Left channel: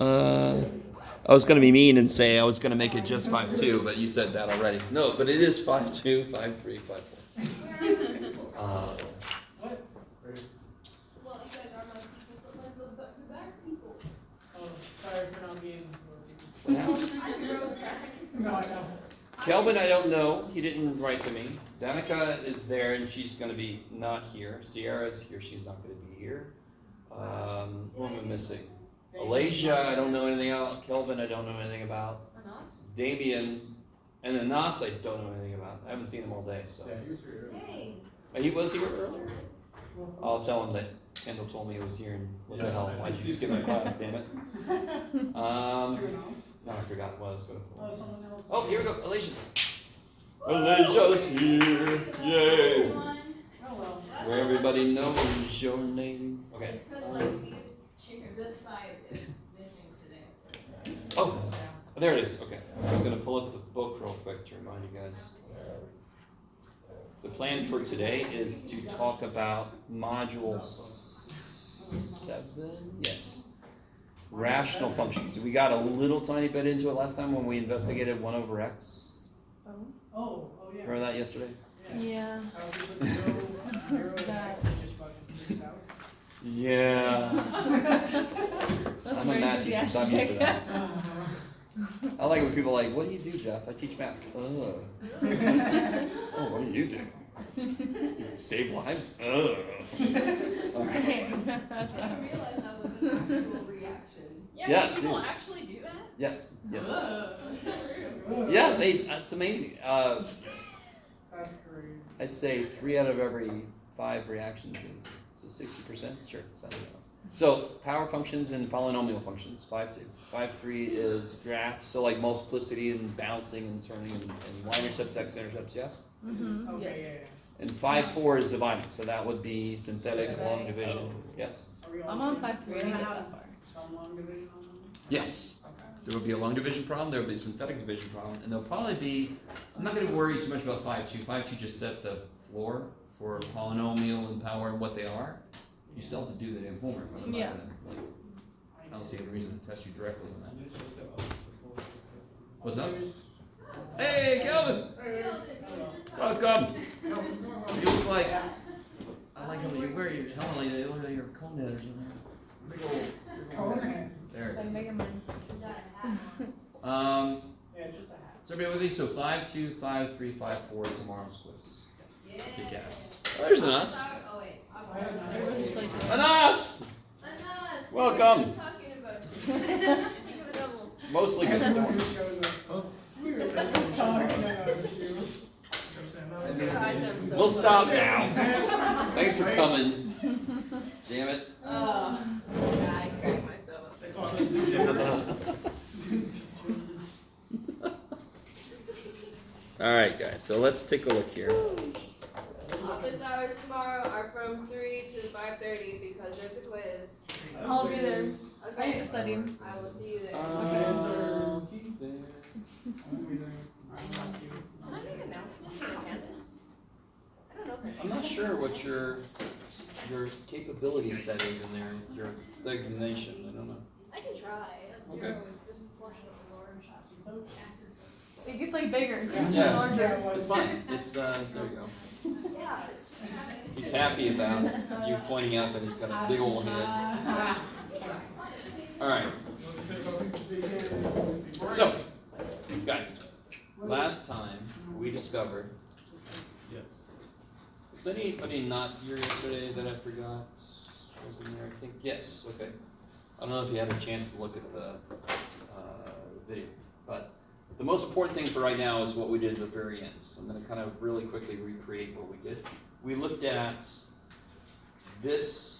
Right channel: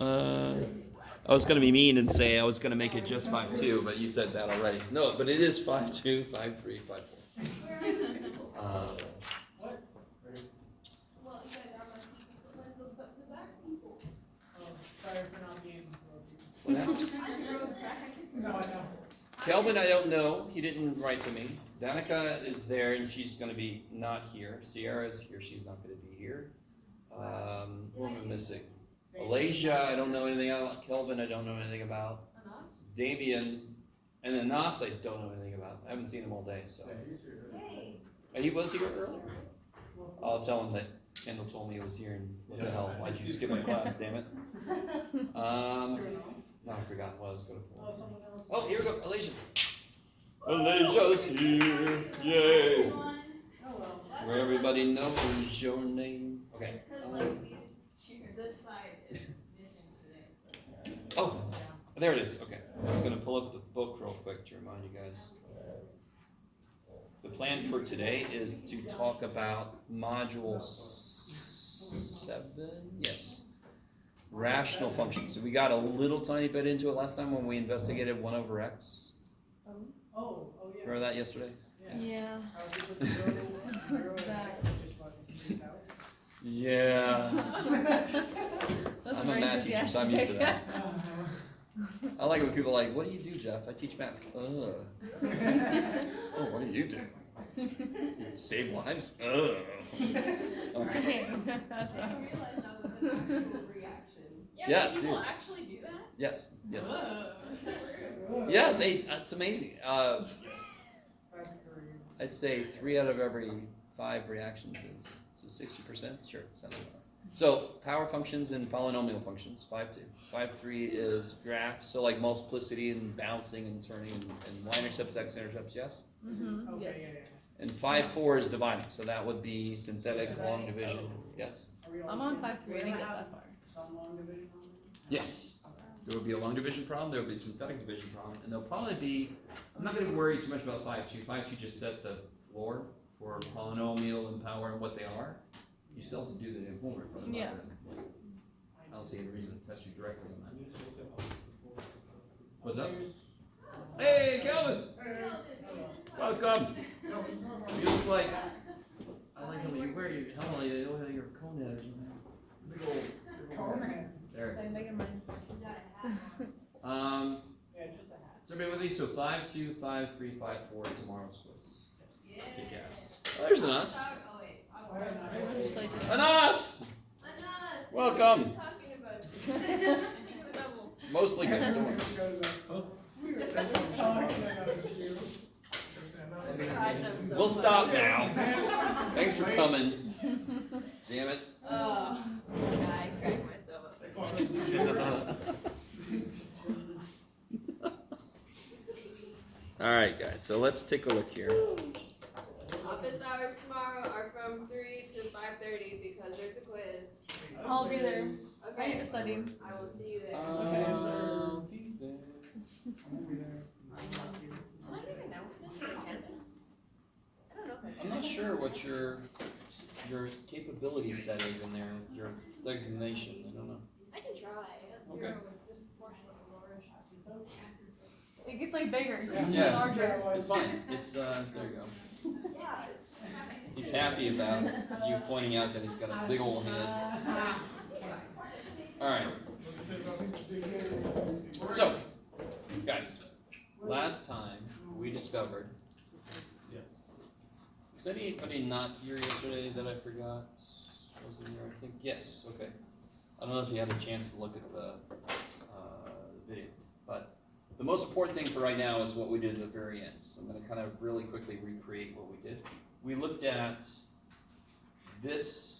I was gonna be mean and say I was gonna make it just 5-2, but you said that already. No, but it is 5-2, 5-3, 5-4. What? Well, you guys are my people, but like the back people. Oh, sorry for not being. No, No, I know. Kelvin, I don't know. He didn't write to me. Danica is there and she's gonna be not here. Sierra's here. She's not gonna be here. Who am I missing? Alasia, I don't know anything about. Kelvin, I don't know anything about. Anas? Damien, and Anas, I don't know anything about. I haven't seen him all day, so. Yeah, he was here earlier. Hey. He was here earlier? I'll tell him that Kendall told me he was here and what the hell, why'd you skip my class, damn it? No, I forgot what I was gonna pull. Oh, here we go, Alasia. Alasia's here, yay! Hello. Where everybody knows your name. Okay. It's because like this side is missing today. Oh, there it is, okay. I'm just gonna pull up the book real quick to remind you guys. The plan for today is to talk about module 7, yes. Rational functions. We got a little tiny bit into it last time when we investigated 1 over x. Oh, yeah. Remember that yesterday? Yeah. I was able to go 0 and X and just fucking freeze out. Yeah. That's I'm a math teacher, so I'm used to that. I like when people are like, what do you do, Jeff? I teach math. Oh, what do you do? You save lives? That's what I didn't realize that was an actual reaction. Yeah, do people dude. actually do that? Yes, yes. That's so rude. Yeah, that's amazing. That's great. I'd say 3 out of every 5 reactions is, so 60%? Sure, it's not enough. So, power functions and polynomial functions, 5-2. 5-3 is graphs, so like multiplicity and bouncing and turning and y-intercepts, x-intercepts, yes? Mm-hmm. Okay, Yes. yeah. And 5-4 is dividing, so that would be synthetic long division, yes? Are we I'm also on 5-3, I didn't get that far. some long division on them? Yes. Okay. There will be a long division problem, there will be a synthetic division problem, and there'll probably be, I'm not gonna worry too much about 5-2. 5-2 just set the floor for polynomial and power and what they are. You still have to do the homework, but I'm not Yeah. gonna, I don't see any reason to test you directly on that. What's up? Hey, Kelvin! Welcome! You look like, I like how you wear your helmet, you look like your cone headers in there. Big old. Okay. There So it I'm is. making mine. Yeah, just a hat. So everybody with me, so 5-2, 5-3, 5-4 is tomorrow's quiz. Yeah. Kick ass. Well, there's an us. Oh wait, I'm I have sorry. We're just like An us! Anas, Welcome. we were just talking about you. Mostly good. Don't worry. We were just talking about Gosh, I'm so We'll sorry. stop now. Thanks for coming. Damn it. Yeah, I cracked myself up. All right, guys. So let's take a look here. Office hours tomorrow are from 3 to 5:30 because there's a quiz. I'll be there. I Okay, need to study. I will see you there. I'll be there. Can I make an announcement for campus? I don't know if I I'm not sure what your capability set is in there. Your designation. I don't know. I can try. Okay. 0 is disproportionately large. It gets like bigger. It gets Yeah. larger. It's fine. It's there you go. Yeah, it's just. He's happy about you pointing out that he's got a big old head. All right. So, guys, last time we discovered. Yes. Was anybody not here yesterday that I forgot was in there? I think yes. Okay. I don't know if you had a chance to look at the video, but the most important thing for right now is what we did at the very end. So I'm going to kind of really quickly recreate what we did. We looked at this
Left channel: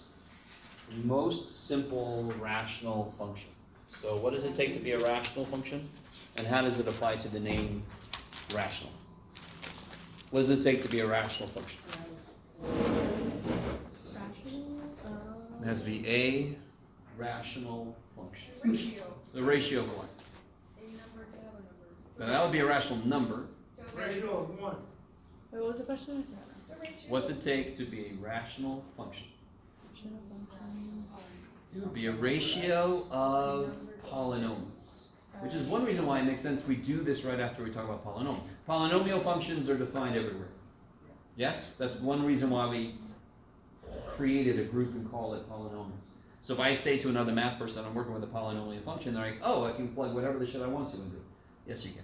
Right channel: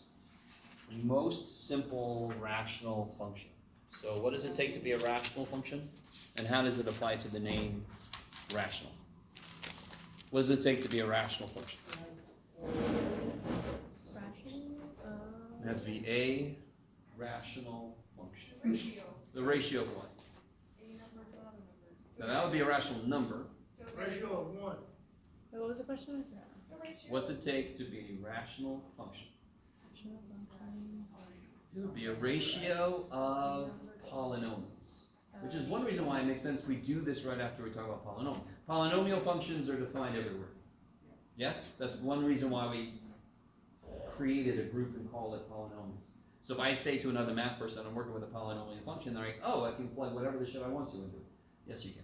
most simple rational function. So what does it take to be a rational function? And how does it apply to the name rational? What does it take to be a rational function? It has to be a rational function. Ratio. The ratio of what? A number to other number. Now that would be a rational number. Ratio of 1. Wait, what was the question? The ratio. What's it take to be a rational function? It would be a ratio of polynomials. Which is one reason why it makes sense we do this right after we talk about polynomial. Polynomial functions are defined everywhere. Yes? That's one reason why we created a group and call it polynomials. So if I say to another math person, I'm working with a polynomial function, they're like, oh, I can plug whatever the shit I want to into it. Yes, you can.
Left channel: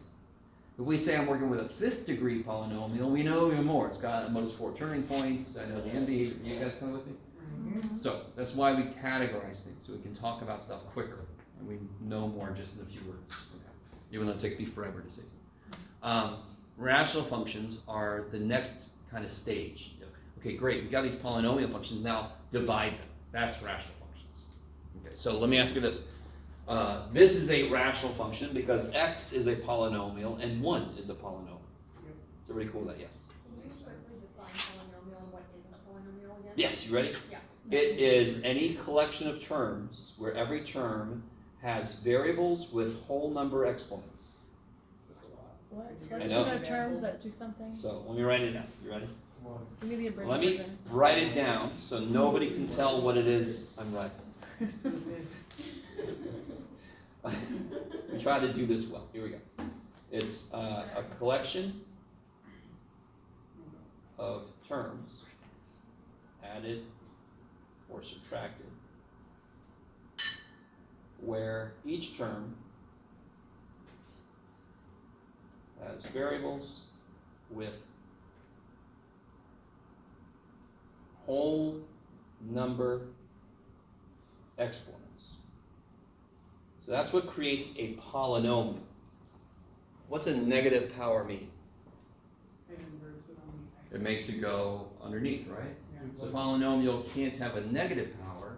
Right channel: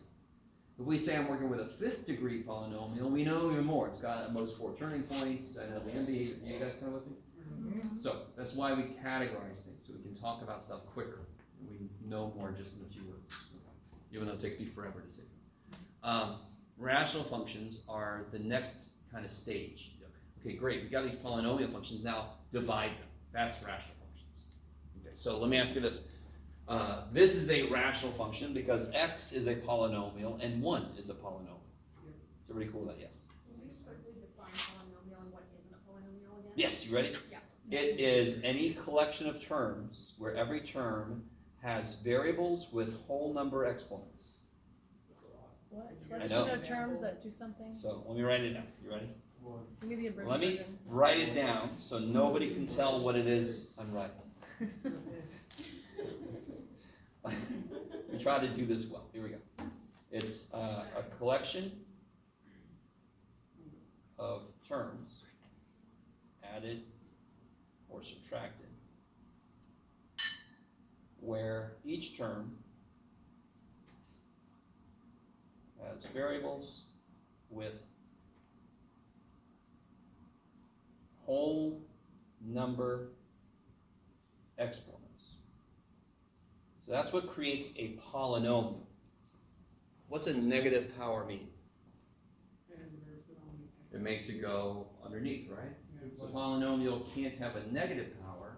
If we say I'm working with a 5th degree polynomial, we know even more. It's got at most 4 turning points. I know the MD. You guys come with me? So that's why we categorize things, so we can talk about stuff quicker. And we know more just in a few words. Okay. Even though it takes me forever to say something. Rational functions are the next kind of stage. Okay, great. We got these polynomial functions. Now divide them. That's rational functions. Okay, so let me ask you this. This is a rational function because x is a polynomial and 1 is a polynomial. Is everybody cool with that? Yes. Can you quickly define polynomial and what isn't a polynomial again? Yes, you ready? Yeah. It is any collection of terms where every term has variables with whole number exponents. What? I Collection know. of terms that do something? So let me write it down. You ready? Give me the abridged Let me version. write it down so nobody can tell what it is I'm writing. We try to do this well. Here we go. It's a collection of terms added or subtracted where each term has variables with whole number exponents. So that's what creates a polynomial. What's a negative power mean? It makes it go underneath, right? So polynomial can't have a negative power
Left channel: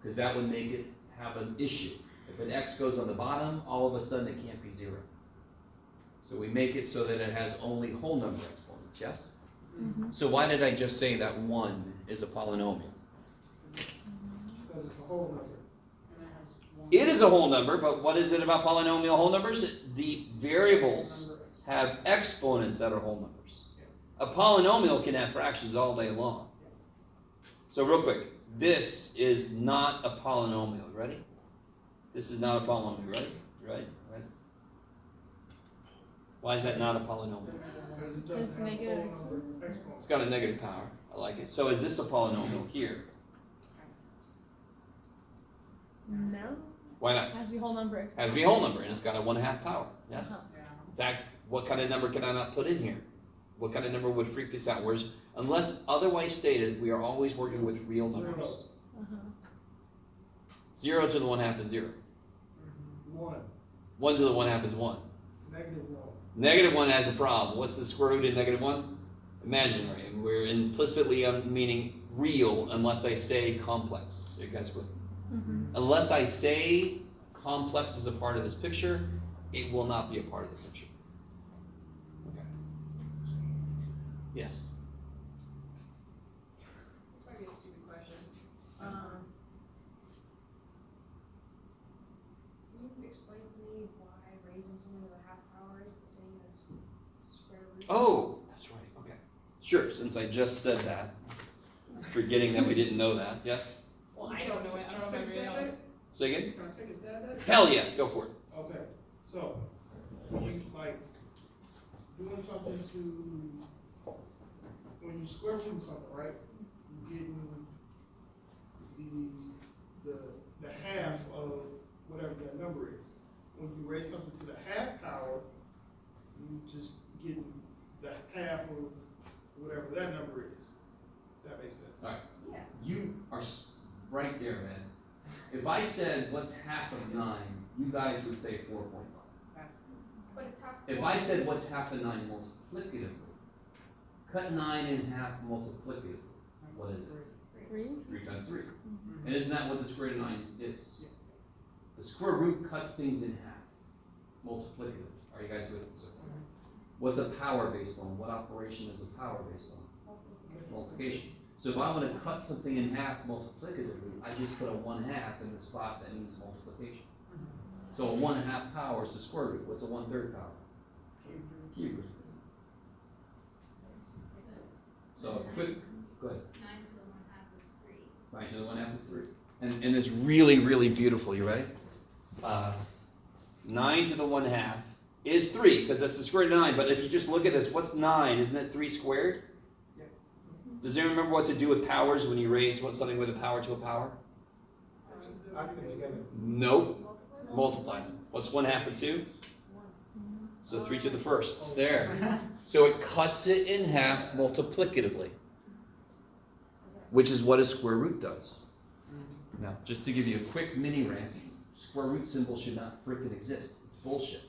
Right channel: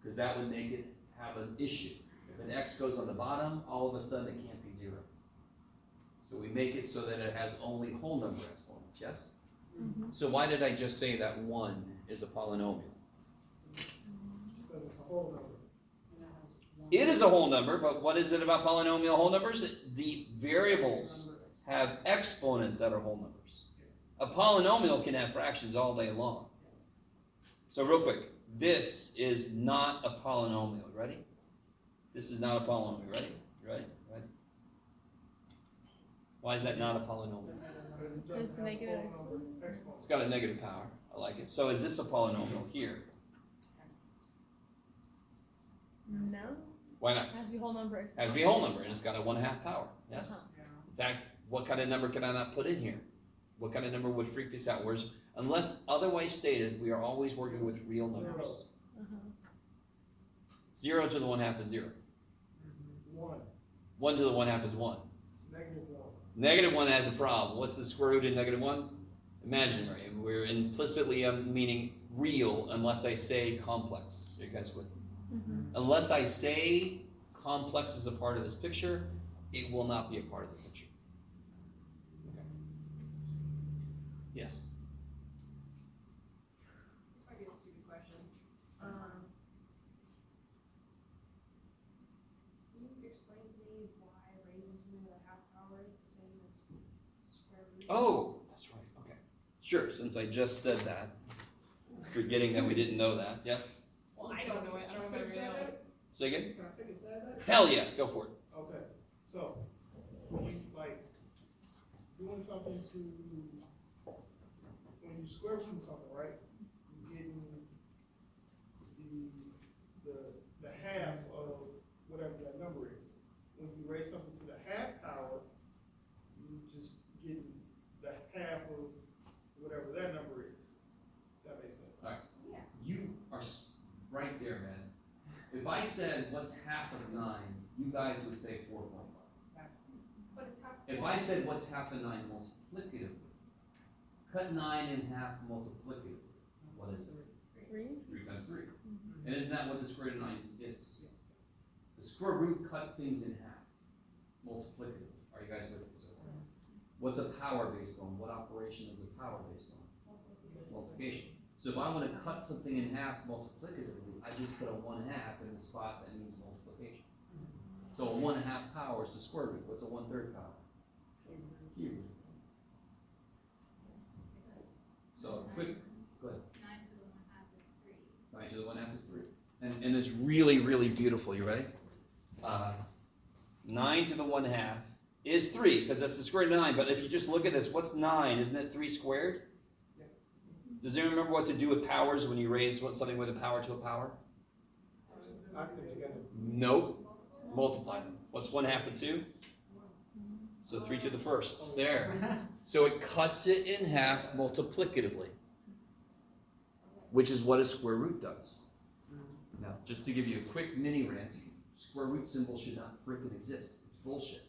because that would make it have an issue. If an x goes on the bottom, all of a sudden it can't be 0. So we make it so that it has only whole number exponents, yes? Mm-hmm. So why did I just say that 1 is a polynomial? Because it's a whole number. It is a whole number, but what is it about polynomial whole numbers? The variables have exponents that are whole numbers. A polynomial can have fractions all day long. So real quick, this is not a polynomial. Ready? This is not a polynomial. Ready? Ready? Ready? Why is that not a polynomial? Because It's it doesn't have a negative whole number exponent. It's got a negative power. I like it. So is this a polynomial here? No. Why not? It has to be whole number. It has to be a whole number, and it's got a 1/2 power. Yes? Uh-huh. In fact, what kind of number can I not put in here? What kind of number would freak this out? Whereas, unless otherwise stated, we are always working with real numbers. Uh-huh. 0 to the 1/2 is 0. 1, 1 to the 1/2 is 1. -1. Negative 1 has a problem. What's the square root in negative 1? Imaginary. And we're implicitly meaning real unless I say complex. You guys with me? Mm-hmm. Unless I say complex is a part of this picture, it will not be a part of the picture. Okay. Yes. This might be a stupid question. Can you explain to me why raising something to the half power is the same as square root? Oh, that's right. Okay. Sure, since I just said that, forgetting that we didn't know that. Yes? Well, I don't know it. I don't know if everybody else. Say again? Can I take a stab at it? Hell yeah, go for it. Okay, so, when you, like, doing something to, when you square root something, right? You're getting the half of whatever that number is. When you raise something to the half power, you just getting the half of whatever that number is. If that makes sense. All right. Yeah. You are right there, man. If I said what's half of 9, you guys would say 4.5. But it's half. If I said what's half of 9 multiplicatively, cut 9 in half multiplicatively, what is it? 3? 3 times 3. And isn't that what the square root of 9 is? The square root cuts things in half multiplicatively. Are you guys with me? So what's a power based on? What operation is a power based on? Multiplication. So if I want to cut something in half multiplicatively, I just put a 1/2 in the spot that means multiplication. So a 1/2 power is the square root. What's a 1/3 power? Cube root. So quick, go ahead. 9 to the 1/2 is 3. 9 to the 1/2 is 3. and it's really, really beautiful. You ready? 9 to the 1/2 is 3, because that's the square root of 9. But if you just look at this, what's 9? Isn't it 3 squared? Does anyone remember what to do with powers when you raise something with a power to a power? Add them together. Nope. Multiply them. What's 1/2 of 2? So 3 to the 1st. There. So it cuts it in half multiplicatively, which is what a square root does. Now, just to give you a quick mini rant, square root symbol should not frickin' exist. It's bullshit.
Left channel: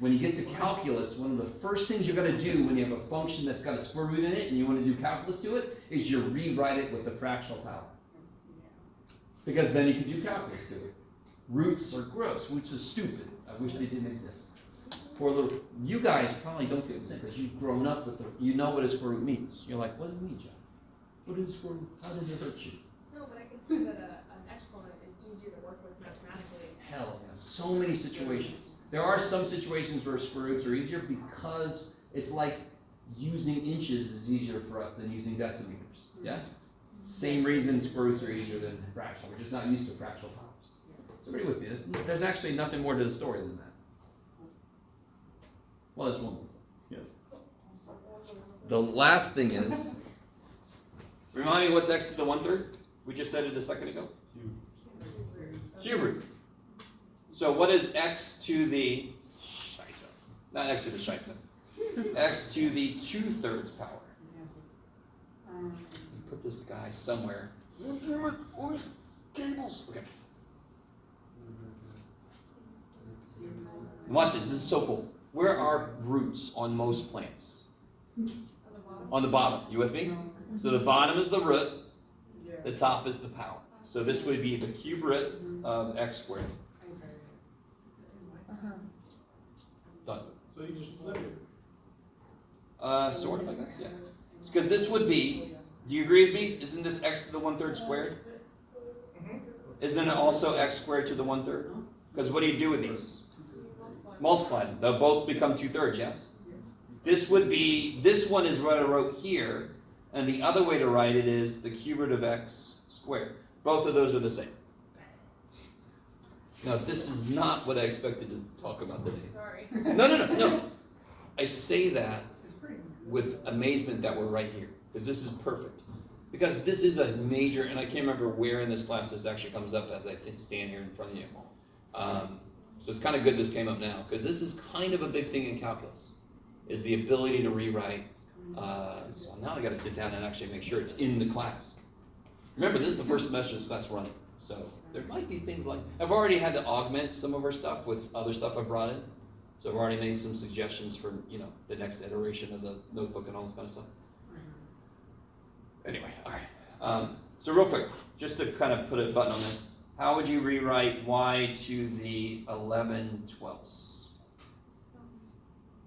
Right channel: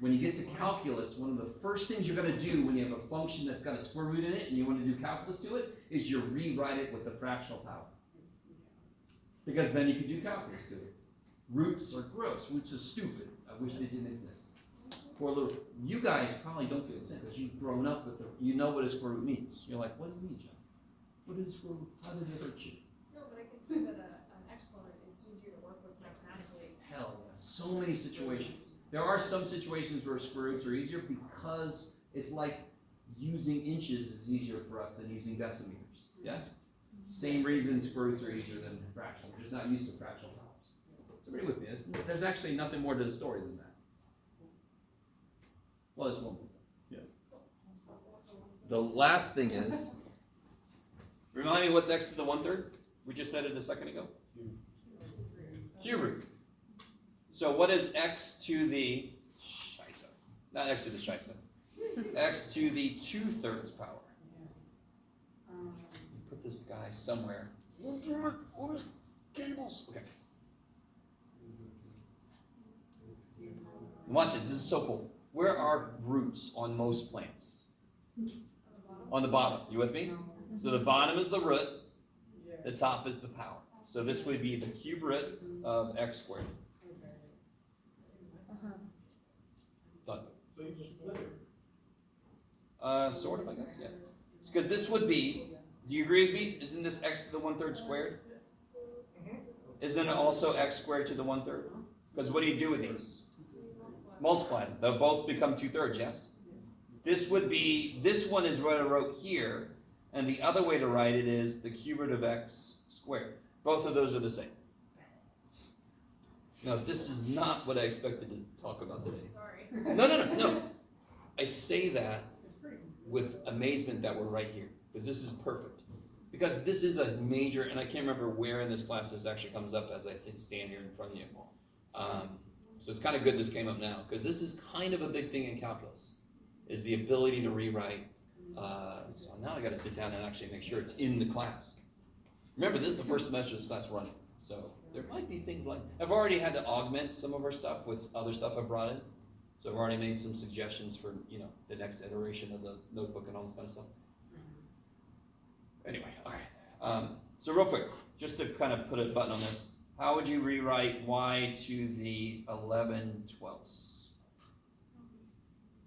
When you get to calculus, one of the first things you're going to do when you have a function that's got a square root in it and you want to do calculus to it is you rewrite it with the fractional power. Because then you can do calculus to it. Roots are gross. Roots are stupid. I wish they didn't exist. Poor little, you guys probably don't feel the same because you've grown up with you know what a square root means. You're like, what do you mean, John? What is a square root? How did it hurt you? No, but I can see that an exponent is easier to work with mathematically. Hell, yeah. So many situations. There are some situations where square roots are easier because it's like using inches is easier for us than using decimeters. Yes? Same reason square roots are easier than fractional. We're just not used to fractional powers. So agree with me. There's actually nothing more to the story than that. Well, there's one more thing. Yes. The last thing is, remind me what's x to the 1/3? We just said it a second ago. Cube root. So what is x to the scheisse? Not x to the scheisse. X to the 2/3 power. Put this guy somewhere. Where's cables? Okay. Watch this. This is so cool. Where are roots on most plants? On the bottom. You with me? So the bottom is the root. The top is the power. So this would be the cube root of x squared. Done. So you just flip it. Sort of, I guess, yeah. Because this would be, do you agree with me? Isn't this x to the 1/3 squared? Isn't it also x squared to the 1/3? Because what do you do with these? Multiply them. They'll both become 2/3, yes? This would be, this one is what I wrote here, and the other way to write it is the cube root of x squared. Both of those are the same. Now, this is not what I expected to talk about today. Sorry. No. I say that with amazement that we're right here, because this is perfect. Because this is a major, and I can't remember where in this class this actually comes up as I stand here in front of you. So it's kind of good this came up now, because this is kind of a big thing in calculus, is the ability to rewrite. So now I got to sit down and actually make sure it's in the class. Remember, this is the first semester this class running, so there might be things like, I've already had to augment some of our stuff with other stuff I brought in. So I've already made some suggestions for, the next iteration of the notebook and all this kind of stuff. Anyway, all right. So real quick, just to kind of put a button on this, how would you rewrite y to the 11/12?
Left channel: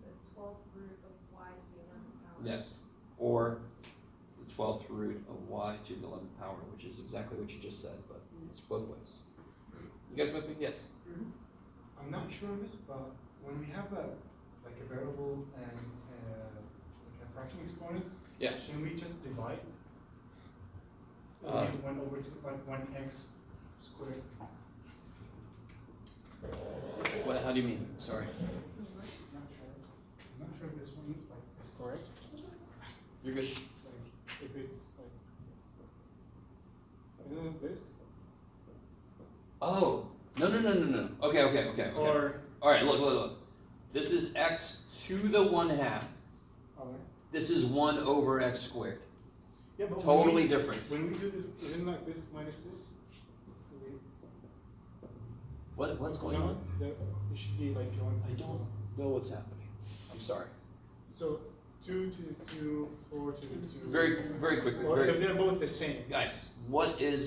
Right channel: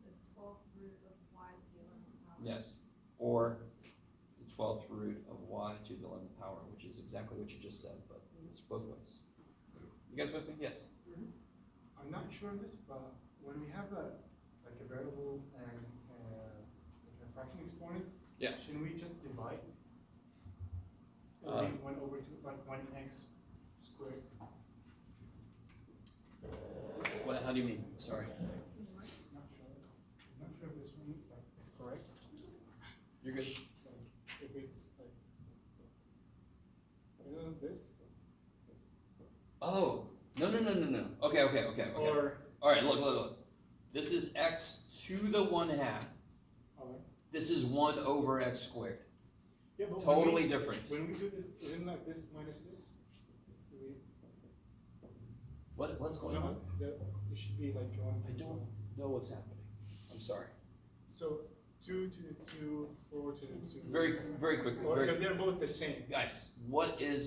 The 12th root of y to the 11th power. Yes, or the 12th root of y to the 11th power, which is exactly what you just said, but it's both ways. You guys with me? Yes. I'm not sure of this, but when we have a variable and like a fraction exponent, Yeah. shouldn't we just divide? Uh, 1 over 2, like 1x squared. What? How do you mean? Sorry. Not sure. I'm not sure if this one is correct. You're good. Like if it's like, isn't it this? Oh, no. Okay. Or All right, look. This is x to the 1/2. alright. This is 1 over x squared. Yeah, but Totally different. when we do this, isn't like this minus this? What's going on? It should be like going. I don't know what's happening. I'm sorry. So 2 to the 2, 4 to the 2. Very quickly. Or if they're both the same. Guys,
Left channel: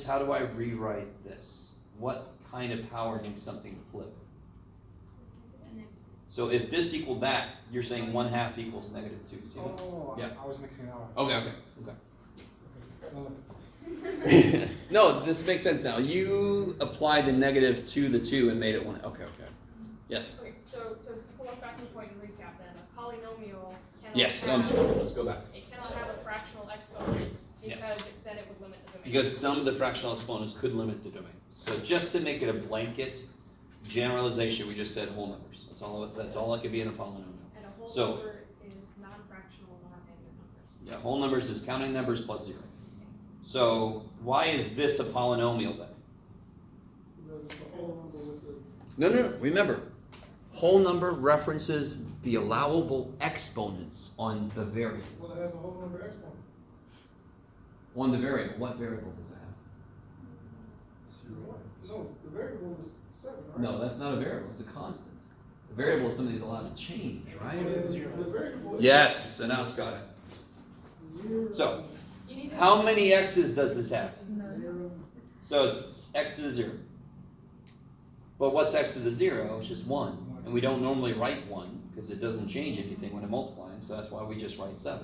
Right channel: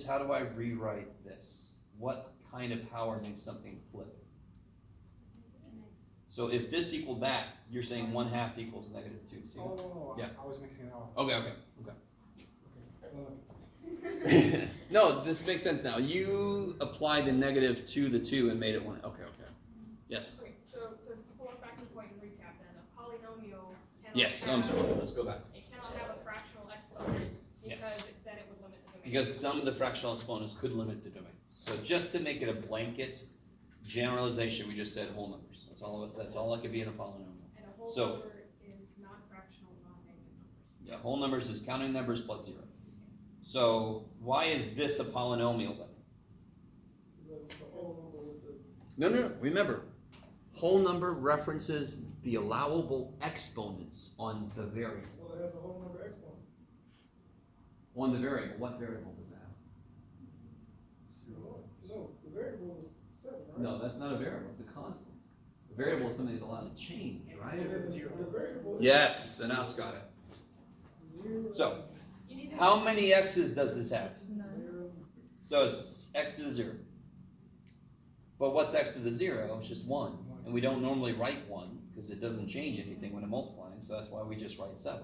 how do I rewrite this? What kind of power makes something flip? So if this equaled that, you're saying 1/2 equals -2. See that? Oh, Yeah. I was mixing it up. Okay. Okay. No, this makes sense now. You applied the negative to the 2 and made it 1. Okay. Yes. Okay, so to pull us back to the point and recap then, a polynomial cannot Yes. have, Let's go back. it cannot have a fractional exponent Yes. because then it would limit the because some of the fractional exponents could limit the domain. So just to make it a blanket generalization, we just said whole numbers. That's all it could be in a polynomial. And a whole So- number is non-fractional, non-negative numbers. Yeah, whole numbers is counting numbers plus 0. So why is this a polynomial then? Because it's a whole number with the, No. Remember, whole number references the allowable exponents on the variable. well, it has a whole number exponent. On the variable, what variable does it have? No, the variable is 7, right? No, that's not a variable, it's a constant. A variable is something that's allowed to change, right? The variable is. Yes, and now got it. 0. So, You need to. how many x's does this have? 0. So it's x to the 0. But what's x to the 0? It's just 1. And we don't normally write 1 because it doesn't change anything when I'm multiplying, so that's why we just write 7.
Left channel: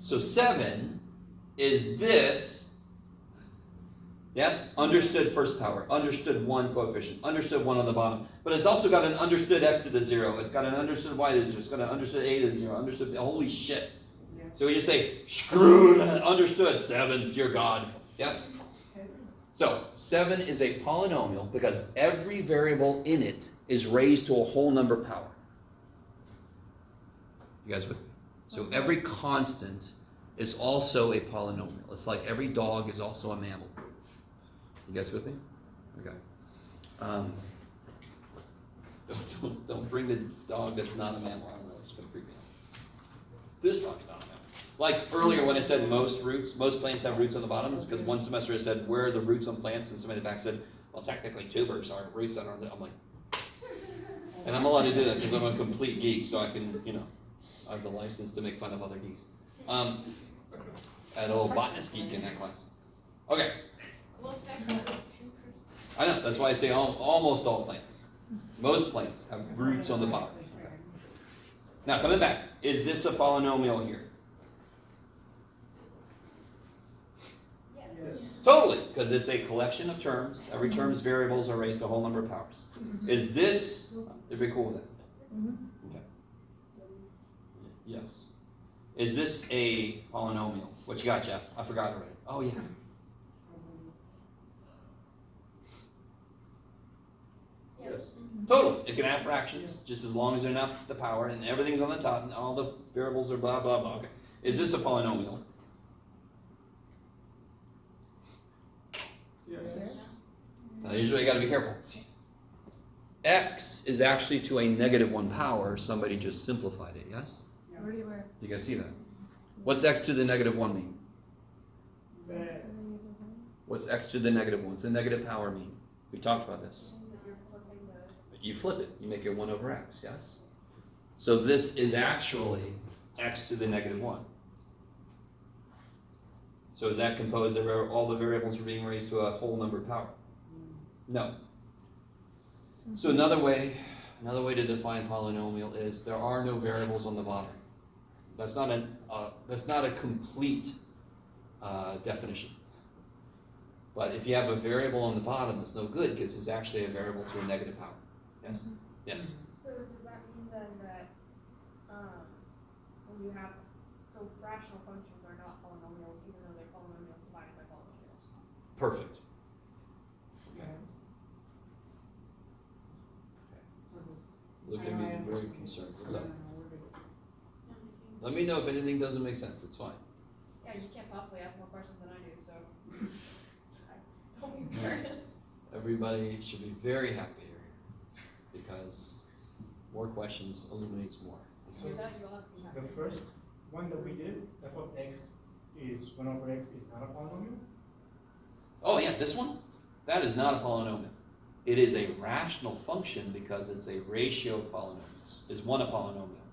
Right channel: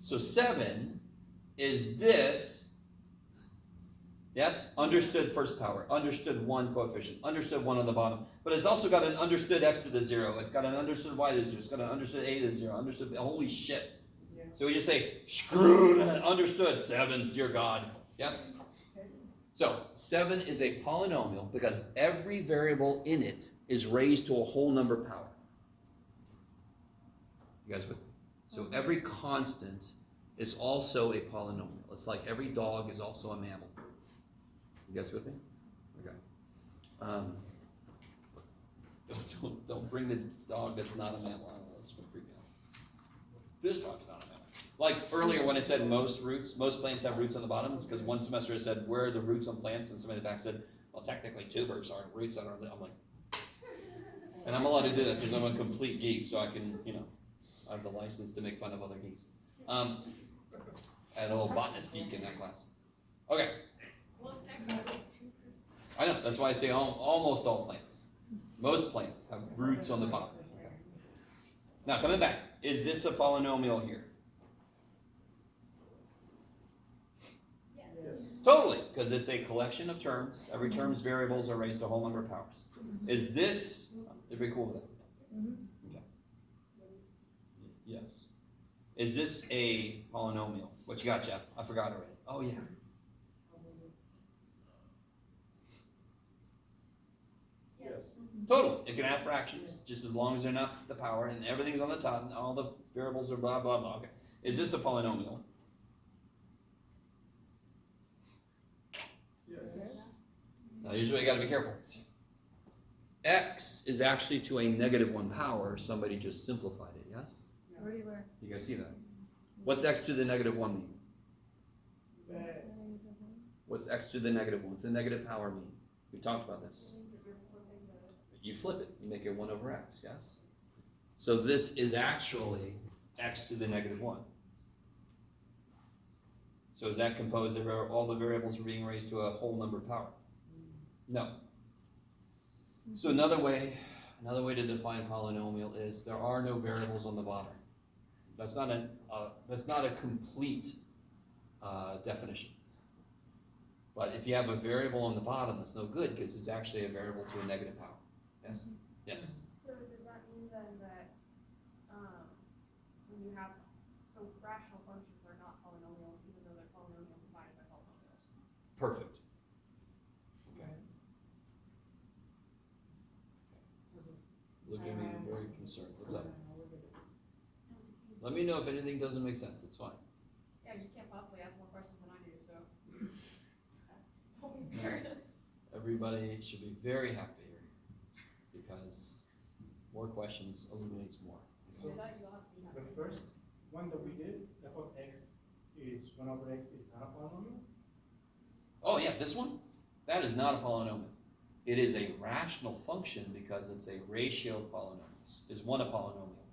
So 7 is this, yes, understood first power, understood 1 coefficient, understood 1 on the bottom, but it's also got an understood x to the 0, it's got an understood y to the 0, it's got an understood a to the 0, understood, holy shit. So we just say, screw that, understood, 7, dear God, yes? So 7 is a polynomial because every variable in it is raised to a whole number power. You guys with me? So every constant is also a polynomial. It's like every dog is also a mammal. You guys with me? Okay. Don't bring the dog that's not a mammal. I don't know, it's gonna freak me out. This dog's not a mammal. Like earlier when I said most plants have roots on the bottom, it's because one semester I said, where are the roots on plants? And somebody in the back said, well, technically tubers are roots on our, I'm like, and I'm allowed to do that because I'm a complete geek, so I can, I have the license to make fun of other geeks. I had a little botanist geek in that class. Okay, Well, technically, 2%. I know, that's why I say almost all plants. Most plants have roots on the bottom. Now, coming back, is this a polynomial here? Yes. Totally, because it's a collection of terms. Every term's variables are raised to a whole number of powers. Is this, everybody cool with that? Okay. Yes. Is this a polynomial? What you got, Jeff? I forgot already. Oh, yeah. Yes. Totally. It can have fractions, just as long as they're not the power, and everything's on the top, and all the variables are blah, blah, blah. Okay. Is this a polynomial? Yes. Now, here's where you gotta be careful. X is actually to a -1 power. Somebody just simplified it, yes? Where do you wear? You guys see that? What's x to the -1 mean? Bad. What's x to the -1? What's the negative power mean? We talked about this. Means that you're flipping the. You flip it. You make it 1 over x, yes? So this is actually x to the -1. So is that composed of all the variables are being raised to a whole number power? No. So another way to define polynomial is there are no variables on the bottom. That's not a complete definition. But if you have a variable on the bottom, it's no good because it's actually a variable to a negative power. Yes? Yes? So does that mean then that, when you have, so rational functions are not polynomials, even though they're polynomials divided by polynomials? Perfect. Okay. Look at me, very concerned. What's up? Let me know if anything doesn't make sense. It's fine. Yeah, you can't possibly ask more questions than I do, so. Don't be embarrassed. Everybody should be very happy here because more questions illuminates more. So that you'll have to be happy. The first one that we did, f of x is 1 over x is not a polynomial? Oh yeah, this one? That is not a polynomial. It is a rational function because it's a ratio of polynomials. Is 1 a polynomial?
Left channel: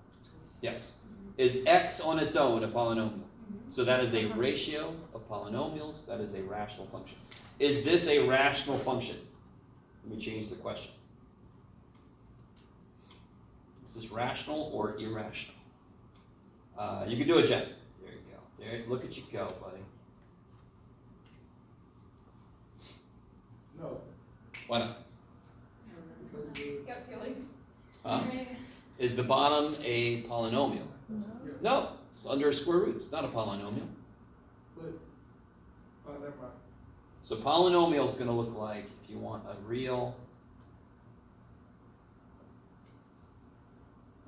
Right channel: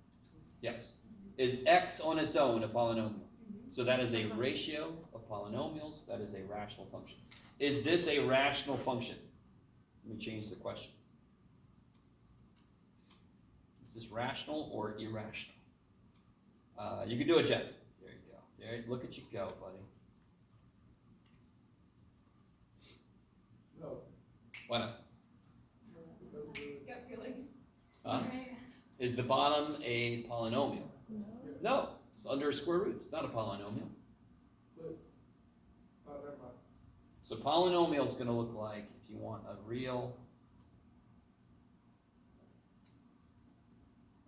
Yes. Is x on its own a polynomial? So that is a ratio of polynomials. That is a rational function. Is this a rational function? Let me change the question. Is this rational or irrational? You can do it, Jeff. There you go. There, look at you go, buddy. No. Why not? Because the- Gut feeling. Huh? Is the bottom a polynomial? No. No, it's under a square root. It's not a polynomial. But, Oh, never mind. So polynomial is going to look like, if you want a real,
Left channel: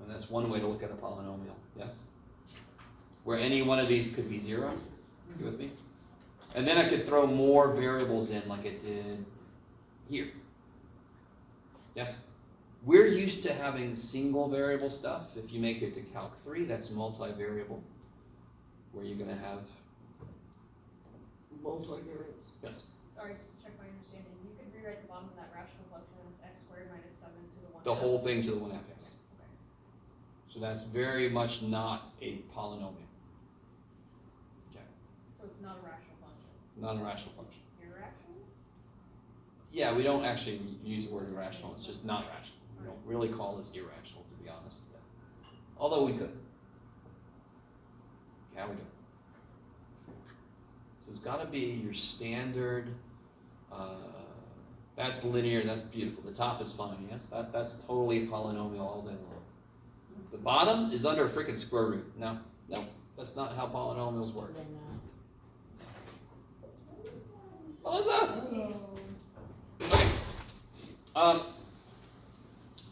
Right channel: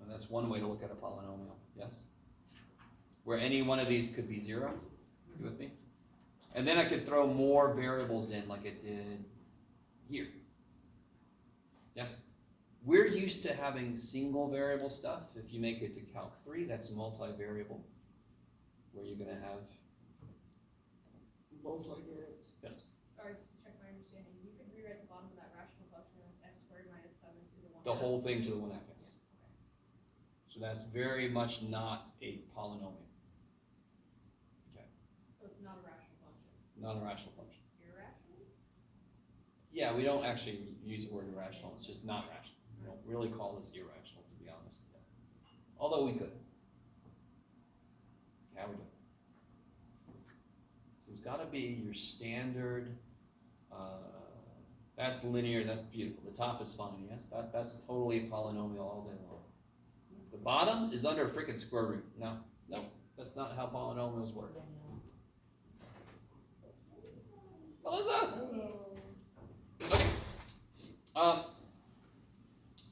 and that's one way to look at a polynomial, yes? Where any one of these could be 0, you with me? And then I could throw more variables in like it did here. Yes? We're used to having single variable stuff. If you make it to Calc 3, that's multivariable, where you're going to have multivariables. Yes? Sorry, just to check my understanding, you could rewrite the bottom of that rational function as x squared minus 7 to the 1 The half. whole thing to the 1/2, yes. Okay. So that's very much not a polynomial. Okay, So it's not a rational function. not a rational function. Irrational? Yeah, we don't actually use the word irrational, it's just not rational. We don't really call this irrational, to be honest. Although we could. Yeah, we do. So it's gotta be your standard, that's linear, that's beautiful. The top is fine, yes? That's totally a polynomial all day long. The bottom is under a freaking square root. No, that's not how polynomials work. Melissa! Okay.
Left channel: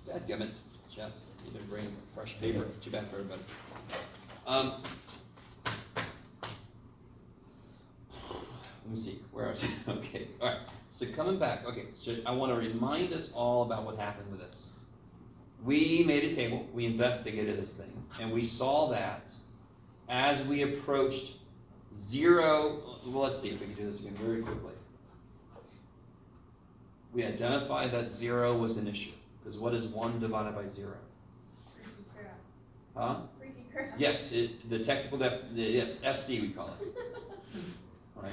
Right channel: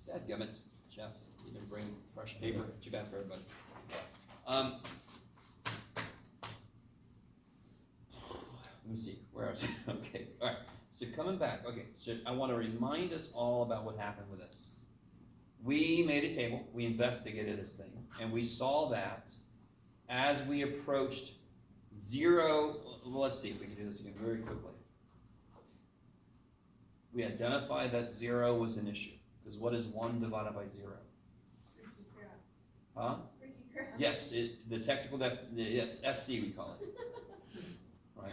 Dadgummit, Jeff. You didn't bring fresh paper. Too bad for everybody. Let me see. Where are you? Okay. All right. So coming back. Okay. So I want to remind us all about what happened with this. We made a table. We investigated this thing, and we saw that as we approached 0. Well, let's see if we can do this again very quickly. We identified that 0 was an issue. Because what is 1 divided by 0? Freaky crap. Huh? Freaky crap. Yes, the technical yes, FC we call it. Right?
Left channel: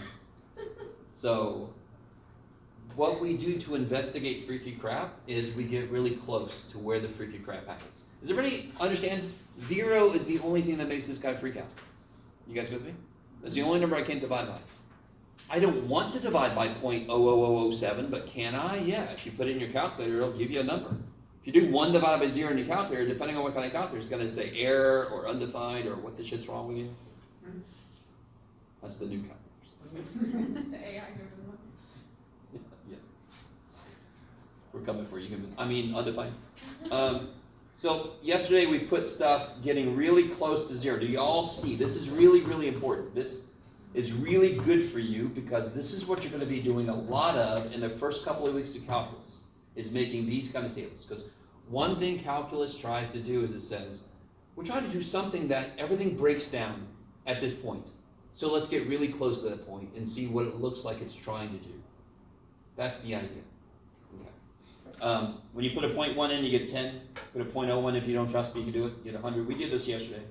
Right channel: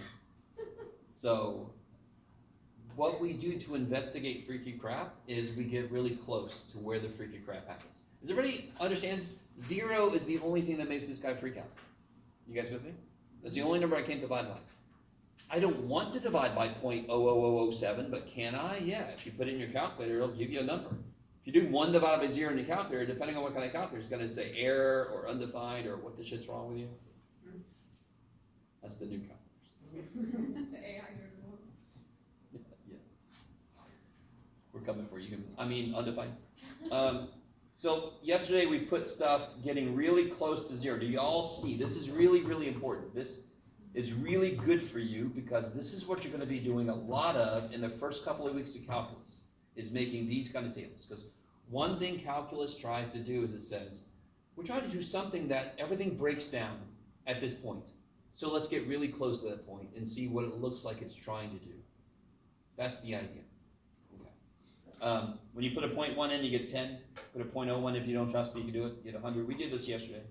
So, what we do to investigate freaky crap is we get really close to where the freaky crap happens. Does everybody understand? 0 is the only thing that makes this guy freak out. You guys with me? That's the only number I can't divide by. I don't want to divide by 0.00007, but can I? Yeah, if you put it in your calculator, it'll give you a number. If you do 1 divided by 0 in your calculator, depending on what kind of calculator, it's going to say error or undefined or what the shit's wrong with you. That's the new calculators. The AI driven ones. Yeah. We're coming for you, human. I mean, undefined. So yesterday we put stuff getting really close to 0. Do you all see? This is really, really important. This is really good for you because this is what you're going to be doing a lot of in the first couple of weeks of calculus, is making these kind of tables. Because one thing calculus tries to do is it says, we're trying to do something that everything breaks down at this point. So let's get really close to that point and see what it looks like it's trying to do. That's the idea. Okay. When you put a 0.1 in, you get 10. Put a 0.01 if you don't trust me, you can do it. You get 100. We did this yesterday.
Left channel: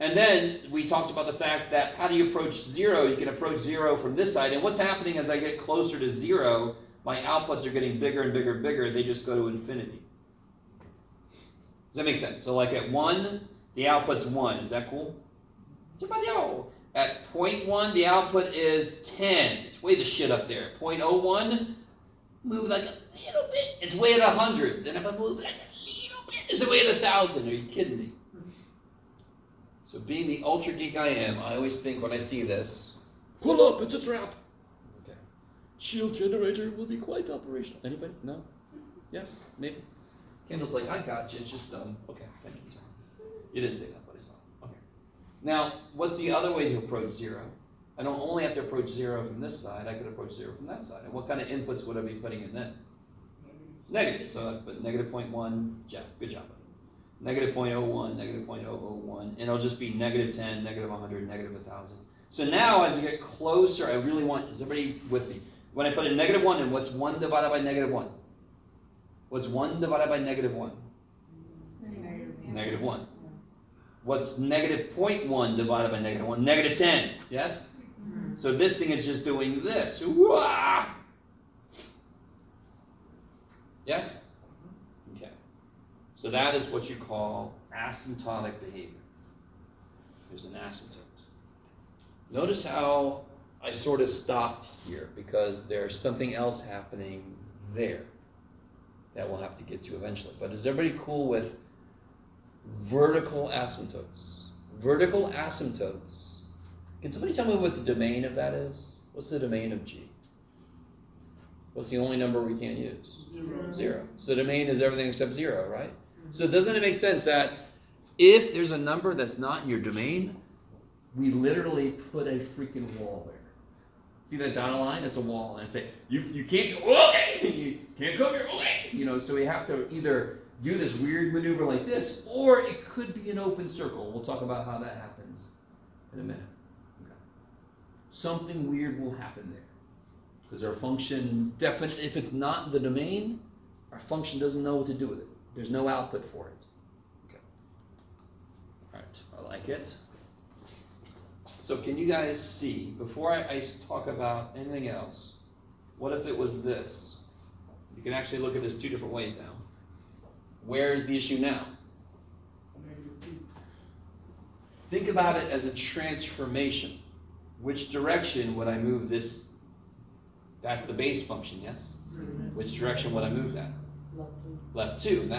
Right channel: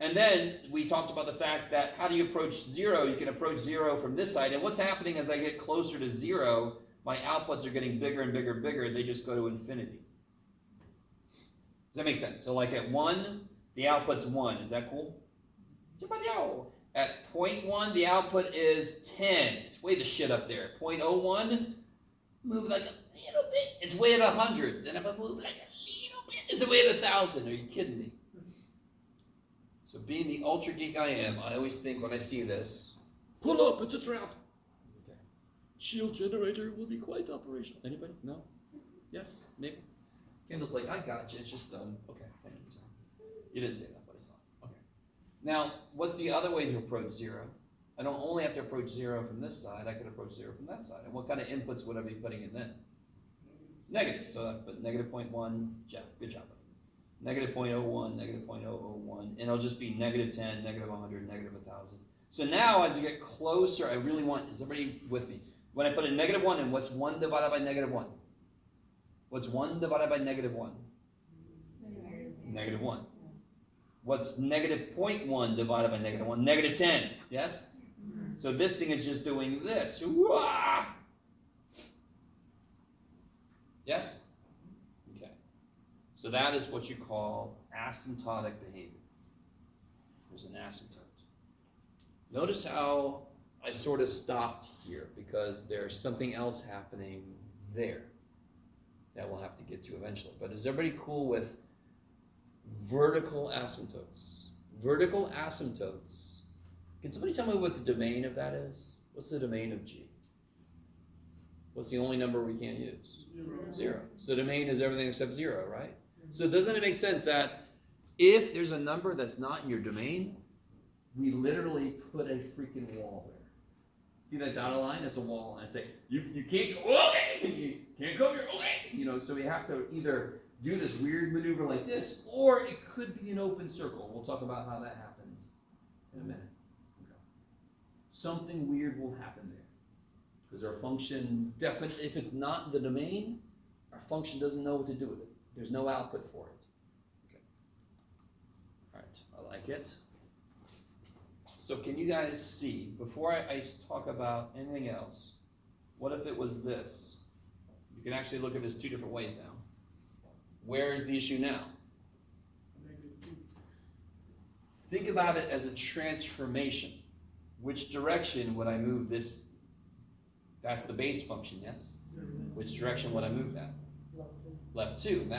And then we talked about the fact that how do you approach 0? You can approach 0 from this side. And what's happening as I get closer to 0, my outputs are getting bigger and bigger and bigger. They just go to infinity. Does that make sense? So like at 1, the output's 1. Is that cool? At 0.1, the output is 10. It's way the shit up there. 0.01, move like a little bit. It's way at 100. Then if I move like a little bit, it's way at 1,000. Are you kidding me? So being the ultra geek I am, I always think when I see this, pull up, it's a trap. Okay. Shield generator will be quite operational. Anybody? No? Yes? Maybe? Kendall's like, I got you. It's just okay, thank you, Tom. You didn't say that, but I saw it. Okay. Now, what's the other way to approach 0? I don't only have to approach 0 from this side, I could approach 0 from that side. And what kind of inputs would I be putting in then? Negative. So I put negative 0.1, Jeff, good job. Negative 0.01, negative 0.001, and it'll just be negative 10, negative 100, negative 1,000. So now as you get closer, I really want, is everybody with me? When I put a negative 1 in, what's 1 divided by negative 1? What's 1 divided by negative 1? Negative 1. What's negative 0.1 divided by negative 1? Negative 10, yes? So this thing is just doing this. Wah! Yes? Okay. So that is what you call asymptotic behavior. There's an asymptote. Notice how I sort of stopped here because there's something else happening there that we'll have to get to eventually. But is everybody cool with vertical asymptotes? Vertical asymptotes Can somebody tell me what the domain of that is? What's the domain of G? What's the only number we can't use? 0. So the domain is everything except 0, right? So doesn't it make sense that if there's a number that's not in your domain, we literally put a freaking wall there. See that dotted line? That's a wall. And I say, you can't go, okay, you can't come here, okay. You know, so we have to either do this weird maneuver like this, or it could be an open circle. We'll talk about how that happens in a minute. Okay. Something weird will happen there. Because our function, if it's not in the domain, our function doesn't know what to do with it. There's no output for it. Okay. All right, I like it. So can you guys see, before I talk about anything else, what if it was this? You can actually look at this two different ways now. Where is the issue now? Think about it as a transformation. Which direction would I move this? That's the base function, yes? Which direction would I move that? Left 2.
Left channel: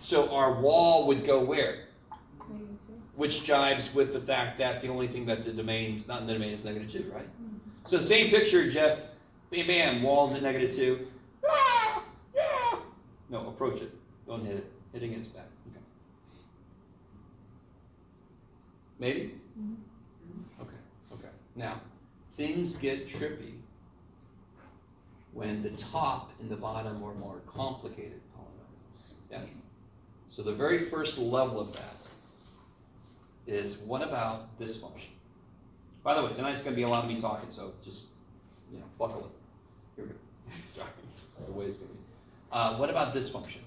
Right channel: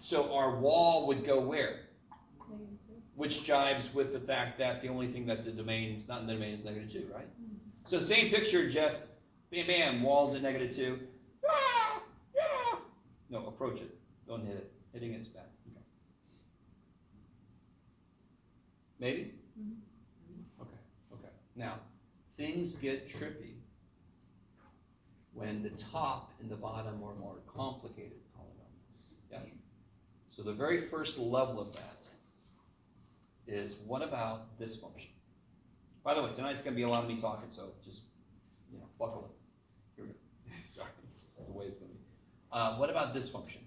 So our wall would go where? Which jives with the fact that the only thing that the domain is not in the domain is -2, right? So same picture, just bam, bam, walls at -2. No, approach it. Don't hit it. Hitting it's back. Okay. Maybe? Okay. Now, things get trippy when the top and the bottom are more complicated polynomials. Yes? So the very first level of that is, what about this function? By the way, tonight's going to be a lot of me talking, so just, buckle it. Here we go. Sorry, this is the way it's going to be. What about this function?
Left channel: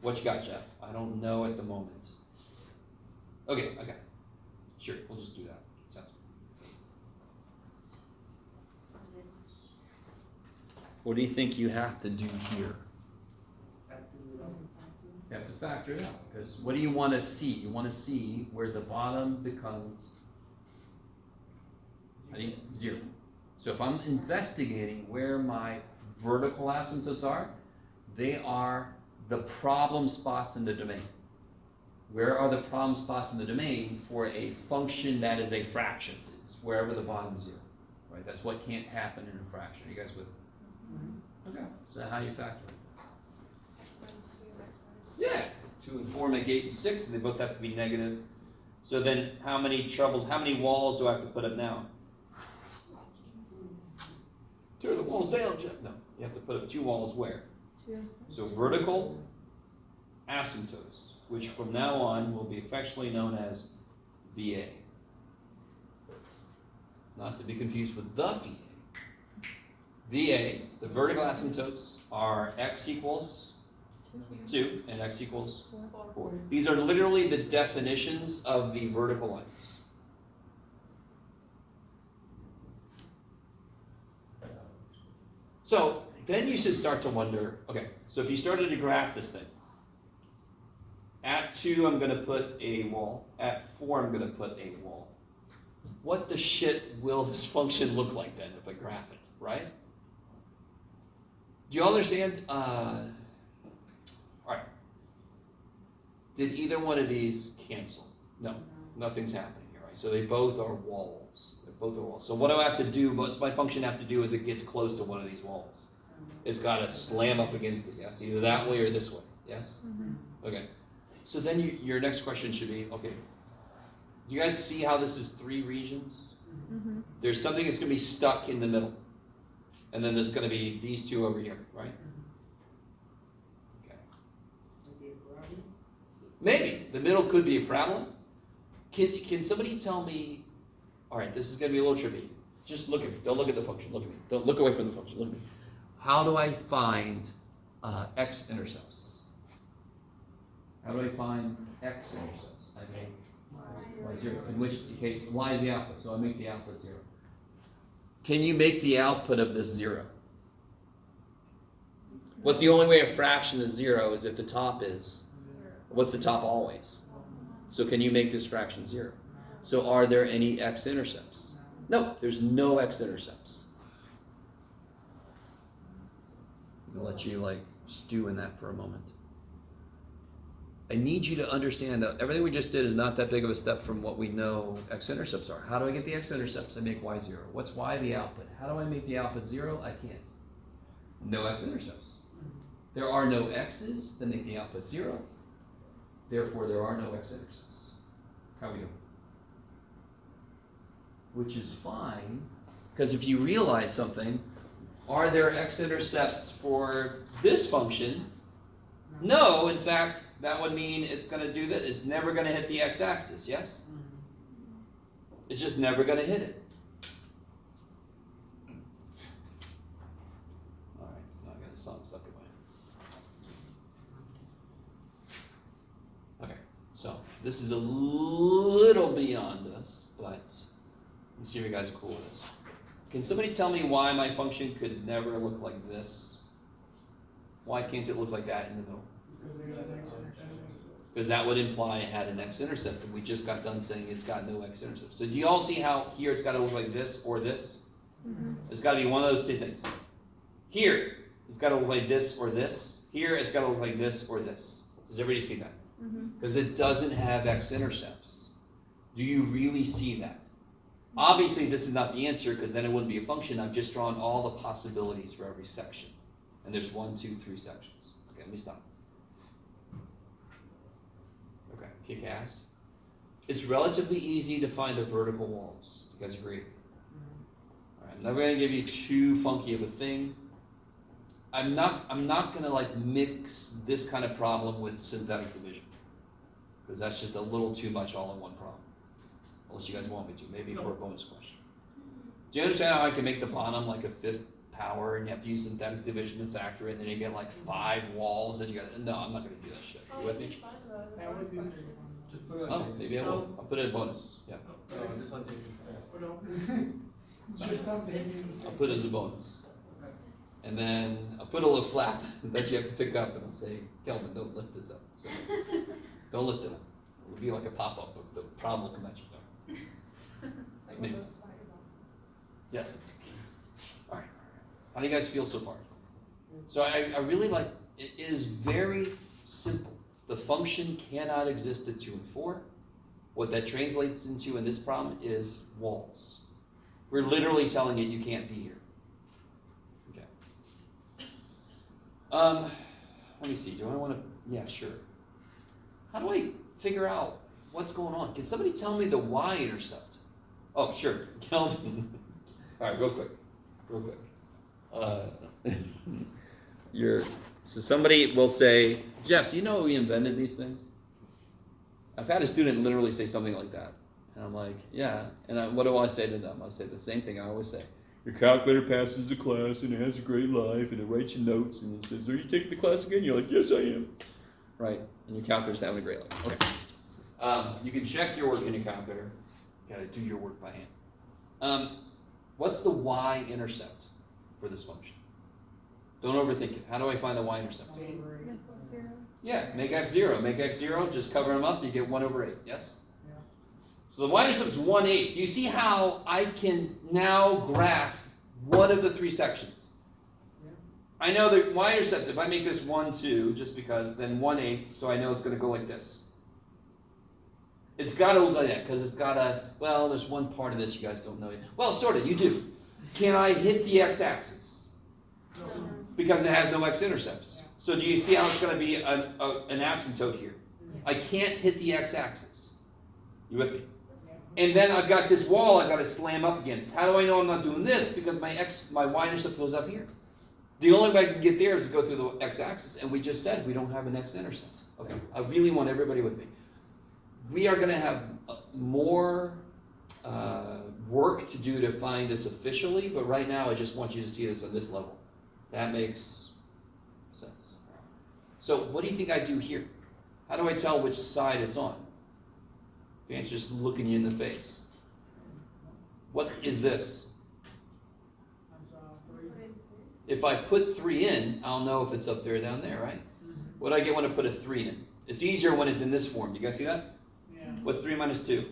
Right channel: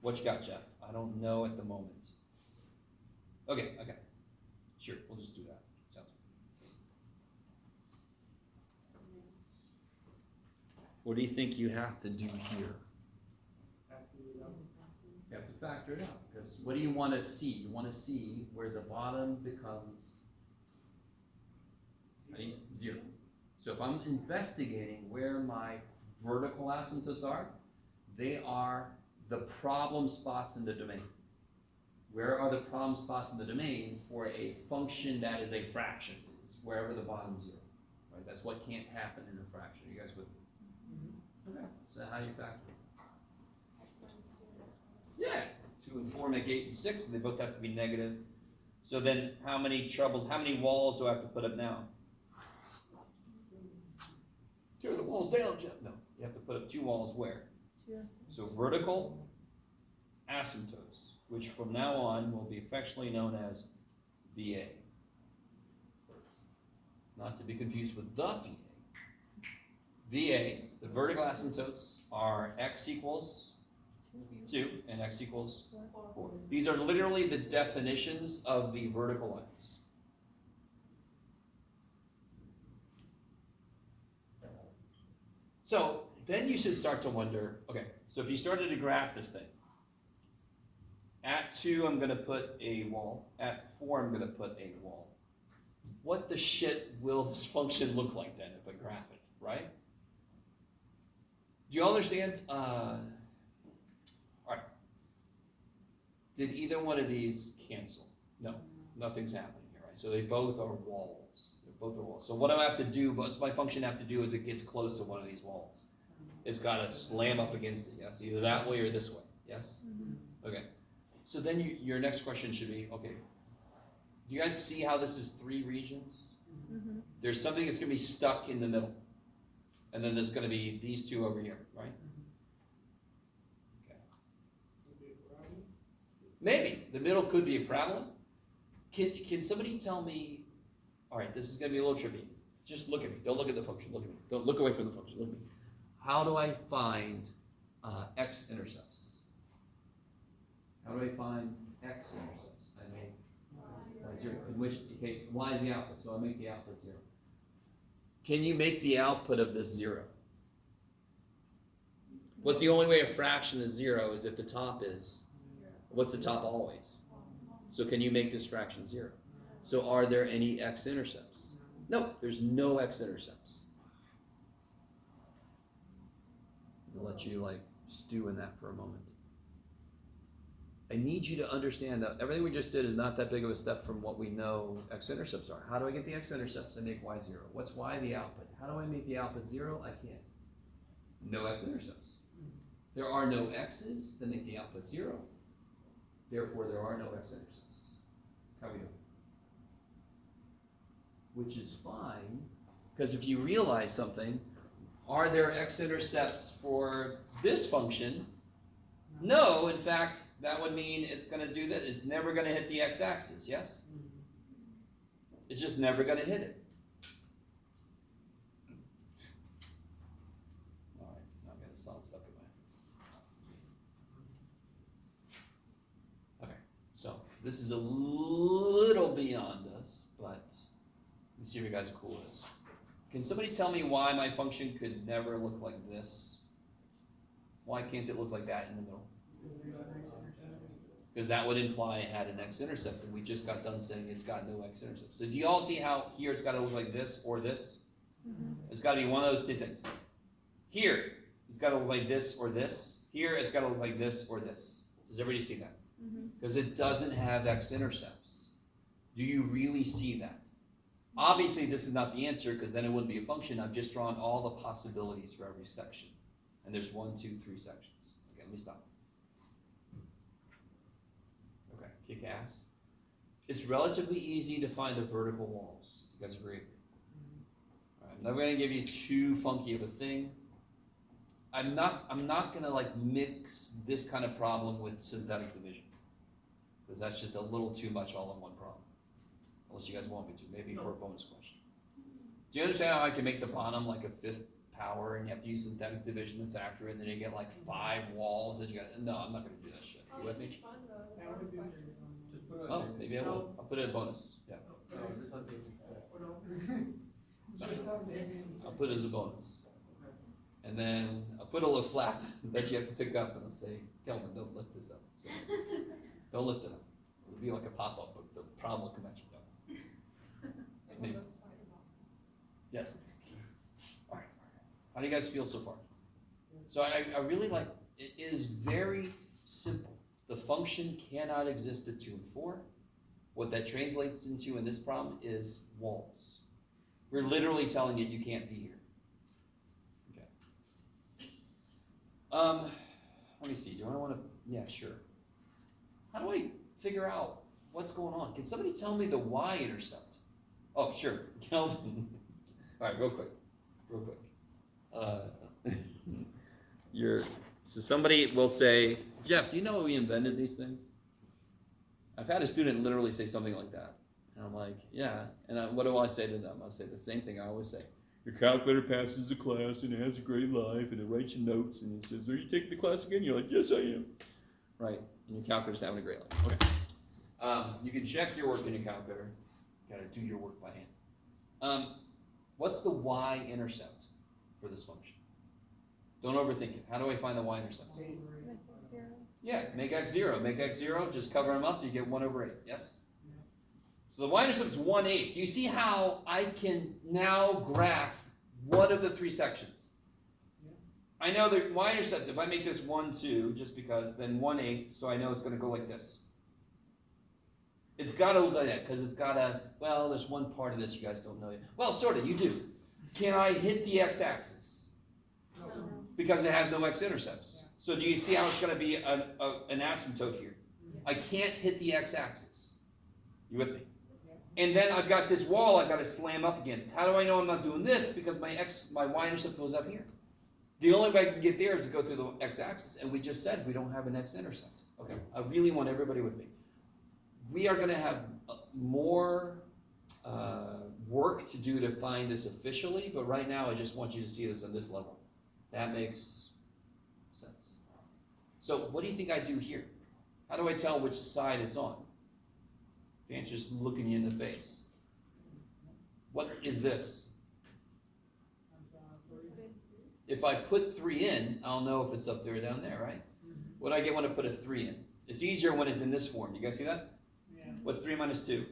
What you got, Jeff? I don't know at the moment. Okay. Sure, we'll just do that. Sounds good. What do you think you have to do here? You have to factor it out, because what do you want to see? You want to see where the bottom becomes 0. So if I'm investigating where my vertical asymptotes are, they are the problem spots in the domain. Where are the problem spots in the domain for a function that is a fraction? It's wherever the bottom 0, right? That's what can't happen in a fraction. Are you guys with me? Okay, so how you factor it? X minus 2, X minus 2. Yeah, 2 and 4 make 8 and 6, and they both have to be negative. So then how many walls do I have to put up now? Tear the walls down, Jeff. No, you have to put up 2 walls where? 2. So vertical asymptotes, which from now on will be affectionately known as VA. Not to be confused with the VA. VA, the vertical asymptotes are x equals 2 and x equals 4. These are literally the definitions of the vertical lines. So then you should start to wonder, okay, so if you started to graph this thing, at 2 I'm going to put a wall, at 4 I'm going to put a wall. What the shit will this function look like then if I graph it, right? Do you all understand? All right. Did either one of these cancel? No, nothing's happening here, right? So they both are walls. Both are walls. So what do I have to do? What's my function have to do as it gets close to one of these walls? It's got to slam up against it, yes? Either that way or this way, yes? Okay. So then your next question should be, okay, do you guys see how this is 3 regions? There's something that's going to be stuck in the middle. And then there's going to be these 2 over here, right? Okay. Maybe. The middle could be a problem. Can somebody tell me, all right, this is going to be a little tricky. Just look at me. Don't look at the function. Look at me. Don't look away from the function. Look at me. How do I find x-intercepts? How do I find x-intercepts? I make y0. In which case, y is the output, so I make the output 0. Can you make the output of this 0? What's the only way a fraction is 0 is if the top is? What's the top always? So can you make this fraction 0? So are there any x-intercepts? No, there's no x-intercepts. I'll let you stew in that for a moment. I need you to understand that everything we just did is not that big of a step from what we know x-intercepts are. How do I get the x-intercepts? I make y 0. What's y the output? How do I make the output 0? I can't. No x-intercepts. There are no x's that make the output 0. Therefore, there are no x-intercepts. How we doing? Which is fine, because if you realize something, are there x-intercepts for this function? No, in fact, that would mean it's going to do that. It's never going to hit the x-axis, yes? It's just never going to hit it. All right, now I got the song stuck away. Okay, so this is a little beyond us, but let me see if you guys are cool with this. Can somebody tell me why my function could never look like this? Why can't it look like that in the middle? Because that would imply it had an x-intercept, and we just got done saying it's got no x-intercept. So do you all see how here it's got to look like this or this? Mm-hmm. It's got to be one of those two things. Here, it's got to look like this or this. Here, it's got to look like this or this. Does everybody see that? Because it doesn't have x-intercepts. Do you really see that? Obviously, this is not the answer, because then it wouldn't be a function. I've just drawn all the possibilities for every section. And there's 1, 2, 3 sections. Okay, let me stop. Okay, kick ass. It's relatively easy to find the vertical walls. You guys agree? All right, I'm never gonna give you too funky of a thing. I'm not gonna like mix this kind of problem with synthetic division, because that's just a little too much all in one problem. Unless you guys want me to, maybe for a bonus question. Do you understand how I can make the bottom like a 5th power, and you have to use synthetic division to factor it, and then you get like 5 walls, and you got no, I'm not gonna do that shit. You with me? Just put it on. Oh, maybe I will. I'll put it in bonus. Yeah. Just on David. Just have the I'll put it as a bonus. And then I'll put a little flap that you have to pick up, and I'll say, Kelvin, don't lift this up. So, don't lift it up. It'll be like a pop-up, but the problem will come at you there. Like one of those spider boxes. Yes. All right. How do you guys feel so far? So I really like, it is very simple. The function cannot exist at 2 and 4. What that translates into in this problem is walls. We're literally telling it you can't be here. Okay. Let me see. Do I want to? Yeah, sure. How do I figure out what's going on? Can somebody tell me the y-intercept? Oh, sure. Kelvin. All right, real quick. So somebody will say, Jeff, do you know we invented these things? I've had a student literally say something like that. And I'm like, yeah. And what do I say to them? I say the same thing I always say. Your calculator passes the class and it has a great life and it writes you notes and it says, are you taking the class again? You're like, yes, I am. Right? And your calculator's having a great life. Okay. You can check your work in your calculator. You gotta do your work by hand. What's the y-intercept for this function? Don't overthink it. How do I find the y-intercept? Yeah, make x 0. Make x 0, just cover them up, you get 1 over 8. Yes? Yeah. So the y-intercept is 1/8. Do you see how I can now graph one of the 3 sections? Yeah. I know the y-intercept, if I make this 1, 2, just because, then 1/8, so I know it's going to go like this. It's got to look like that, because it's got to, well, there's one part of this you guys don't know yet. Well, sort of, you do. Can I hit the x-axis? No. Because it has no x-intercepts. So do you see how it's going to be an asymptote here? I can't hit the x-axis. You with me? And then I've got this wall I've got to slam up against. How do I know I'm not doing this? Because my y-intercept goes up here. The only way I can get there is to go through the x-axis, and we just said we don't have an x-intercept. Okay, I really want everybody with me. We are going to have more work to do to find this officially, but right now I just want you to see this on this level. That makes sense. So what do you think I do here? How do I tell which side it's on? The answer is looking you in the face. What is this? If I put 3 in, I'll know if it's up there or down there, right? What do I get when I put a 3 in? It's easier when it's in this form. You guys see that? Yeah. What's 3 minus 2?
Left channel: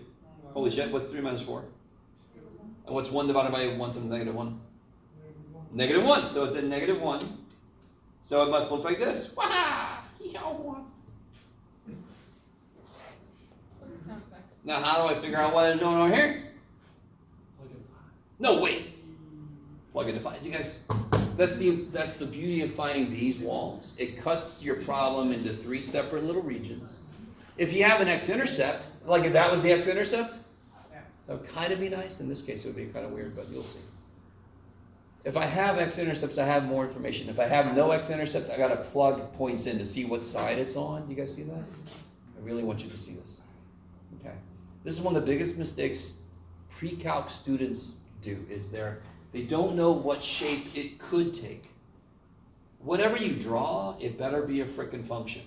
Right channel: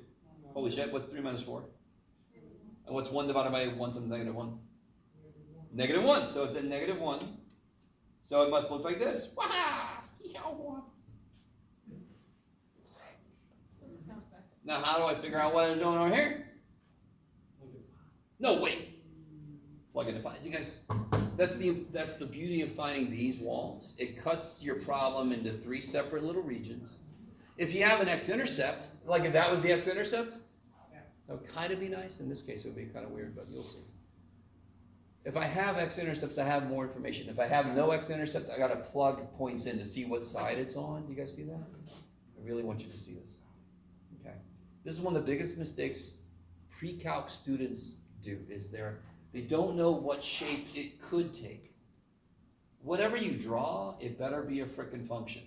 Holy shit, what's 3 minus 4? And what's 1 divided by 1 to the negative 1? Negative 1, so it's in negative 1. So it must look like this. Now, how do I figure out what I'm doing over here? No, wait. Plug in a 5. You guys, that's the beauty of finding these walls. It cuts your problem into 3 separate little regions. If you have an x-intercept, like if that was the x-intercept, that would kind of be nice. In this case, it would be kind of weird, but you'll see. If I have x-intercepts, I have more information. If I have no x-intercept, I got to plug points in to see what side it's on. Do you guys see that? I really want you to see this. Okay. This is one of the biggest mistakes pre-calc students do, is they don't know what shape it could take. Whatever you draw, it better be a frickin' function.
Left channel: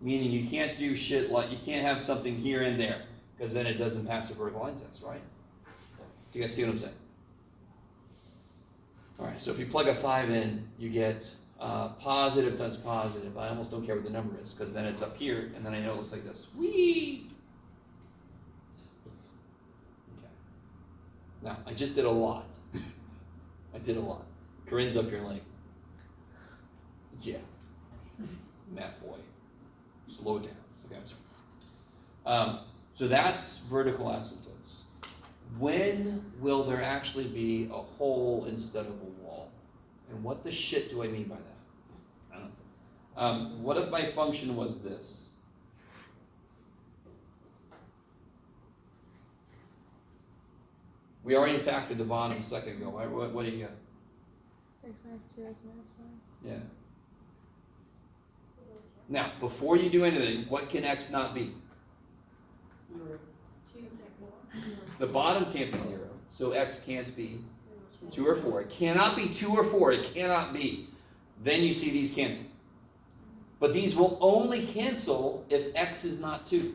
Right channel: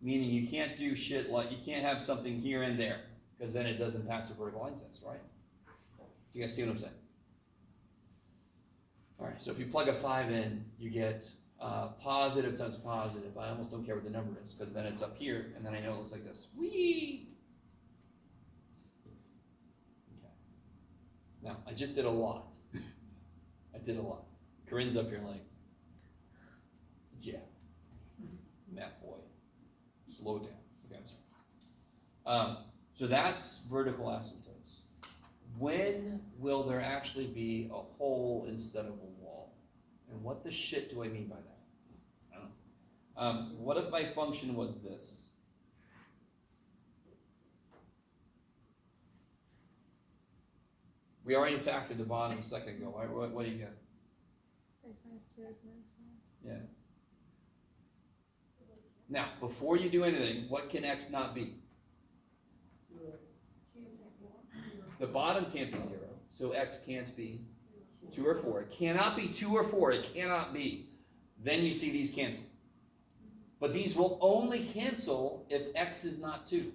Meaning you can't do shit like, you can't have something here and there, because then it doesn't pass the vertical line test, right? Do you guys see what I'm saying? All right, so if you plug a 5 in, you get positive times positive. I almost don't care what the number is, because then it's up here, and then I know it looks like this. Whee! Okay. Now, I just did a lot. I did a lot. Corinne's up here like, yeah, math boy, slow down. Okay, I'm sorry. So that's vertical asymptotes. When will there actually be a hole instead of a wall? And what the shit do I mean by that? I don't know. What if my function was this? We already factored the bottom a second ago. What do you got? X minus 2, x minus 1. Yeah. Now, before you do anything, what can x not be? 2 and 4. The bottom can't be 0, so x can't be 2 or 4. It cannot be 2 or 4. It cannot be. Then you see these cancel. But these will only cancel if x is not 2.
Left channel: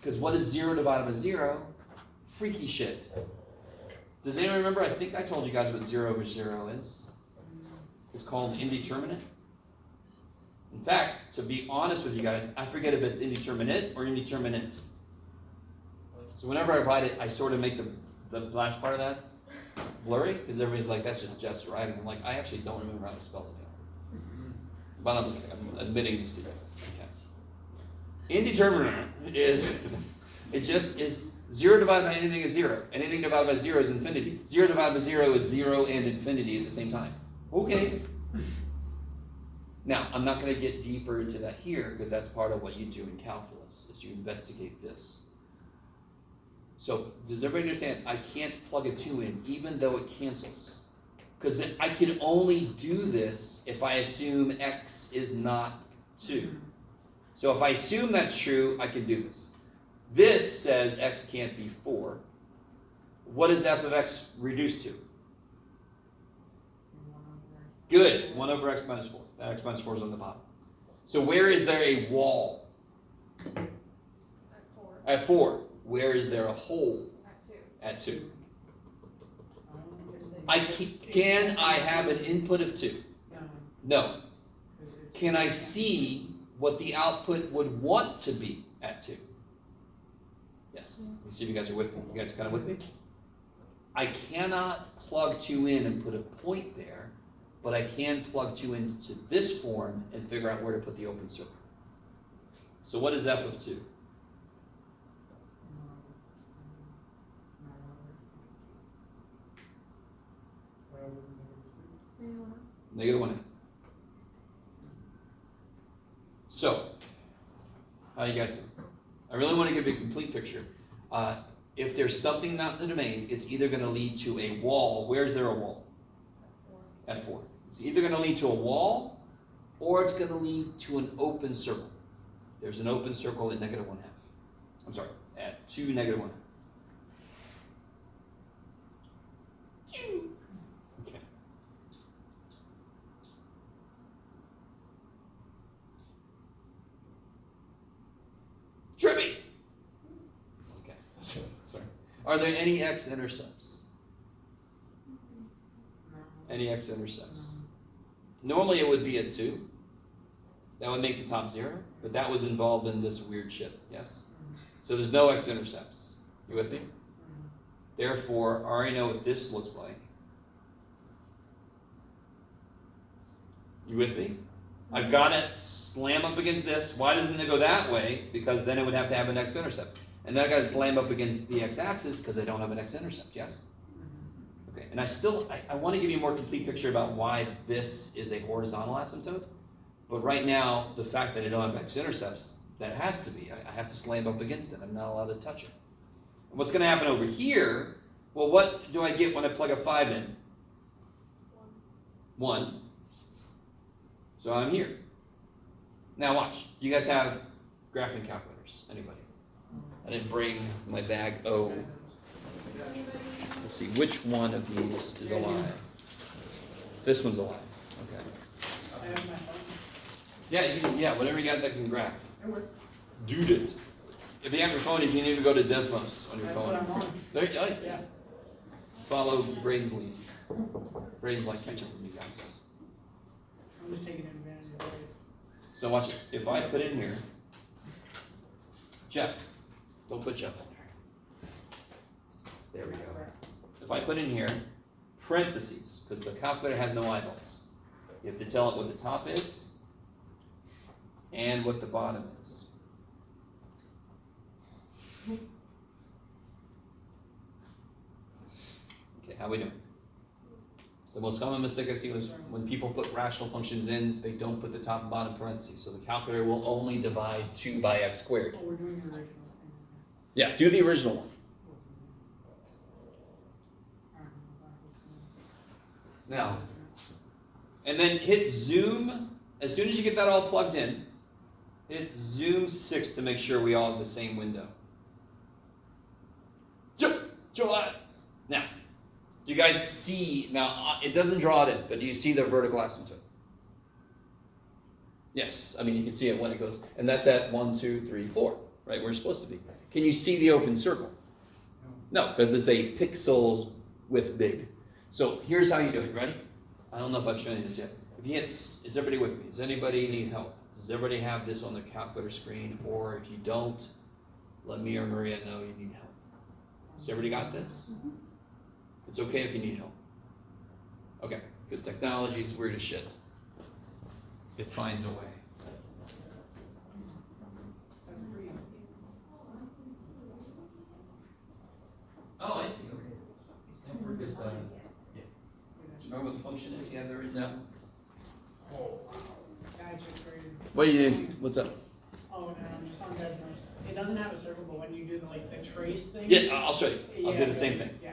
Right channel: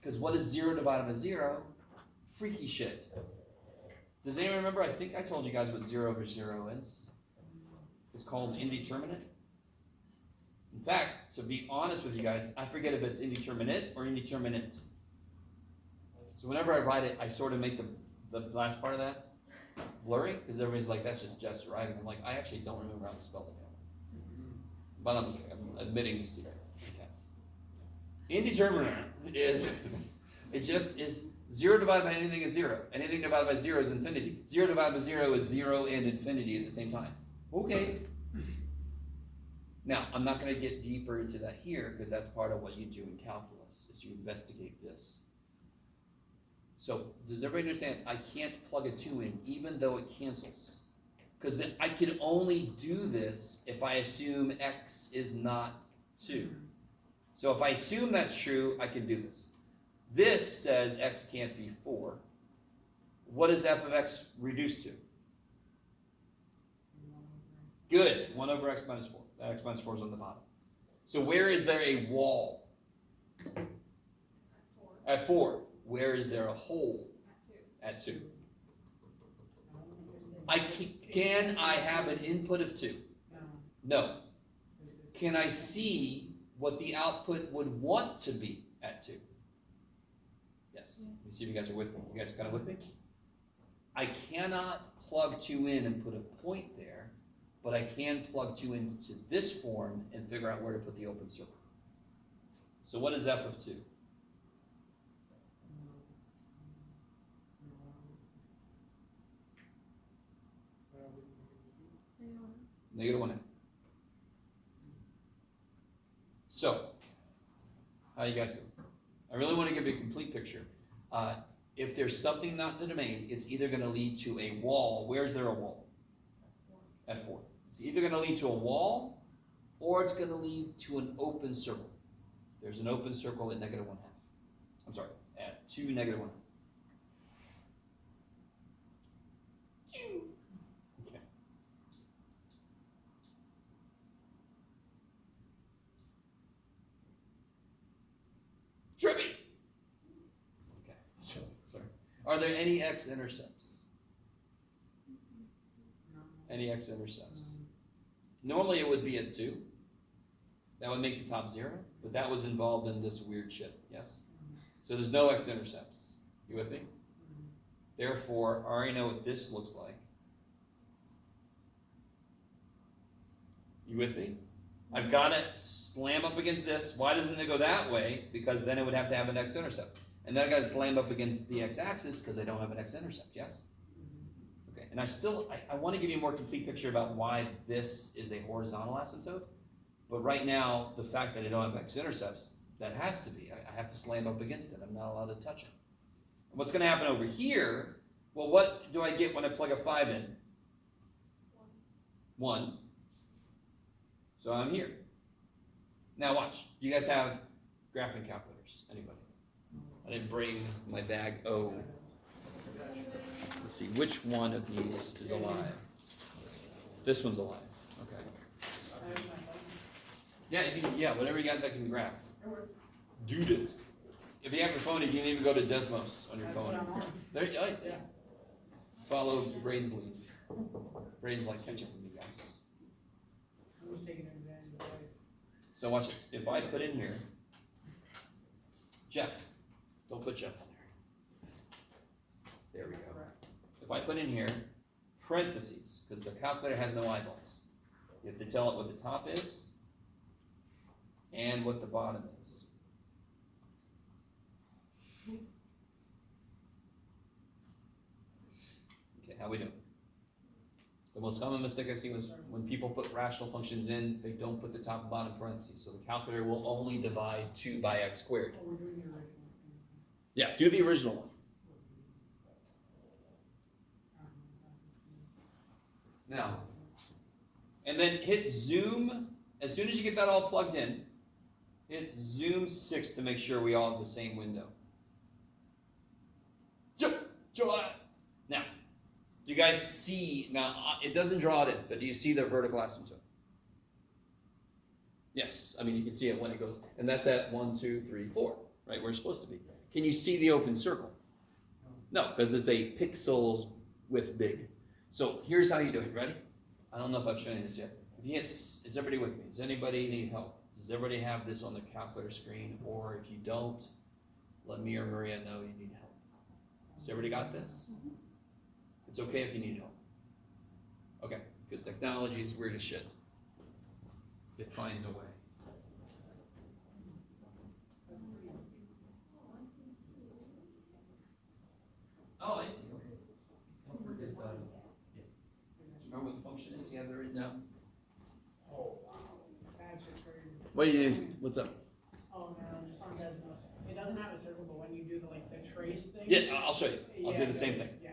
Because what is 0 divided by 0? Freaky shit. Does anyone remember? I think I told you guys what 0 over 0 is. It's called indeterminate. In fact, to be honest with you guys, I forget if it's indeterminate or indeterminate. So whenever I write it, I sort of make the last part of that blurry, because everybody's like, that's just right. And I'm like, I actually don't remember how to spell it now. But I'm admitting this to you. Okay. Indeterminate is, it just is 0 divided by anything is 0. Anything divided by 0 is infinity. 0 divided by 0 is 0 and infinity at the same time. Okay. Now, I'm not going to get deeper into that here, because that's part of what you do in calculus, is you investigate this. So, does everybody understand? I can't plug a 2 in, even though it cancels. Because I can only do this if I assume x is not 2. So if I assume that's true, I can do this. This says x can't be 4. What is f of x reduced to? Good, 1 over x minus 4. That x minus 4 is on the bottom. So where is there a wall? At 4. At 4. Where is there a hole? At 2. At 2. Can I have an input of 2? No. Can I see what the output would want to be at 2? Yes. Let's see if you guys are with me. You guys kind of with me? I cannot plug 2 in and put a point there, but I can plug 2 into this form and figure out where to put the open circle. So what is f of 2? Negative 1. So, how you guys doing? I really want to give you a complete picture. If there's something not in the domain, it's either going to lead to a wall. Where's there a wall? At 4. It's either going to lead to a wall, or it's going to lead to an open circle. There's an open circle at negative 1/2. I'm sorry, at 2 negative 1/2. Okay. Trippy. Okay. So, sorry. Are there any x-intercepts? Any x-intercepts? Normally it would be at 2. That would make the top 0, but that was involved in this weird shit, yes? So there's no x-intercepts. You with me? Therefore, I already know what this looks like. You with me? I've got to slam up against this. Why doesn't it go that way? Because then it would have to have an x-intercept. And then I got to slam up against the x-axis because I don't have an x-intercept, yes? Okay, and I want to give you a more complete picture about why this is a horizontal asymptote. But right now, the fact that I don't have x-intercepts, that has to be. I have to slam up against it. I'm not allowed to touch it. And what's going to happen over here, well, what do I get when I plug a 5 in? 1. So I'm here. Now watch. Do you guys have graphing calculators? Anybody? I didn't bring my bag. Oh. Let's see. Which one of these is alive? This one's alive. Okay. Yeah, whatever you got that can graph. Dude it. If you have your phone, you can even go to Desmos on your phone. That's what I'm on. There you go. Yeah. Follow Brain's lead. Brain's like catch up with you guys. I'm just taking advantage of it. So watch this. If I put in here, Jeff, don't put Jeff on there. There we go. If I put in here, parentheses, because the calculator has no eyeballs. You have to tell it what the top is and what the bottom is. Okay, how we doing? The most common mistake I see was when people put rational functions in, they don't put the top and bottom parentheses. So the calculator will only divide 2 by x squared. Oh, we're doing the original. Yeah, do the original one. Now, and then hit zoom. As soon as you get that all plugged in, hit zoom 6 to make sure we all have the same window. Now, do you guys see, now it doesn't draw it in, but do you see the vertical asymptote? Yes, I mean you can see it when it goes, and that's at 1, 2, 3, 4, right, where it's supposed to be. Can you see the open circle? No, because it's a pixels with big. So here's how you do it, ready? I don't know if I've shown you this yet. If you hit, is everybody with me? Does anybody need help? Does everybody have this on their calculator screen? Or if you don't, let me or Maria know you need help. Has everybody got this? It's okay if you need help. Okay, because technology is weird as shit. It finds a way. That's pretty. Oh, I see, okay. Don't forget, yeah. Remember what the function is? You have it written down? Gotcha, great. What do you, what's up? Oh, no, I'm just on Desmos. It doesn't have a circle, but when you do the, like, the trace thing. Yeah, I'll show you. I'll Yeah, do the same thing. Yeah,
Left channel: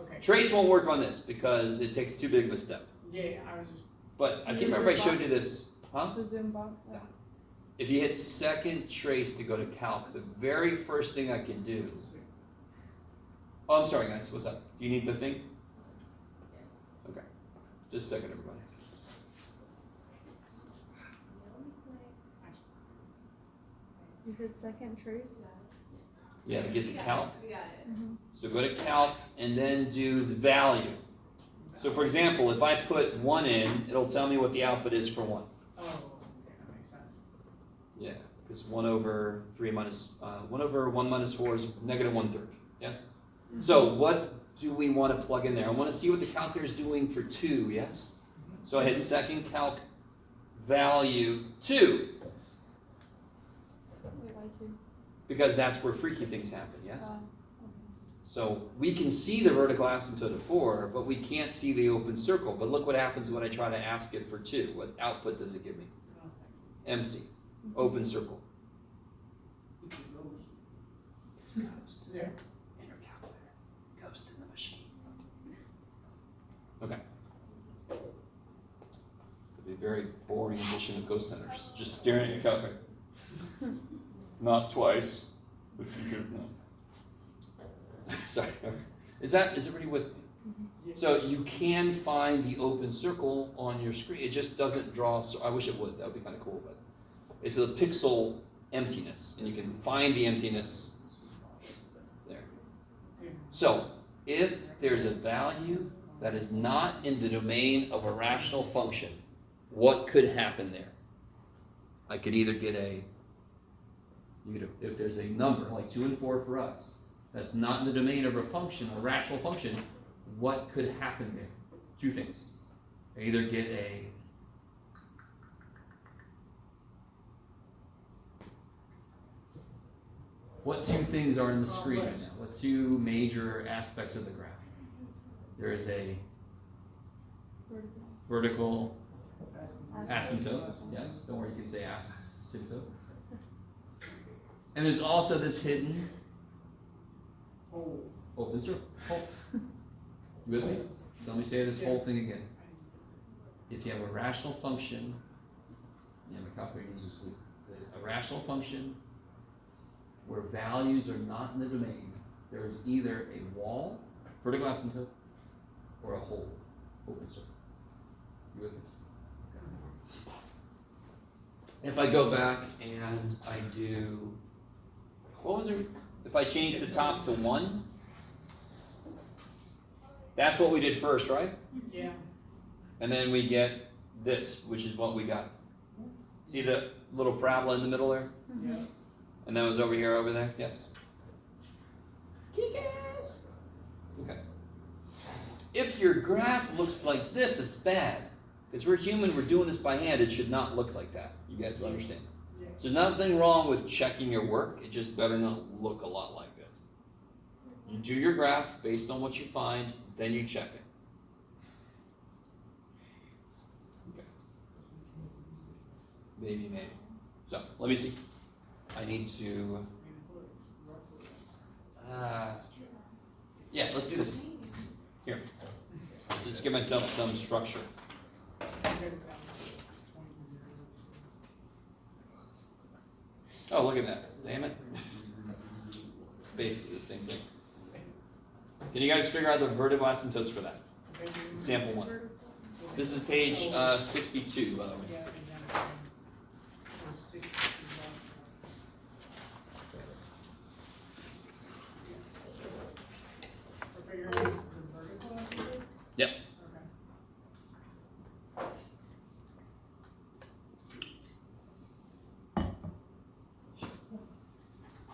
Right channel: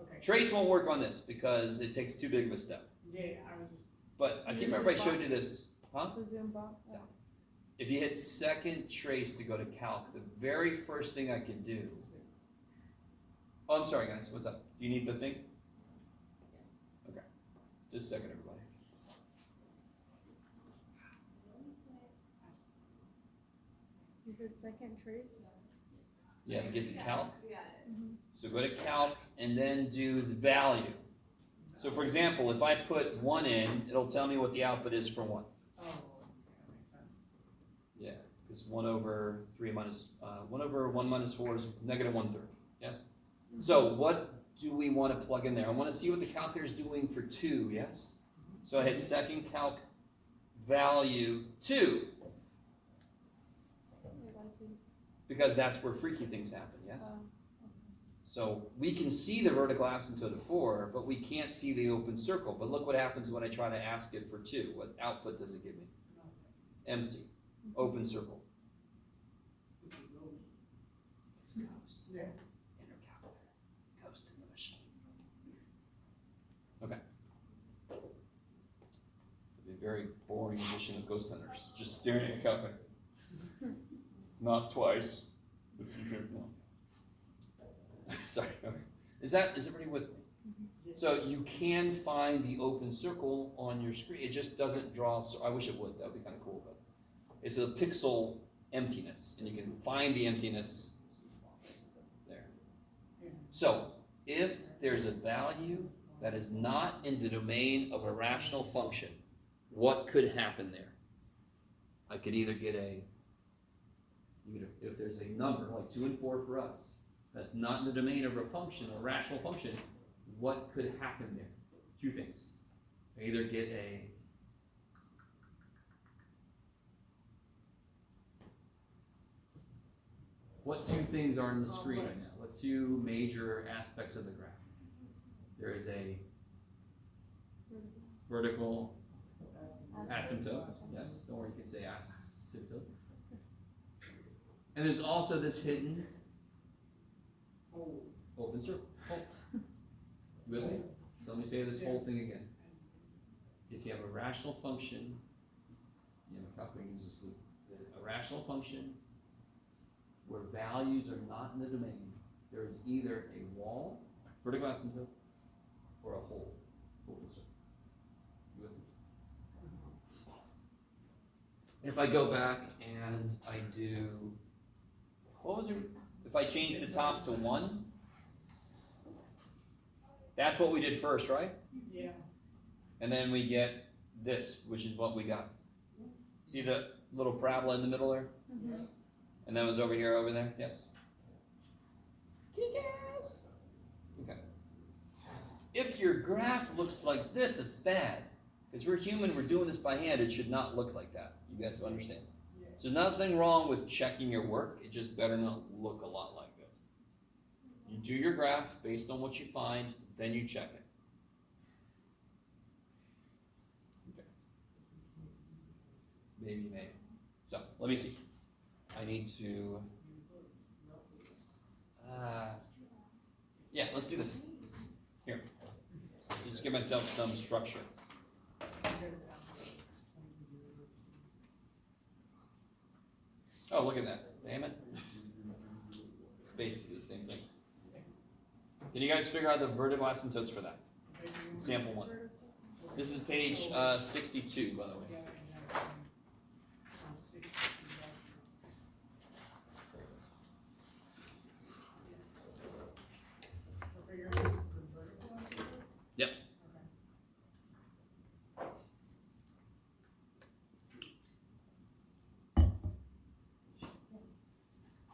okay. Trace won't work on this because it takes too big of a step. Yeah, I was just. But I can't remember if I showed you this. Huh? The Zoom box. Yeah. If you hit second trace to go to calc, the very first thing I can do. Oh, I'm sorry, guys. What's up? Do you need the thing? Okay. Just a second, everybody. You did second trace? Yeah, to get to calc. We got it. So go to calc and then do the value. So for example, if I put 1 in, it'll tell me what the output is for 1. Oh, okay, that makes sense. Yeah, because 1 over 3 minus, 1 over 1 minus 4 is negative 1/3, yes? So what do we want to plug in there? I want to see what the calculator is doing for 2, yes? So I hit second calc value 2, Wait, why 2? because that's where freaky things happen, yes? Okay. So we can see the vertical asymptote of 4, but we can't see the open circle. But look what happens when I try to ask it for 2. What output does it give me? Empty. Open circle. It's ghost. Yeah. Inner calculator. Ghost in the machine. Okay. It'd be a very boring edition of Ghost Hunters. Just staring at your calculator. Not twice. If you could have known. Sorry. Is everybody with me? So you can find the open circle on your screen. It just doesn't draw. So I wish it would. That would be kind of cool. But it's a pixel emptiness, and you can find the emptiness there. So if there's a value that is not in the domain of a rational function, what could happen there? I could either get if there's a number like 2 and 4 for us, that's not in the domain of a function, a rational function, what could happen there? 2 things. I either get What two things are on the screen right now? What two major aspects of the graph? There is a vertical asymptote. Yes, don't worry, you can say asymptotes. And there's also this hidden open circle. You with me? So let me say this whole thing again. If you have a rational function, yeah, my calculator needs to sleep. A rational function where values are not in the domain, there is either a wall, vertical asymptote, or a hole, open circle. You with me? If I go back and I do, what was it? If I change the top to 1, that's what we did first, right? Yeah. And then we get this, which is what we got. See the little parabola in the middle there? Yeah. And that was over here, over there? Yes? Kick-ass! Okay. If your graph looks like this, it's bad. Because we're human, we're doing this by hand, it should not look like that. You guys will understand. Yeah. So there's nothing wrong with checking your work, it just better not look a lot like it. You do your graph based on what you find, then you check it. Okay. Maybe. So, let me see. I need to, yeah, let's do this. Here, just give myself some structure. Oh, look at that, damn it. It's basically the same thing. Can you guys figure out the vertical asymptotes for that? Example 1. This is page 62, by the way. Yep.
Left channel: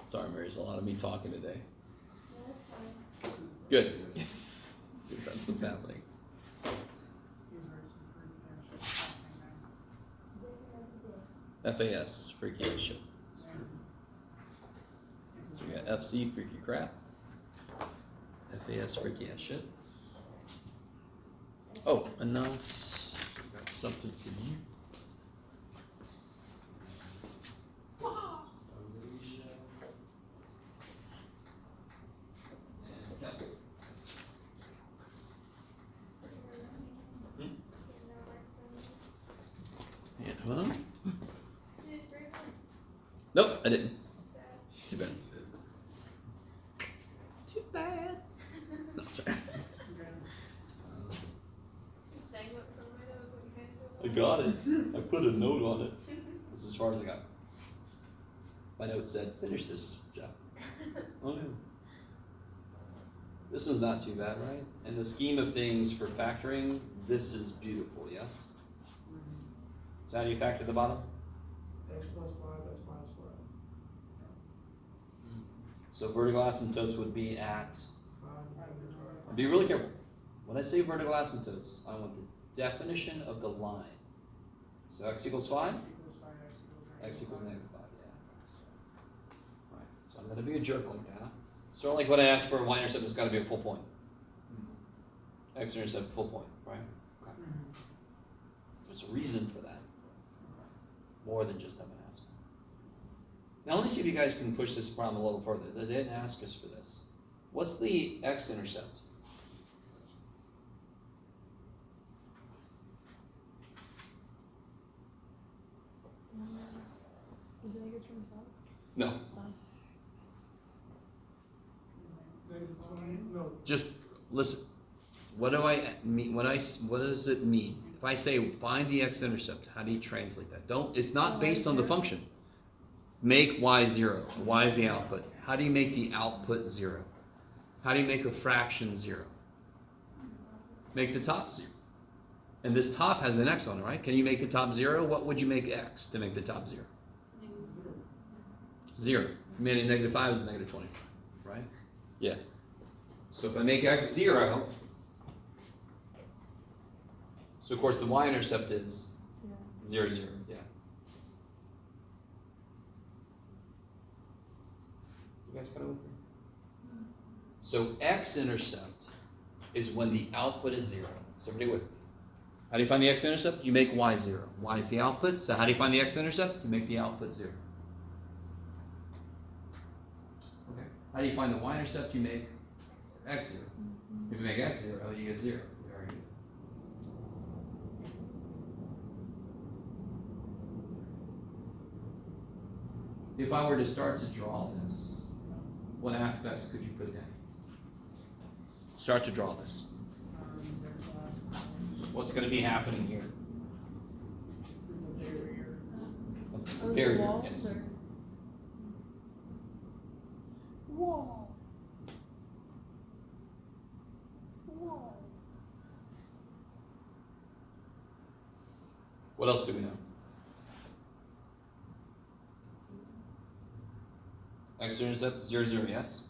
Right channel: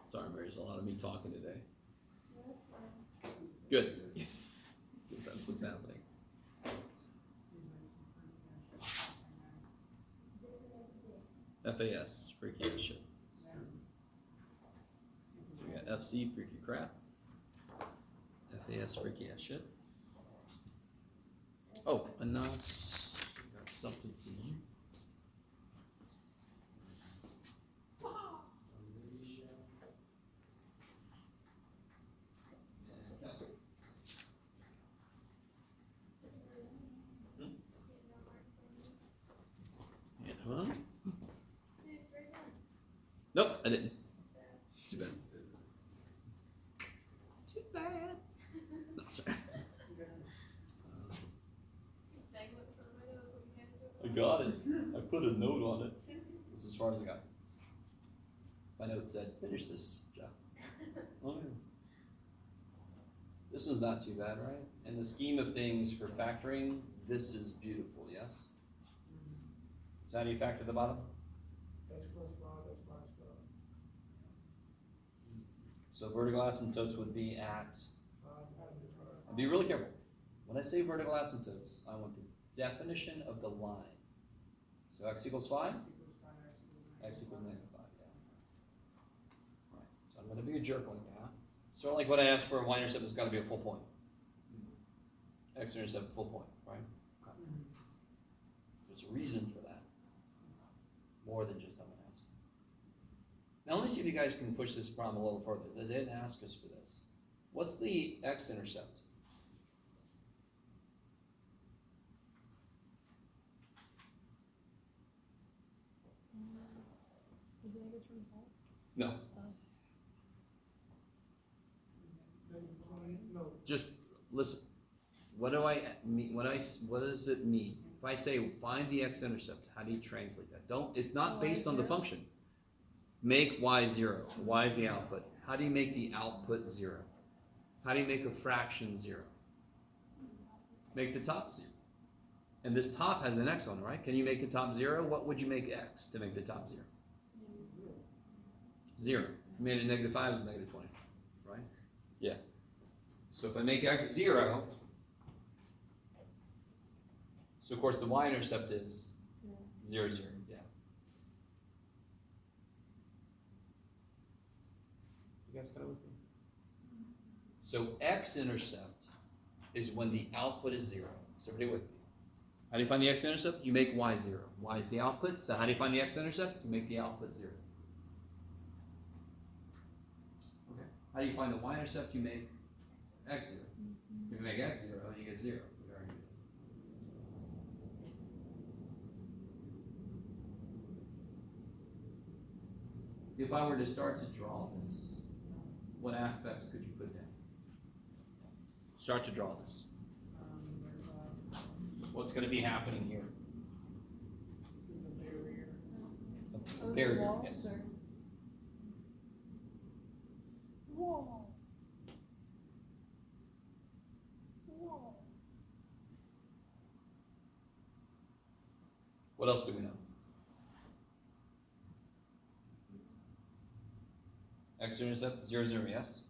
Sorry, Mary, there's a lot of me talking today. Good. Because that's what's happening. FAS, freaky ass shit. So we got FC, freaky crap. FAS, freaky ass shit. Oh, and now it's got something to do. Huh? Nope, I didn't. Too bad. Too bad. No, sorry. Just dangle it from my nose when you hand it I over. got it. I put a note on it. This is as far as I got. My note said, finish this, Jeff. Oh, yeah. This one's not too bad, right? In the scheme of things for factoring, this is beautiful, yes? So how do you factor the bottom? X plus 5, X minus 5. So vertical asymptotes would be at, 5, be really careful. When I say vertical asymptotes, I want the definition of the line. So x equals 5? X equals negative 5, yeah. Right, so I'm gonna be a jerk like that. Sort of like when I ask for a y-intercept, it's gotta be a full point. X-intercept, full point, right? Okay. There's a reason for that. More than just I'm gonna ask. Now let me see if you guys can push this problem a little further. They didn't ask us for this. What's the x-intercept? Is it negative 25? No, No, just listen. What do I mean? What does it mean? If I say find the x-intercept, how do you translate that? It's not based on the function. Make y 0. Y is the output. How do you make the output 0? How do you make a fraction 0? Make the top 0. And this top has an x on it, right? Can you make the top 0? What would you make x to make the top 0? 0. If you made it negative 5, it's negative 20, right? Yeah. So if I make x 0, so of course the y-intercept is 0, 0, yeah. guys kind of with me? So x-intercept is when the output is 0. Somebody with me? How do you find the x-intercept? You make y 0. Y is the output, so how do you find the x-intercept? You make the output 0. Okay. How do you find the y-intercept? You make x 0. If you make x 0, you get 0. We already did. If I were to start to draw this, what aspects could you put down? Start to draw this. What's going to be happening here? Barrier, yes. Wall. Wall. What else do we know? X-intercept, 0, 0, yes?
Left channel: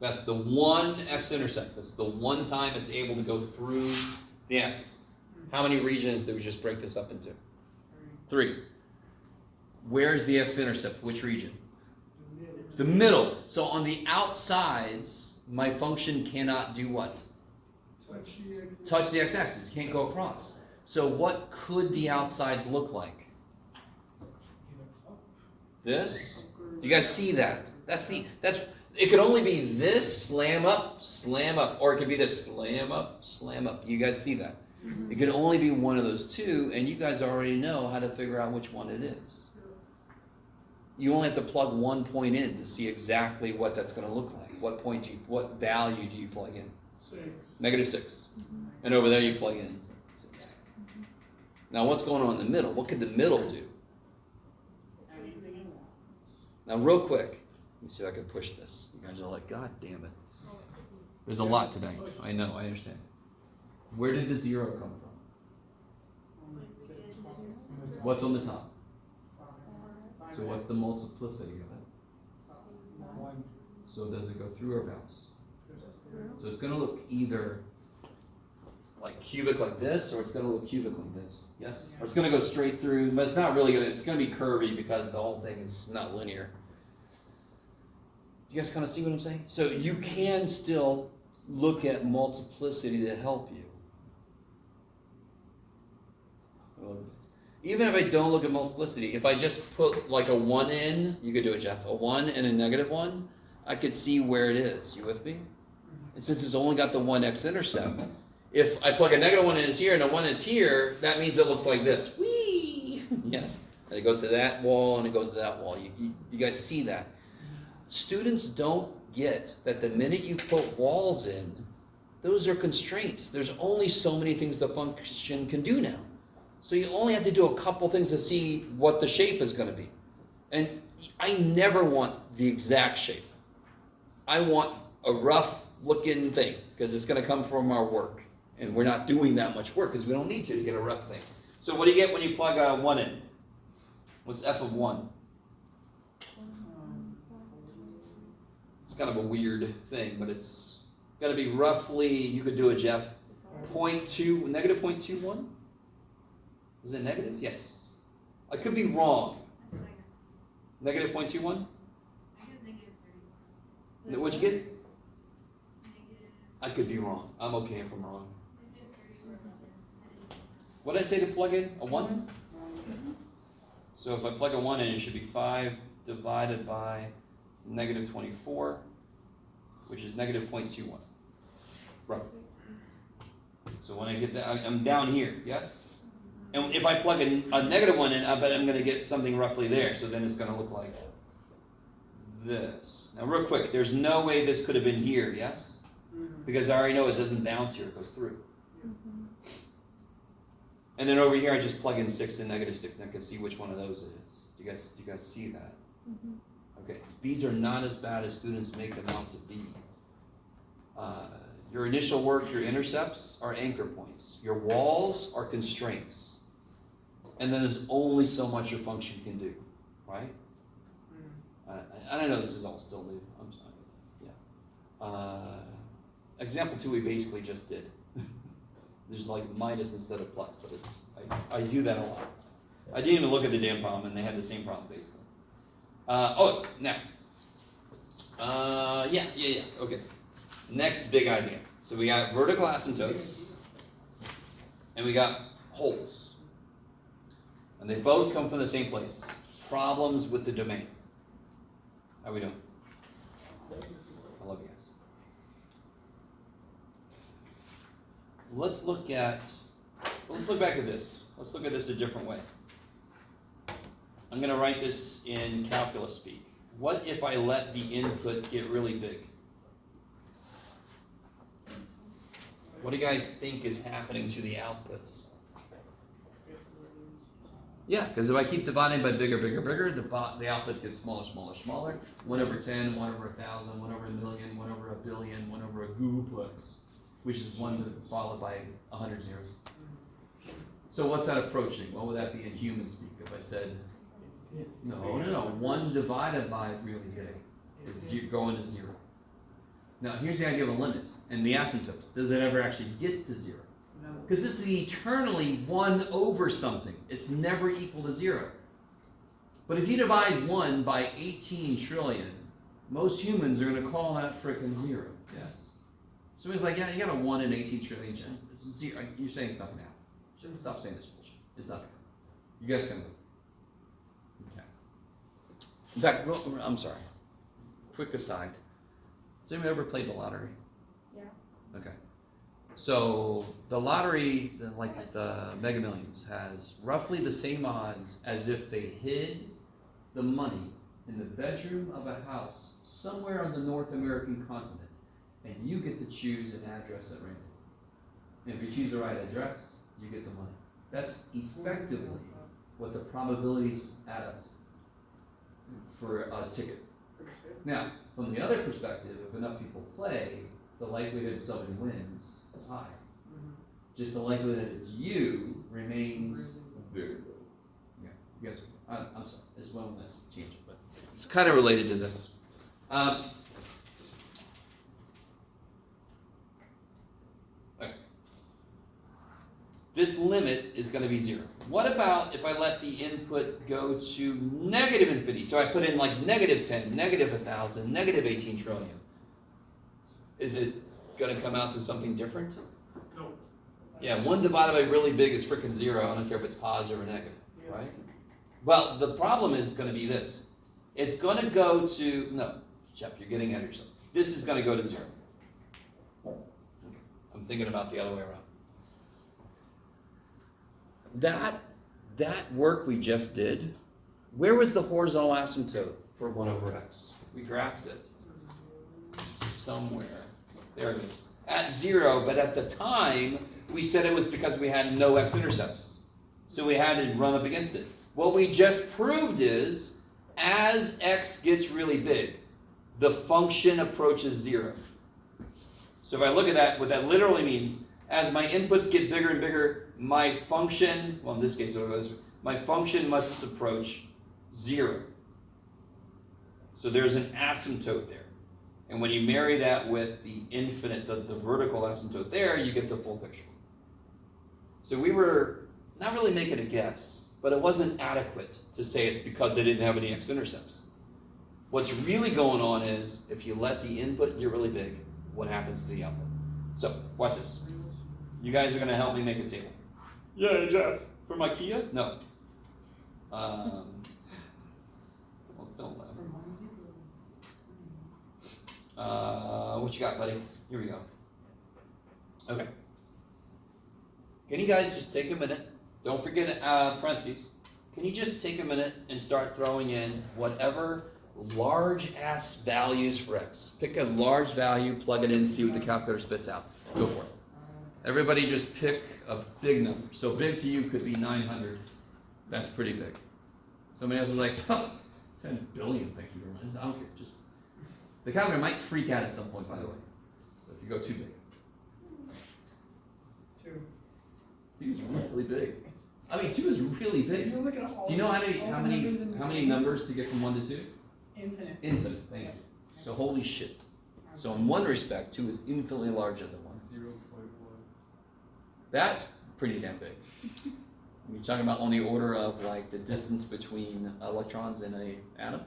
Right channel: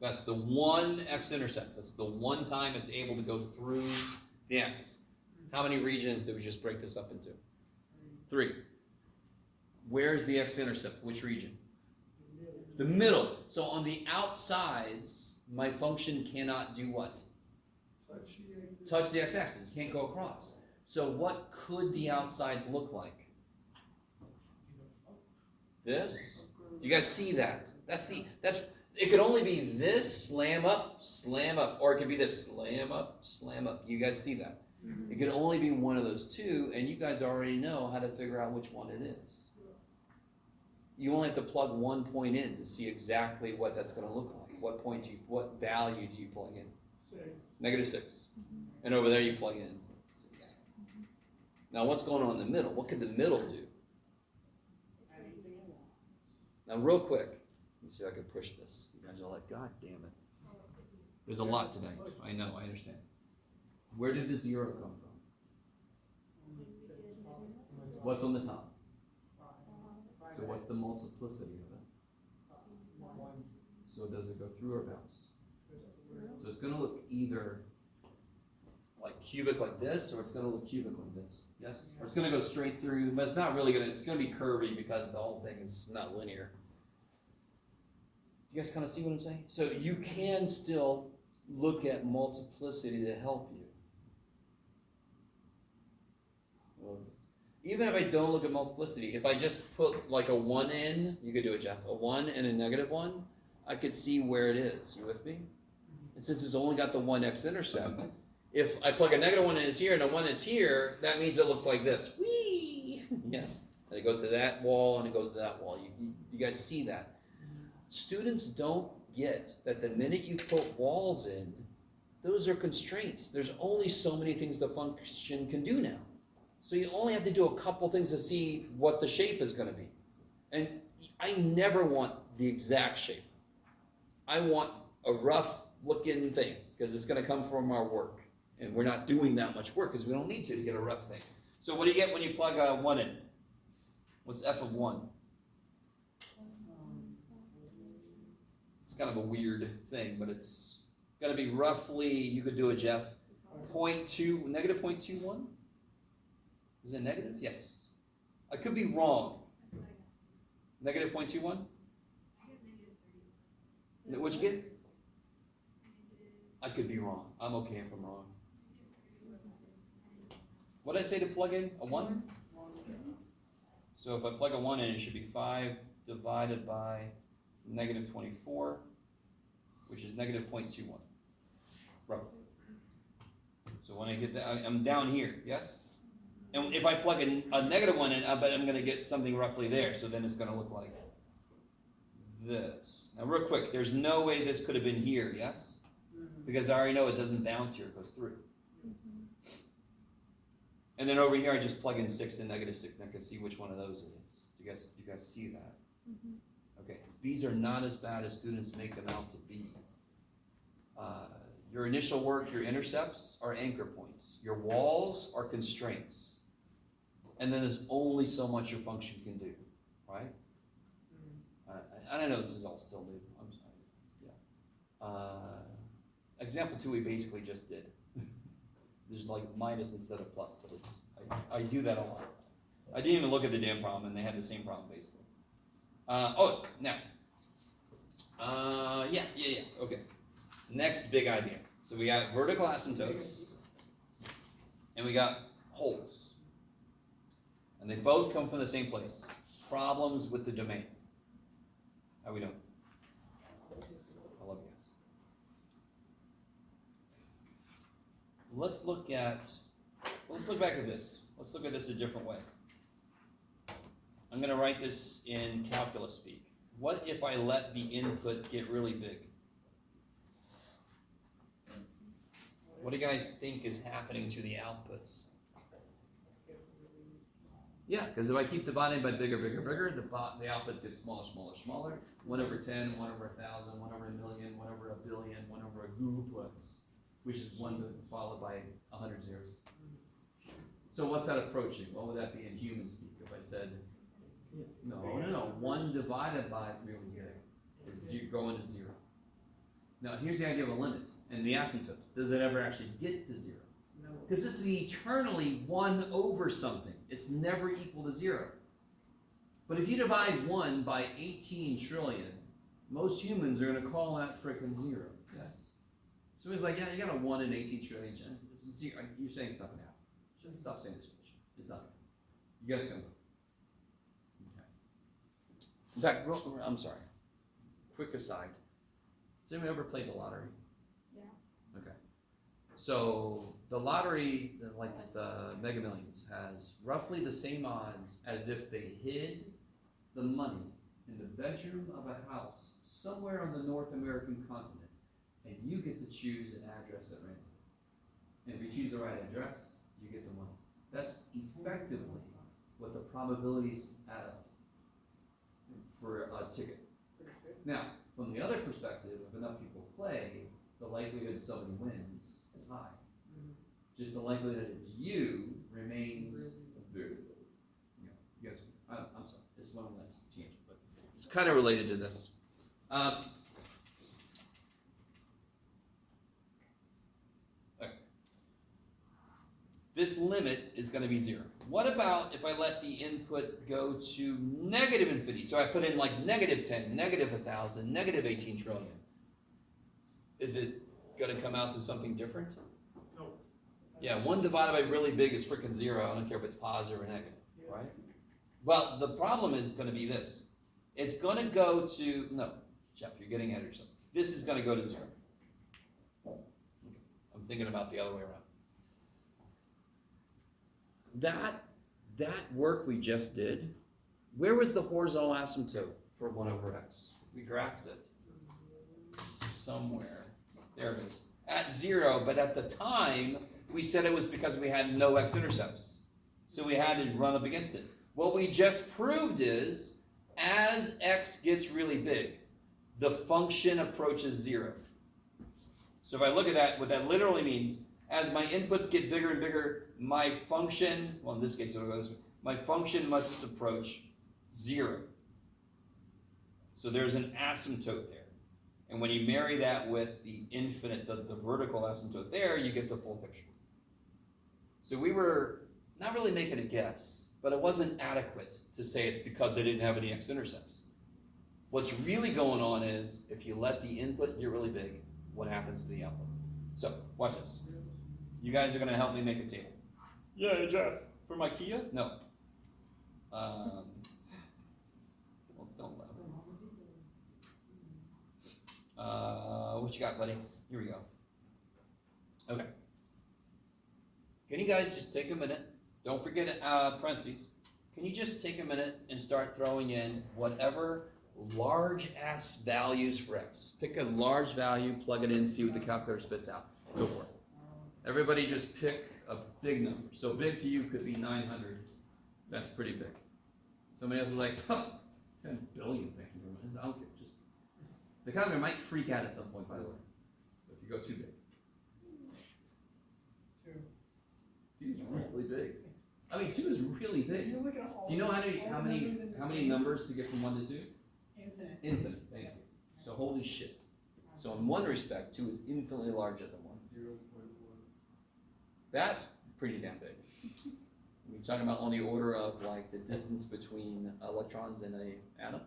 That's the one x-intercept. That's the one time it's able to go through the axis. How many regions did we just break this up into? 3. Where's the x-intercept? Which region? The middle. So on the outsides, my function cannot do what? Touch the x-axis. It can't go across. So what could the outsides look like? This? Do you guys see that? It could only be this slam up, or it could be this slam up. You guys see that? Mm-hmm. It could only be one of those two, and you guys already know how to figure out which one it is. You only have to plug one point in to see exactly what that's going to look like. What value do you plug in? 6. -6. Mm-hmm. And over there you plug in 6. Mm-hmm. Now what's going on in the middle? What could the middle do? Now real quick, let me see if I can push this. You guys are like, God damn it. There's a lot tonight. I know, I understand. Where did the 0 come from? What's on the top? So what's the multiplicity of it? So does it go through or bounce? So it's going to look either like cubic like this, or it's going to look cubic like this. Yes? Or it's going to go straight through, but it's not really going to, it's going to be curvy because the whole thing is not linear. You guys kind of see what I'm saying? So you can still look at multiplicity to help you. Even if I don't look at multiplicity, if I just put like a 1 in, you could do it, Jeff, a 1 and a -1, I could see where it is. You with me? And since it's only got the 1 x-intercept, if I plug a -1 in is here and a 1 is here, that means it looks like this. Whee! Yes. And it goes to that wall and it goes to that wall. You guys see that? Students don't get that the minute you put walls in, those are constraints. There's only so many things the function can do now. So you only have to do a couple things to see what the shape is going to be. And I never want the exact shape. I want a rough looking thing because it's going to come from our work. And we're not doing that much work because we don't need to get a rough thing. So what do you get when you plug a 1 in? What's f of 1? It's kind of a weird thing, but it's got to be roughly, you could do it, Jeff, -0.21? Is it negative? Yes. I could be wrong. That's what I got. -0.21? I got -30. What'd you get? Negative. I could be wrong. I'm okay if I'm wrong. -30. What did I say to plug in? A 1? So if I plug a 1 in, it should be 5 divided by -24, which is -0.21, roughly. So when I get that, I'm down here, yes? And if I plug a -1 in, I bet I'm going to get something roughly there. So then it's going to look like this. Now real quick, there's no way this could have been here, yes? Because I already know it doesn't bounce here, it goes through. And then over here, I just plug in 6 and -6, and I can see which one of those it is. Do you guys see that? Okay, these are not as bad as students make them out to be. Your initial work, your intercepts are anchor points. Your walls are constraints. And then there's only so much your function can do, right? I know this is all still new. I'm sorry. Yeah. Example 2 we basically just did. There's like minus instead of plus, but I do that a lot. I didn't even look at the damn problem, and they had the same problem basically. Now Yeah, okay. Next big idea. So we got vertical asymptotes, and we got holes. And they both come from the same place. Problems with the domain. How we doing? I love you guys. Let's look back at this. Let's look at this a different way. I'm gonna write this in calculus speak. What if I let the input get really big? What do you guys think is happening to the outputs? Yeah, because if I keep dividing by bigger, the output gets smaller. 1 over 10, 1 over 1,000, 1 over a million, 1 over a billion, 1 over a gooplex, which is 1 followed by 100 zeros. So what's that approaching? What would that be in human speak if I said, no, 1 divided by really big is going to 0. Now here's the idea of a limit and the asymptote. Does it ever actually get to 0? Because this is eternally 1 over something. It's never equal to 0. But if you divide 1 by 18 trillion, most humans are going to call that frickin' 0. Yes. Somebody's like, yeah, you got a 1 in 18 trillion. Zero. You're saying it's not going to happen. Stop saying this bullshit. It's not going to happen. You guys can look. Okay. In fact, I'm sorry. Quick aside. Has anyone ever played the lottery? Yeah. Okay. So the lottery, like the Mega Millions, has roughly the same odds as if they hid the money in the bedroom of a house somewhere on the North American continent, and you get to choose an address at random. And if you choose the right address, you get the money. That's effectively what the probabilities add up to for a ticket. Now, from the other perspective, if enough people play, the likelihood somebody wins is high. Just the likelihood that it's you remains very low. Yeah, you guys, I'm sorry, this one let's change it, but it's kind of related to this. Okay. This limit is going to be 0. What about if I let the input go to negative infinity? So I put in like negative 10, negative 1,000, negative 18 trillion. Is it going to come out to something different? No. Yeah, 1 divided by really big is frickin' 0. I don't care if it's positive or negative, right? Well, the problem is going to be this. It's going to go to, no, Sept, you're getting ahead of yourself. This is going to go to 0. I'm thinking about the other way around. That work we just did, where was the horizontal asymptote for 1 over x? We graphed it somewhere. There it is. At 0, but at the time, we said it was because we had no x-intercepts. So we had to run up against it. What we just proved is, as x gets really big, the function approaches 0. So if I look at that, what that literally means, as my inputs get bigger and bigger, my function, well in this case, my function must approach 0. So there's an asymptote there. And when you marry that with the infinite, the vertical asymptote there, you get the full picture. So we were not really making a guess, but it wasn't adequate to say it's because they didn't have any x-intercepts. What's really going on is, if you let the input get really big, what happens to the output? So, watch this. You guys are going to help me make a table. Yeah, Jeff. From IKEA? No. Well, don't laugh. What you got, buddy? Here we go. Okay. Can you guys just take a minute? Don't forget parentheses. Can you just take a minute and start throwing in whatever large-ass values for x? Pick a large value, plug it in, see what the calculator spits out. Go for it. Everybody just pick a big number. So big to you could be 900. That's pretty big. Somebody else is like, huh, 10 billion, thank you very much. I don't care. Just, the calculator might freak out at some point, by the way. So if you go too big. 2 is really big. I mean, 2 is really big. You're looking at all Do you know how many numbers numbers to get from 1 to 2? Infinite. Infinite, thank you. So holy shit. So in one respect, 2 is infinitely larger than 1. 0.1. That's pretty damn big. You're talking about on the order of like the distance between electrons in an atom.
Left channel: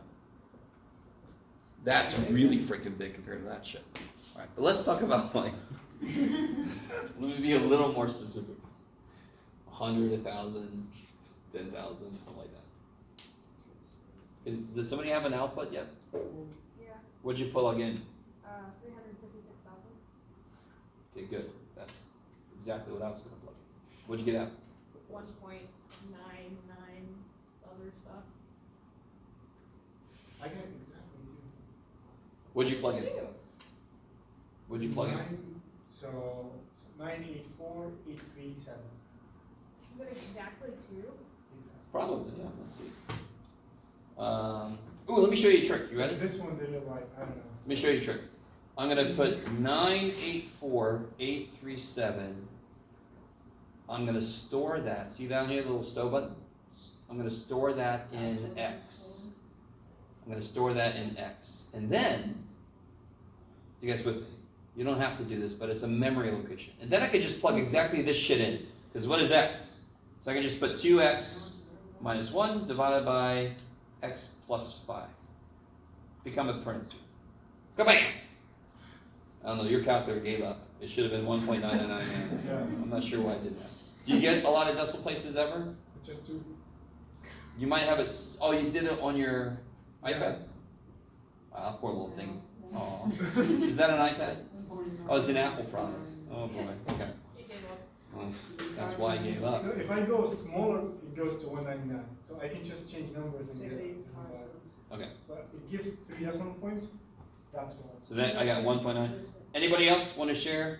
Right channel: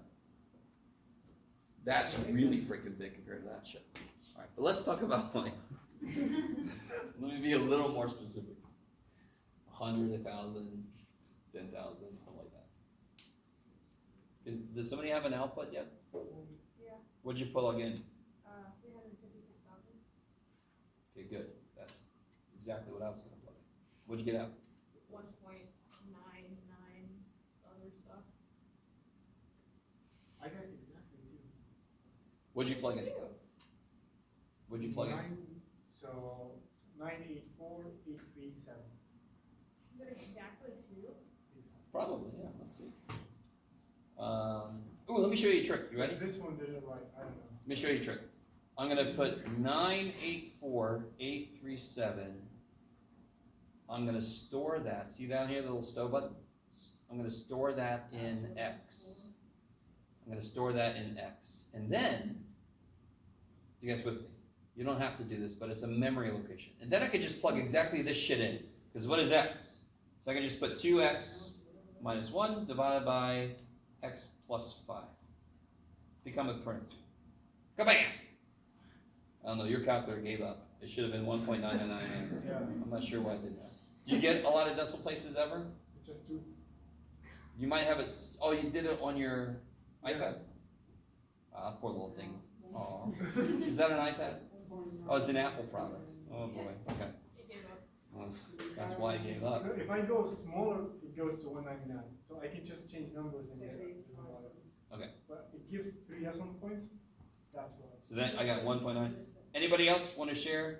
That's really freaking big compared to that shit. All right, but let's talk about like. Let me be a little more specific. 100, 1,000, 10,000, something like that. Does somebody have an output yet? Yeah, What'd you plug in? 356,000. Okay, good. That's exactly what I was gonna plug in. What'd you get out? 1.99 other stuff. I got exactly two. What'd you plug in? What'd you plug in? So 984,837. You got exactly 2? Exactly. Probably, yeah, let's see. Ooh, let me show you a trick. You ready? This one did it right, I don't know. Let me show you a trick. I'm gonna put 984,837. I'm gonna store that. See down here, the little stove button? I'm gonna store that in X. I'm gonna store that in X. And then, you guys with, you don't have to do this, but it's a memory location. And then I could just plug exactly this shit in. Because what is X? So I can just put 2X minus 1 divided by X plus 5. Become a parenthesis. Kabam! I don't know, your calculator gave up. It should have been 1.999. Yeah. I'm not sure why it did that. Do you get a lot of decimal places ever? Just two. You might have it, oh, you did it on your Yeah. iPad? Ah, poor little thing. Aw. Is that an iPad? Oh, it's an Apple product. Oh boy, okay. It gave up. Well, that's why I gave up. If I go smaller, it goes to 199. So I can just change numbers and get it. Okay, But it gives 3 decimal points. That's why. so then I got 1.9. Anybody else want to share?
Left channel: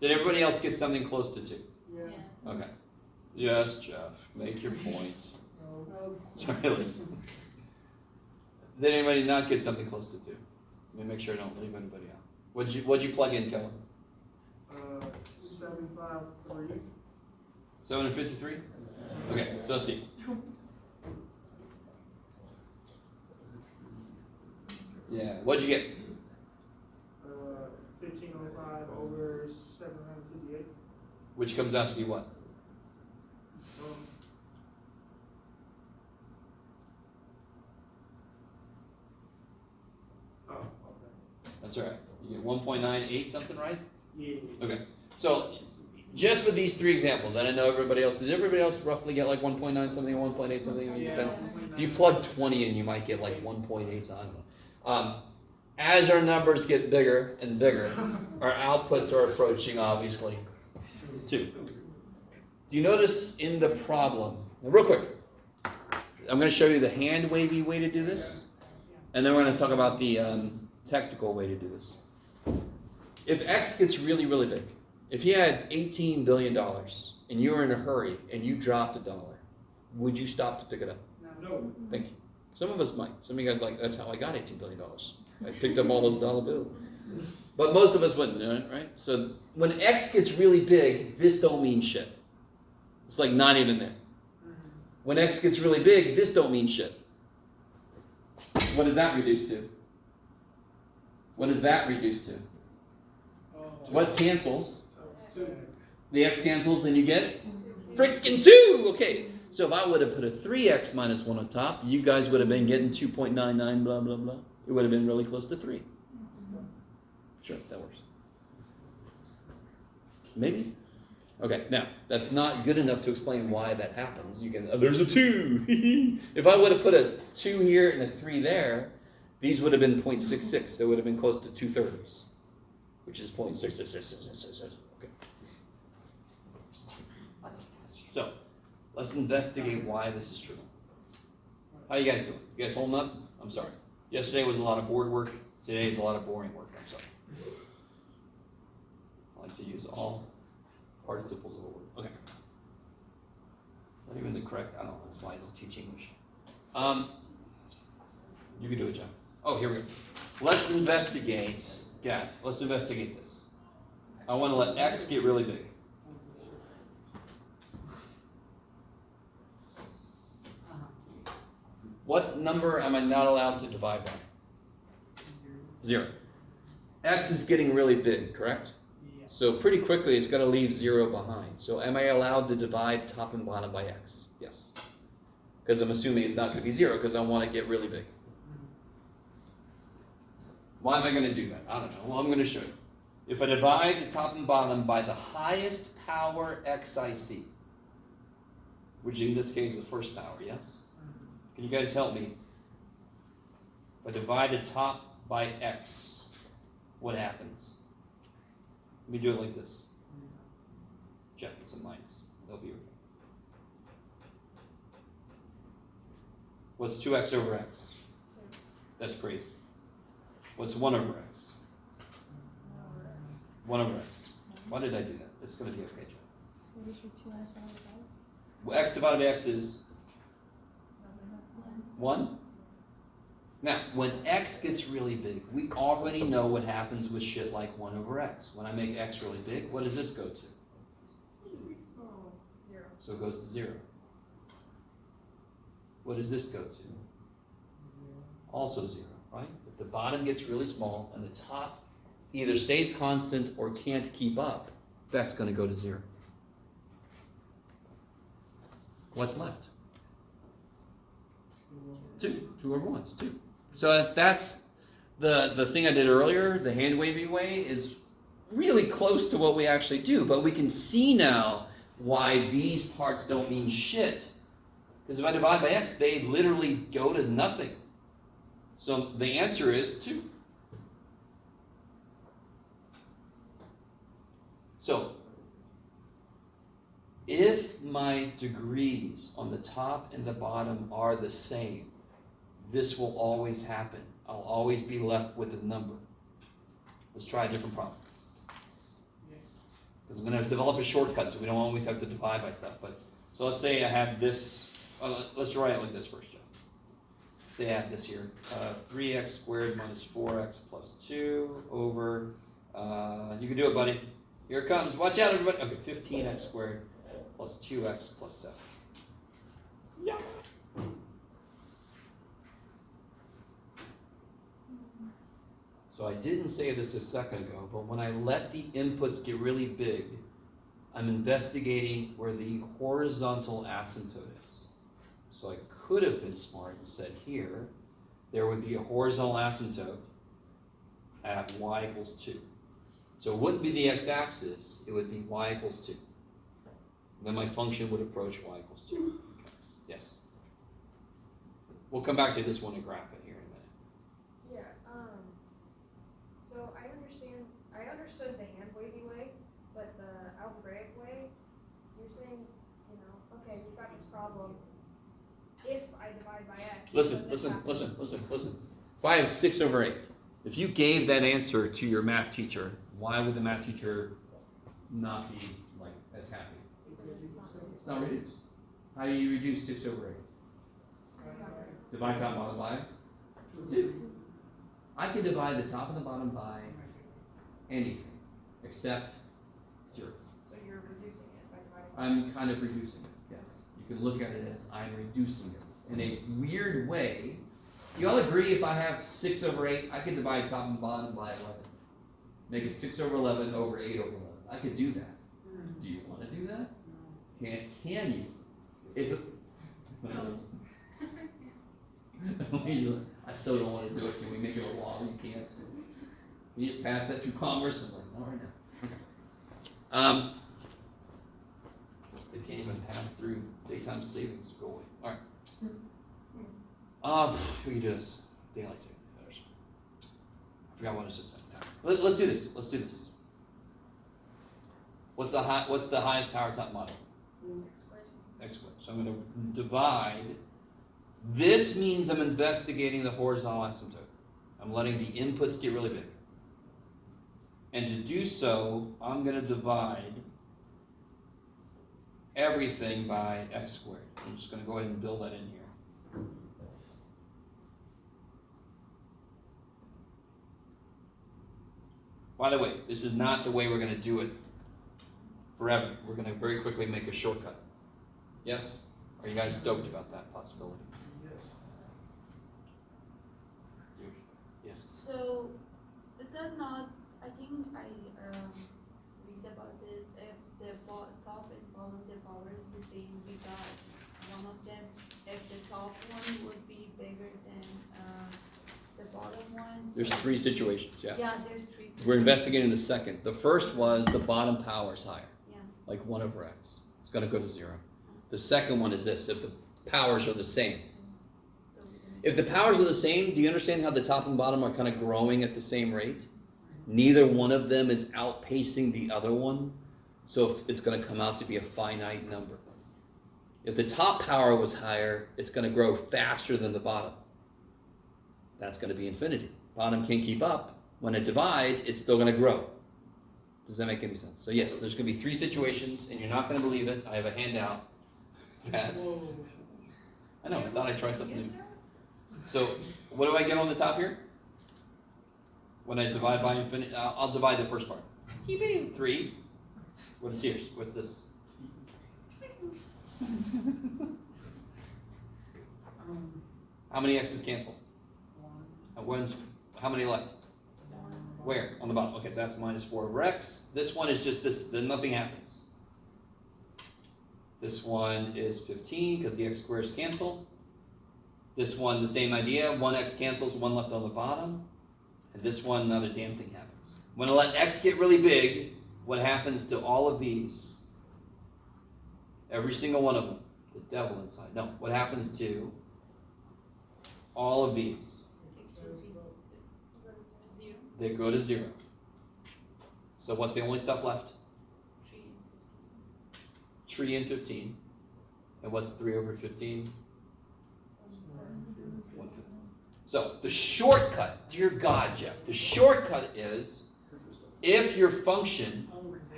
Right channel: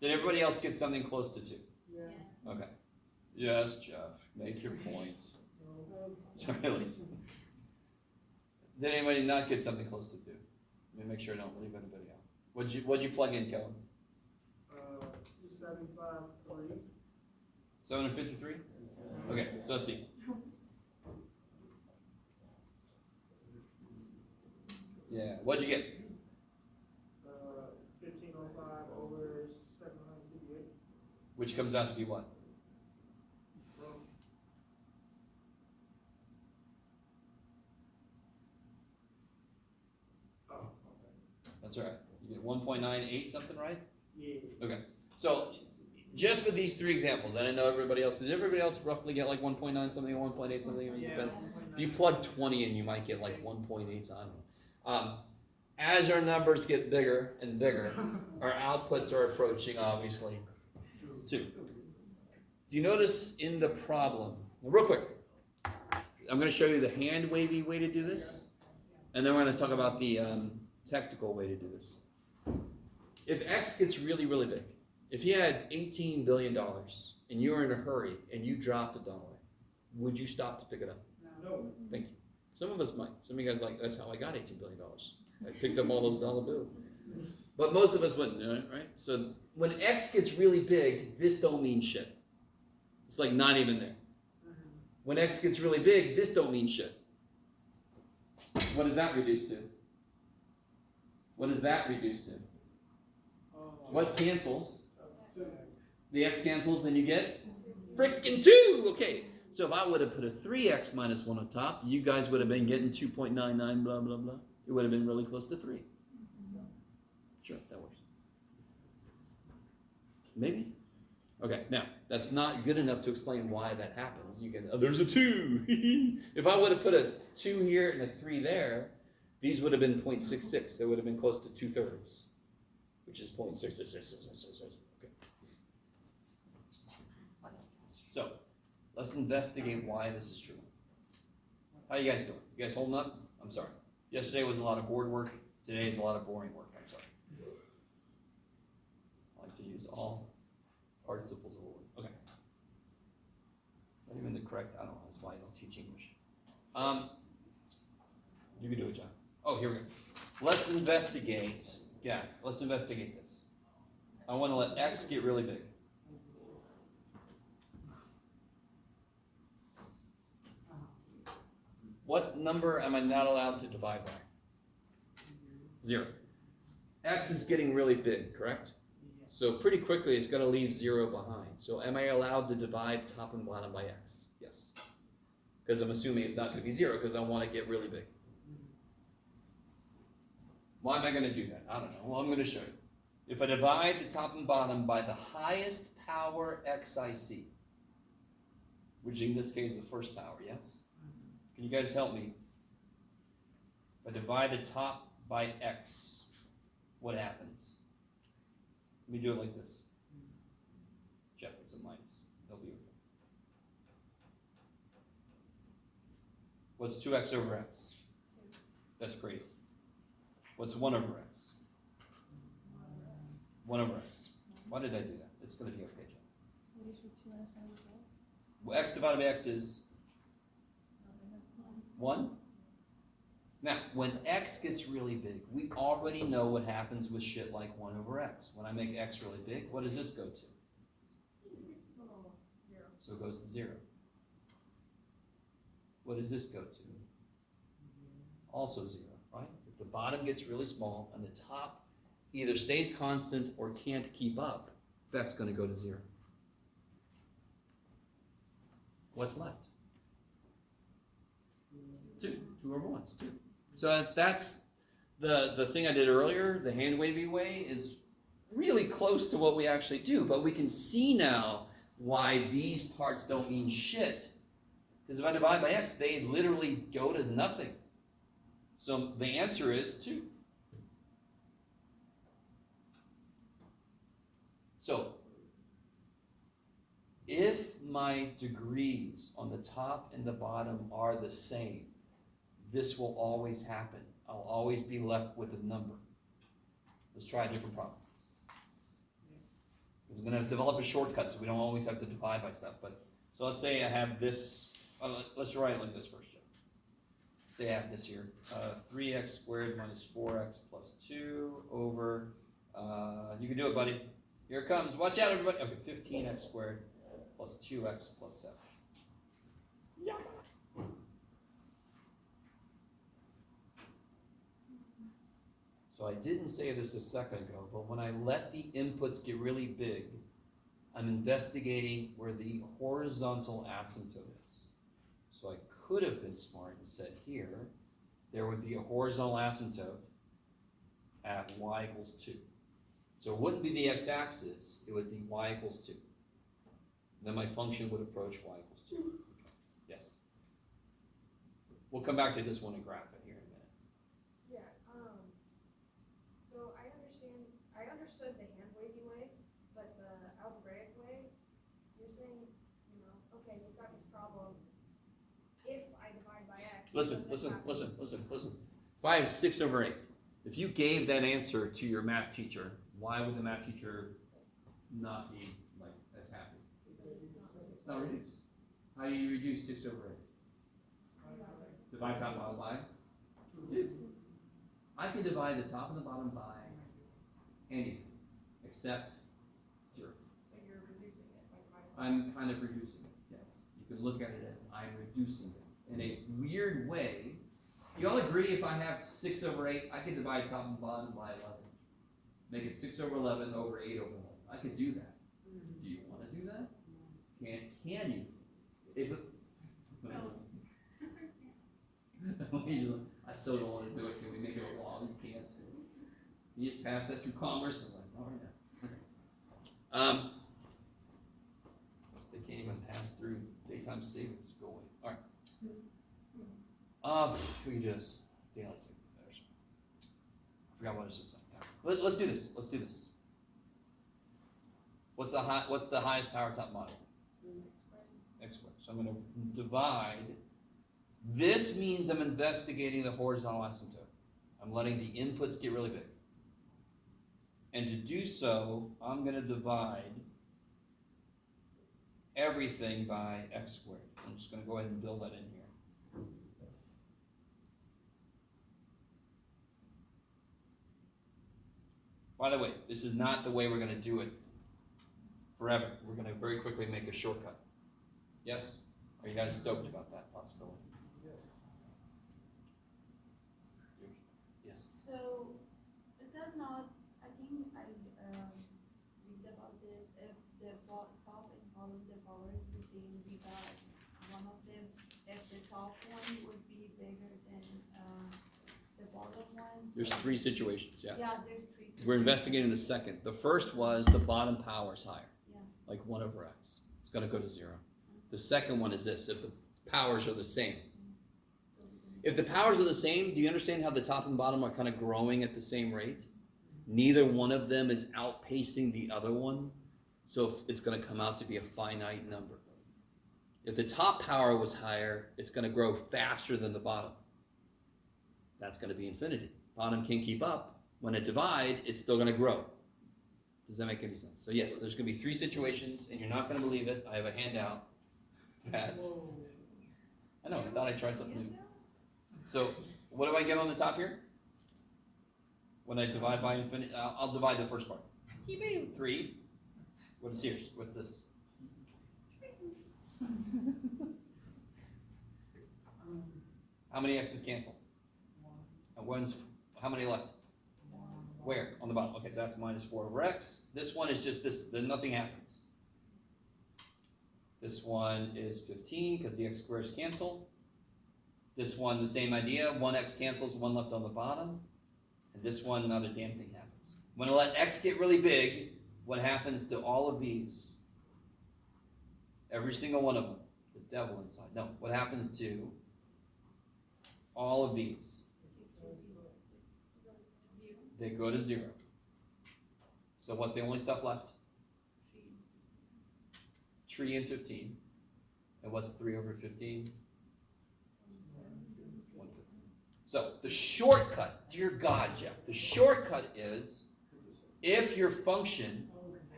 Did everybody else get something close to 2? Yeah. Okay. Yes, Jeff, make your points. Really? Did anybody not get something close to 2? Let me make sure I don't leave anybody out. What'd you plug in, Kellen? 753. 753? Okay, so let's see. Yeah, what'd you get? 1505 over 758. Which comes out to be what? Oh, okay. That's all right. You get 1.98 something, right? Yeah. Okay. So just with these 3 examples, I didn't know everybody else. Did everybody else roughly get like 1.9 something, 1.8 something? It depends. If you plug 20 in, you might get like 1.8. I don't know. As our numbers get bigger and bigger, our outputs are approaching, obviously, 2. Do you notice in the problem, now real quick, I'm going to show you the hand wavy way to do this, and then we're going to talk about the technical way to do this. If X gets really, really big, if you had $18 billion and you were in a hurry and you dropped $1, would you stop to pick it up? No. Thank you. Some of us might. Some of you guys like, that's how I got $18 billion. I picked up all those dollar bills. But most of us wouldn't, right? So when X gets really big, this don't mean shit. It's like not even there. When X gets really big, this don't mean shit. What does that reduce to? What does that reduce to? What cancels? The X cancels and you get freaking 2. Okay. So if I would have put a 3x minus 1 on top, you guys would have been getting 2.99 blah, blah, blah. It would have been really close to 3. Sure, that works. Maybe? Okay, now, that's not good enough to explain why that happens. You can, oh, there's a 2. If I would have put a 2 here and a 3 there, these would have been 0.66. They would have been close to 2/3, which is 0.66. Okay. So, let's investigate why this is true. How you guys doing? You guys holding up? I'm sorry. Yesterday was a lot of board work. Today is a lot of boring work. I'm sorry. I like to use all participles of a word. Okay. Not even the correct, I don't know, that's why I don't teach English. You can do it, John. Oh, here we go. Let's investigate, let's investigate this. I want to let X get really big. What number am I not allowed to divide by? 0. X is getting really big, correct? So pretty quickly it's going to leave 0 behind. So am I allowed to divide top and bottom by X? Yes. Because I'm assuming it's not going to be 0 because I want to get really big. Why am I gonna do that? I don't know. Well, I'm gonna show you. If I divide the top and bottom by the highest power xic, which in this case is the first power, yes? Can you guys help me? If I divide the top by x, what happens? Let me do it like this. Check, it's a minus. They'll be okay. What's 2x over x? That's crazy. What's 1 over x? 1 over x. Why did I do that? It's going to be okay, Jeff. Well, x divided by x is 1. Now, when x gets really big, we already know what happens with shit like 1 over x. When I make x really big, what does this go to? 0. So it goes to 0. What does this go to? Also 0, right? If the bottom gets really small and the top either stays constant or can't keep up, that's going to go to 0. What's left? 2. 2 over 1 is 2. So that's the thing I did earlier, the hand wavy way, is really close to what we actually do, but we can see now why these parts don't mean shit. Because if I divide by x, they literally go to nothing. So the answer is 2. So if my degrees on the top and the bottom are the same, this will always happen. I'll always be left with a number. Let's try a different problem. Because I'm going to develop a shortcut so we don't always have to divide by stuff. But so let's say I have this. Let's write it like this first, Joe. Say I have this here. 3x squared minus 4x plus 2 over, you can do it, buddy. Here it comes. Watch out, everybody. Okay, 15x squared plus 2x plus 7. Yeah. So I didn't say this a second ago, but when I let the inputs get really big, I'm investigating where the horizontal asymptote is. So I could have been smart and said here, there would be a horizontal asymptote at y equals 2. So it wouldn't be the x-axis, it would be y equals 2. Then my function would approach y equals 2. Okay. Yes. We'll come back to this one and graph it here in a minute. Yeah, so I understood the hand wavy way, but the algebraic way, you're saying, okay, we've got this problem. If I divide by x, then this happens. Listen. If I have 6 over 8, if you gave that answer to your math teacher, why would the math teacher not be like as happy? Because it's not It's not reduced. How do you reduce 6 over 8? Divide top and bottom by 2. I can divide the top and the bottom by anything except 0. So you're reducing it by dividing by I'm kind of reducing it, yes. You can look at it as I'm reducing it. In a weird way, you all agree if I have 6 over 8, I can divide top and bottom by 11. Make it 6 over 11 over 8 over 11. I could do that. Do you want to do that? Can you? If I still don't want to do it. Can we make it a law? You can't. Can you just pass that through commerce? I'm like, not right now. It can't even pass through daytime savings. Go away. All right. We can do this. Daylight savings. I forgot what I was just saying. Let's do this. Let's do this. What's the highest power top model? X squared. So I'm going to divide. This means I'm investigating the horizontal asymptote. I'm letting the inputs get really big. And to do so, I'm going to divide everything by x squared. I'm just going to go ahead and build that in here. By the way, this is not the way we're going to do it forever. We're going to very quickly make a shortcut. Yes? Are you guys stoked about that possibility? Yes. So, is that not, I think I read about this, if the top and bottom, the power is the same, we got one of them, if the top one would be bigger than the bottom one. There's so- 3 situations, yeah. Yeah, there's 3. We're investigating the second. The first was the bottom power is higher, Yeah. like 1 over x. It's gonna go to 0. The second one is this, if the powers are the same. So If the powers are the same, do you understand how the top and bottom are kind of growing at the same rate? Neither one of them is outpacing the other one, so if it's going to come out to be a finite number. If the top power was higher, it's going to grow faster than the bottom. That's going to be infinity. Bottom can't keep up. When it divides, it's still going to grow. Does that make any sense? So yes, there's going to be 3 situations, and you're not going to believe it. I have a handout that, I know, I thought I'd try something new. So what do I get on the top here? When I divide by infinity, I'll divide the first part. 3. What is here? What's this? How many x's cancel? How many left? Where? On the bottom. Okay, so that's minus 4 over x. This one is just this, then nothing happens. This one is 15 because the x squares cancel. This one, the same idea. 1x cancels, 1 left on the bottom. And this one, not a damn thing happens. When I let x get really big, what happens to all of these? Every single one of them. The devil inside. No, what happens to all of these? They go to 0. So what's the only stuff left? 3 and 15. And what's 3 over 15? 1/5. So the shortcut, dear God, Jeff, the shortcut is if your function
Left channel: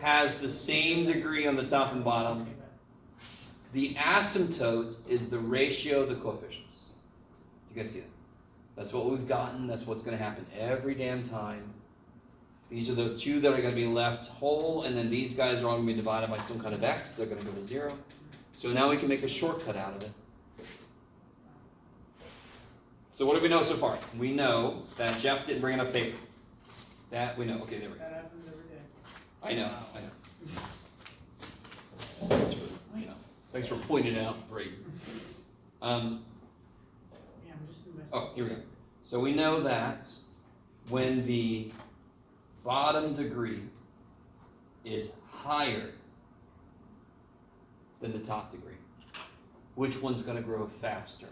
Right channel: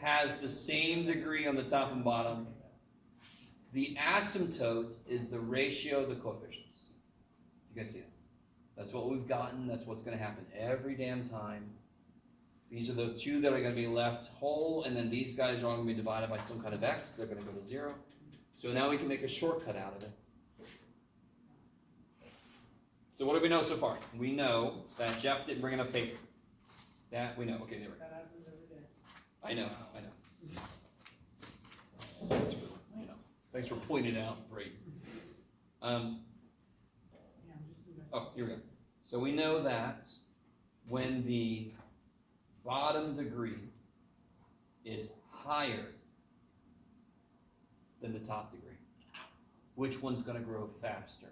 has the same degree on the top and bottom, the asymptote is the ratio of the coefficients. You guys see that? That's what we've gotten. That's what's going to happen every damn time. These are the 2 that are going to be left whole, and then these guys are all going to be divided by some kind of x. They're going to go to 0. So now we can make a shortcut out of it. So what do we know so far? We know that Jeff didn't bring enough paper. That we know. Okay, there we go. That happens every day. I know. Thanks for, thanks for pointing it out, Brady. Yeah, I'm just investing. Oh, here we go. So we know that when the bottom degree is higher than the top degree, which one's going to grow faster?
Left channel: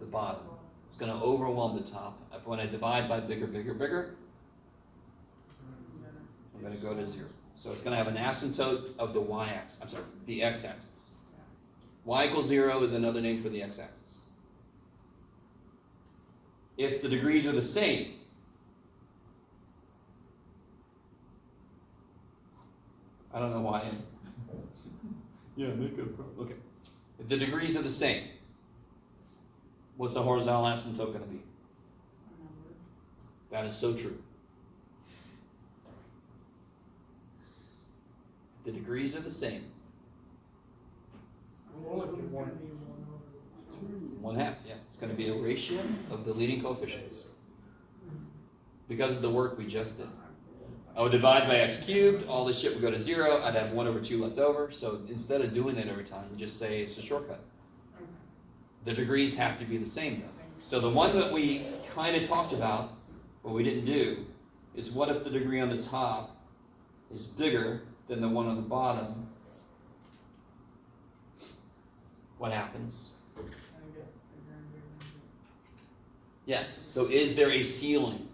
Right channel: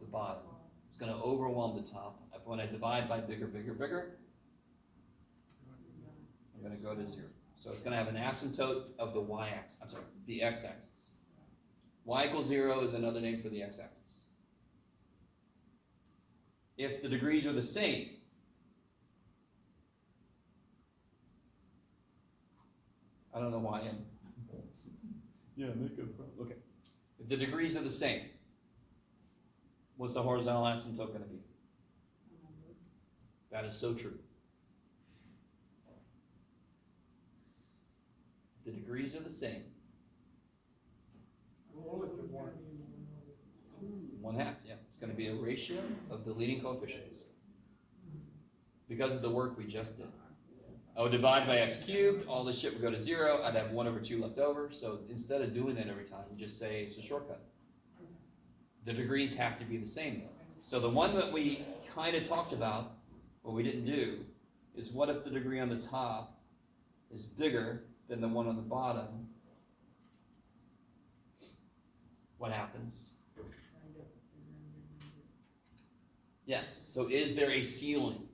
The bottom. It's going to overwhelm the top. When I divide by bigger, bigger, bigger, I'm going to go to 0. So it's going to have an asymptote of the y-axis. I'm sorry, the x-axis. Y equals 0 is another name for the x-axis. If the degrees are the same, I don't know why I'm. Yeah, make it. Okay. If the degrees are the same, what's the horizontal asymptote going to be? That is so true. If the degrees are the same, Well, it's gonna be 1/2, yeah. It's going to be a ratio of the leading coefficients. Because of the work we just did. I would divide by x cubed, all this shit would go to 0, I'd have 1 over 2 left over, so instead of doing that every time, we just say it's a shortcut. The degrees have to be the same though. So the one that we kind of talked about, but we didn't do, is what if the degree on the top is bigger than the one on the bottom? What happens? Yes, so is there a ceiling?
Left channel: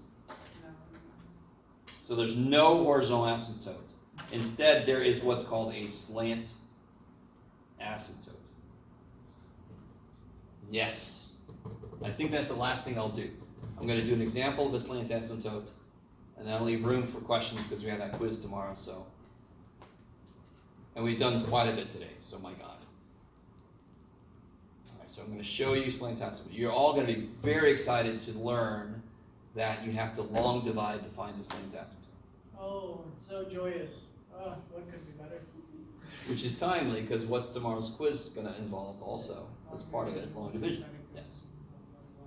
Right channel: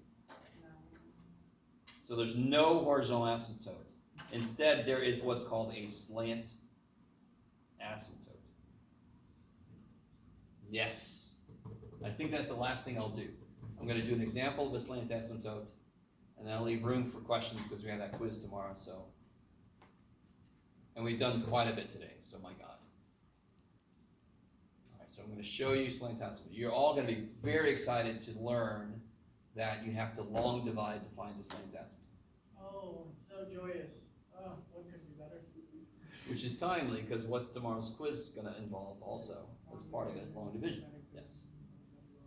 So there's no horizontal asymptote. Instead, there is what's called a slant asymptote. Yes. I think that's the last thing I'll do. I'm going to do an example of a slant asymptote, and then I'll leave room for questions because we have that quiz tomorrow. So, and we've done quite a bit today, so my God. All right, so I'm going to show you slant asymptote. You're all going to be very excited to learn that you have to long divide to find the slant asymptote. Oh, so joyous. Oh, what could be better? Which is timely, because what's tomorrow's quiz going to involve also, as part of it, long division. Yes.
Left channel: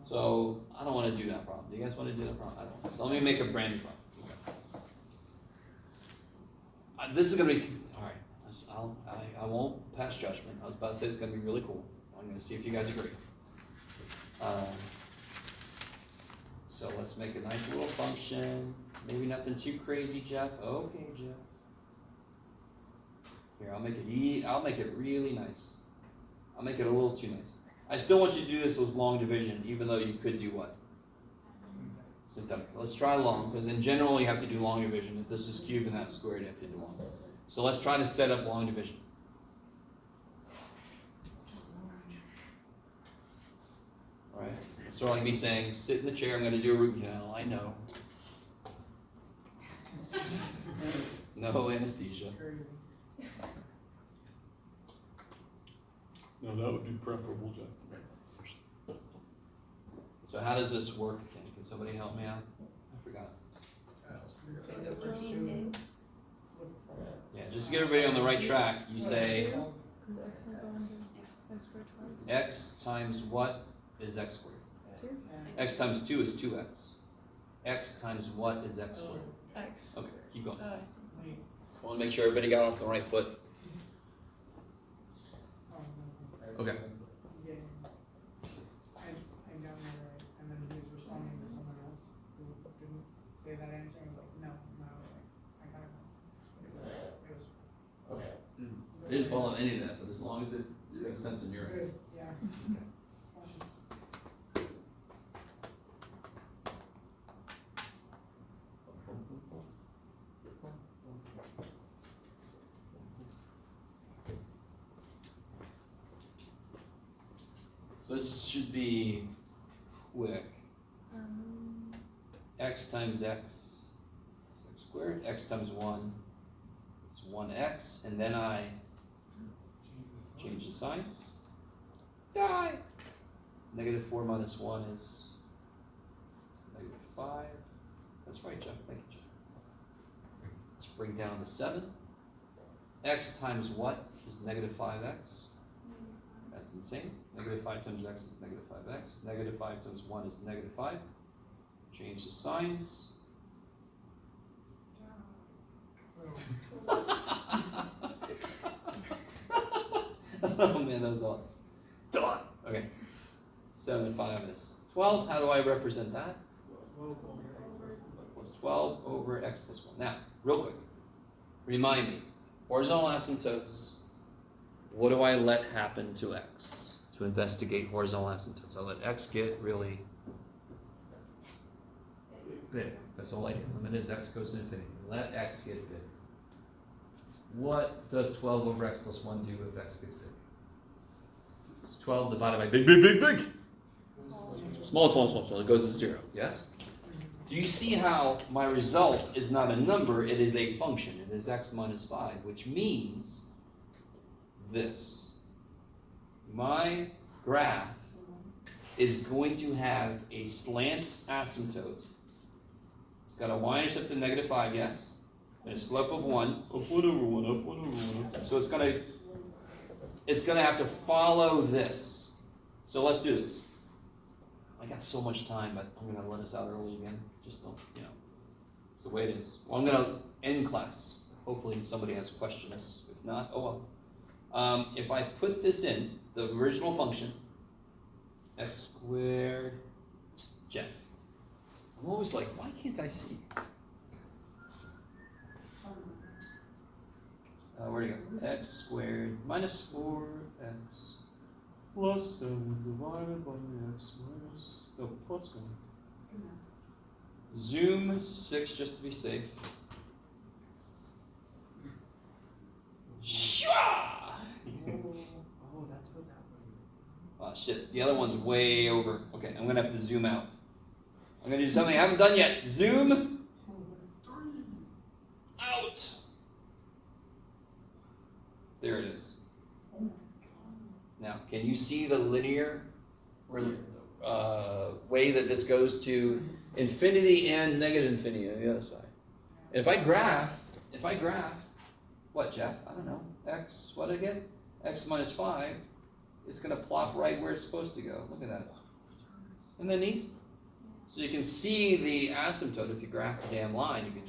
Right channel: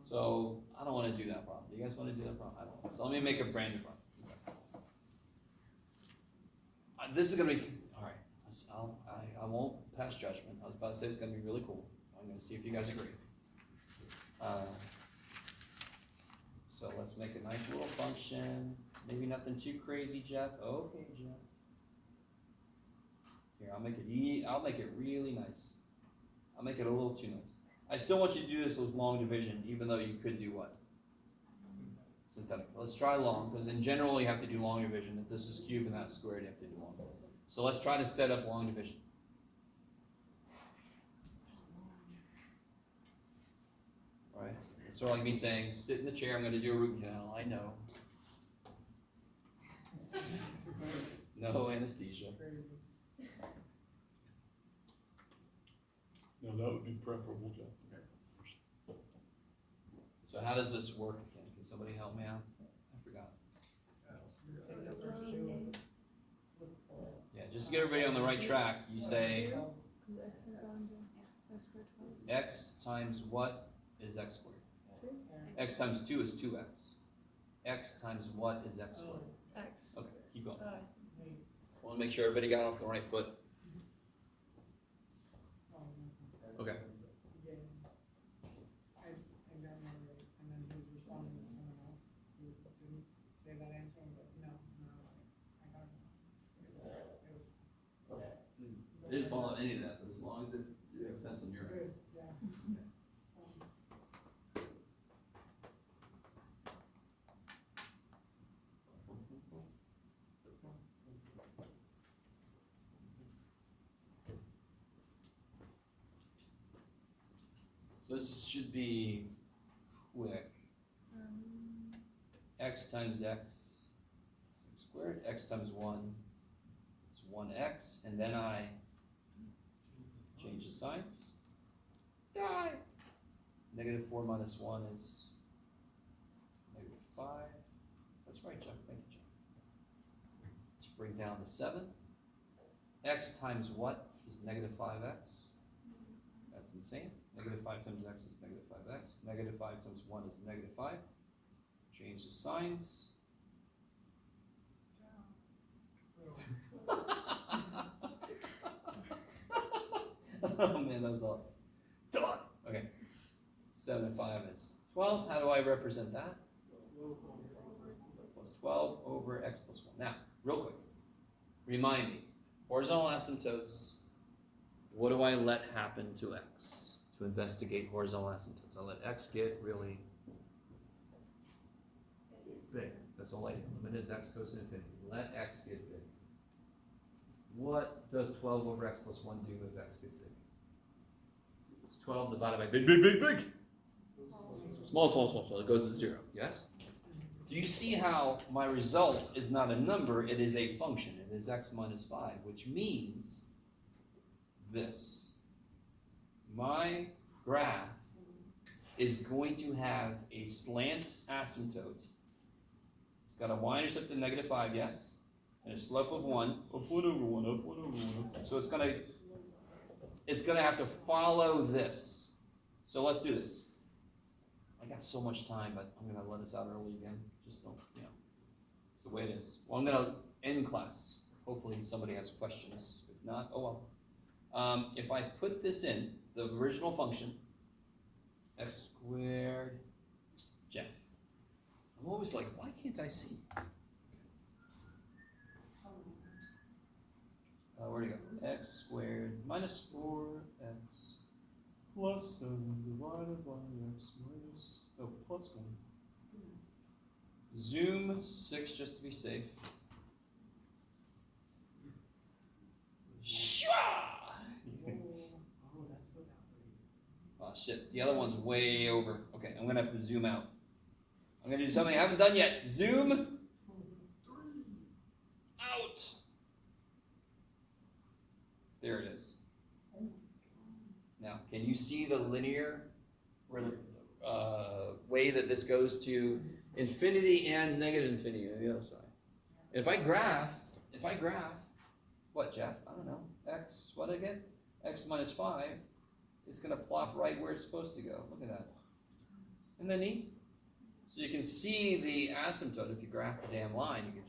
So, I don't want to do that problem. Do you guys want to do that problem? I don't want. So let me make a brand new problem. Okay. This is going to be, all right, I won't pass judgment. I was about to say it's going to be really cool. I'm going to see if you guys agree. So So let's make a nice little function. Maybe nothing too crazy, Jeff. Okay, Jeff. Here, I'll make it really nice. I'll make it a little too nice. I still want you to do this with long division, even though you could do what? Symptotic. Let's try long, because in general you have to do long division. If this is cubed and that's squared, you have to do long. So let's try to set up long division. Alright, it's sort of like me saying, sit in the chair, I'm going to do a root canal. I know. No anesthesia. No, that would be preferable, Jeff. So how does this work again? Can somebody help me out? I forgot. Say the first two. Yeah, just to get everybody on the right track, you say x times what is x squared? X times 2 is 2x. X times what is x squared? X. Okay, keep going. I see. I want to make sure everybody got off the right foot. Okay. Yeah. I got it right, and then he was responding to someone else who didn't say that answer, and I was like, no, I got it. It was. Okay. I didn't follow any of that, but as long as it makes sense in your head. Good, yeah. So this should be quick. X times x is x squared. X times 1 is 1x. And then I change the signs. Die! Negative 4 minus 1 is negative 5. That's right, Jeff. Thank you, Jeff. Let's bring down the 7. X times what is negative 5x? That's insane. Negative 5 times x is negative 5x. Negative 5 times 1 is negative 5. Change the signs. Oh man, that was awesome. Done. Okay. 7 to 5 is 12. How do I represent that? Plus 12 over x plus 1. Now, real quick. Remind me. Horizontal asymptotes. What do I let happen to x? To investigate horizontal asymptotes. I let x get really big. That's all I do. Limit as x goes to infinity. Let x get big. What does 12 over x plus 1 do if x gets big? It's 12 divided by big, big, big, big. Small, small, small, small. It goes to 0. Yes? Do you see how my result is not a number, it is a function. It is x minus 5, which means this. My graph is going to have a slant asymptote. It's got a y-intercept of negative 5, yes? And a slope of 1. Up 1 over 1, up 1 over 1. So it's gonna have to follow this. So let's do this. I got so much time, but I'm gonna let us out early again. Just don't, it's the way it is. Well, I'm gonna end class. Hopefully somebody has questions. If not, oh well. If I put this in, the original function, x squared, Jeff. I'm always like, why can't I see? Where'd it go? X squared minus 4x plus 7 divided by x minus, plus 1. Zoom 6 just to be safe. Oh, that's what that was. Shit, the other one's way over. Okay, I'm gonna have to zoom out. I'm gonna do something I haven't done yet. Zoom out. There it is. Now, can you see the linear way that this goes to infinity and negative infinity on the other side? If I graph, what, Jeff? I don't know. X, what again? X minus 5. It's going to plop right where it's supposed to go. Look at that. Isn't that neat? So you can see the asymptote. If you graph the damn line, you can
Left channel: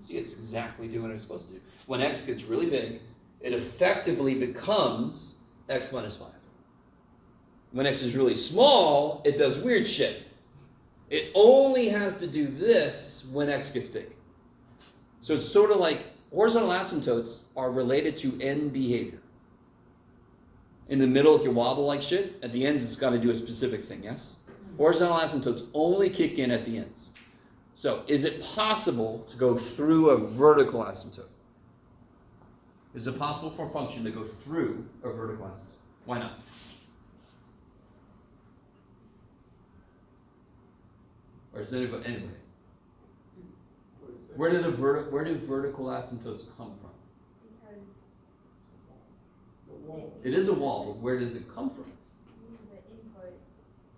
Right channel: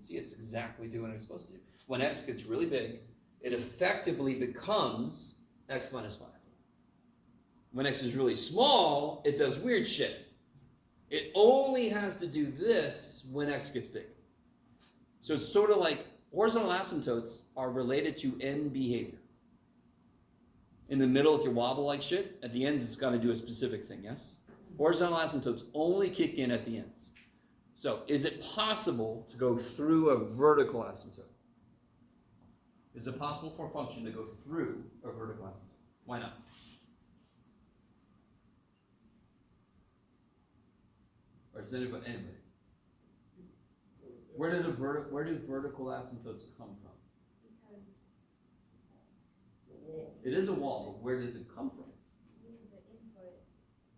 see it's exactly doing what it's supposed to do. When x gets really big, it effectively becomes x minus 5. When x is really small, it does weird shit. It only has to do this when x gets big. So it's sort of like horizontal asymptotes are related to end behavior. In the middle, it can wobble like shit. At the ends, it's got to do a specific thing, yes? Horizontal asymptotes only kick in at the ends. So is it possible to go through a vertical asymptote? Is it possible for a function to go through a vertical asymptote? Why not? Or is it go anyway? Where do vertical asymptotes come from? Because The wall. It is a wall, but where does it come from? the input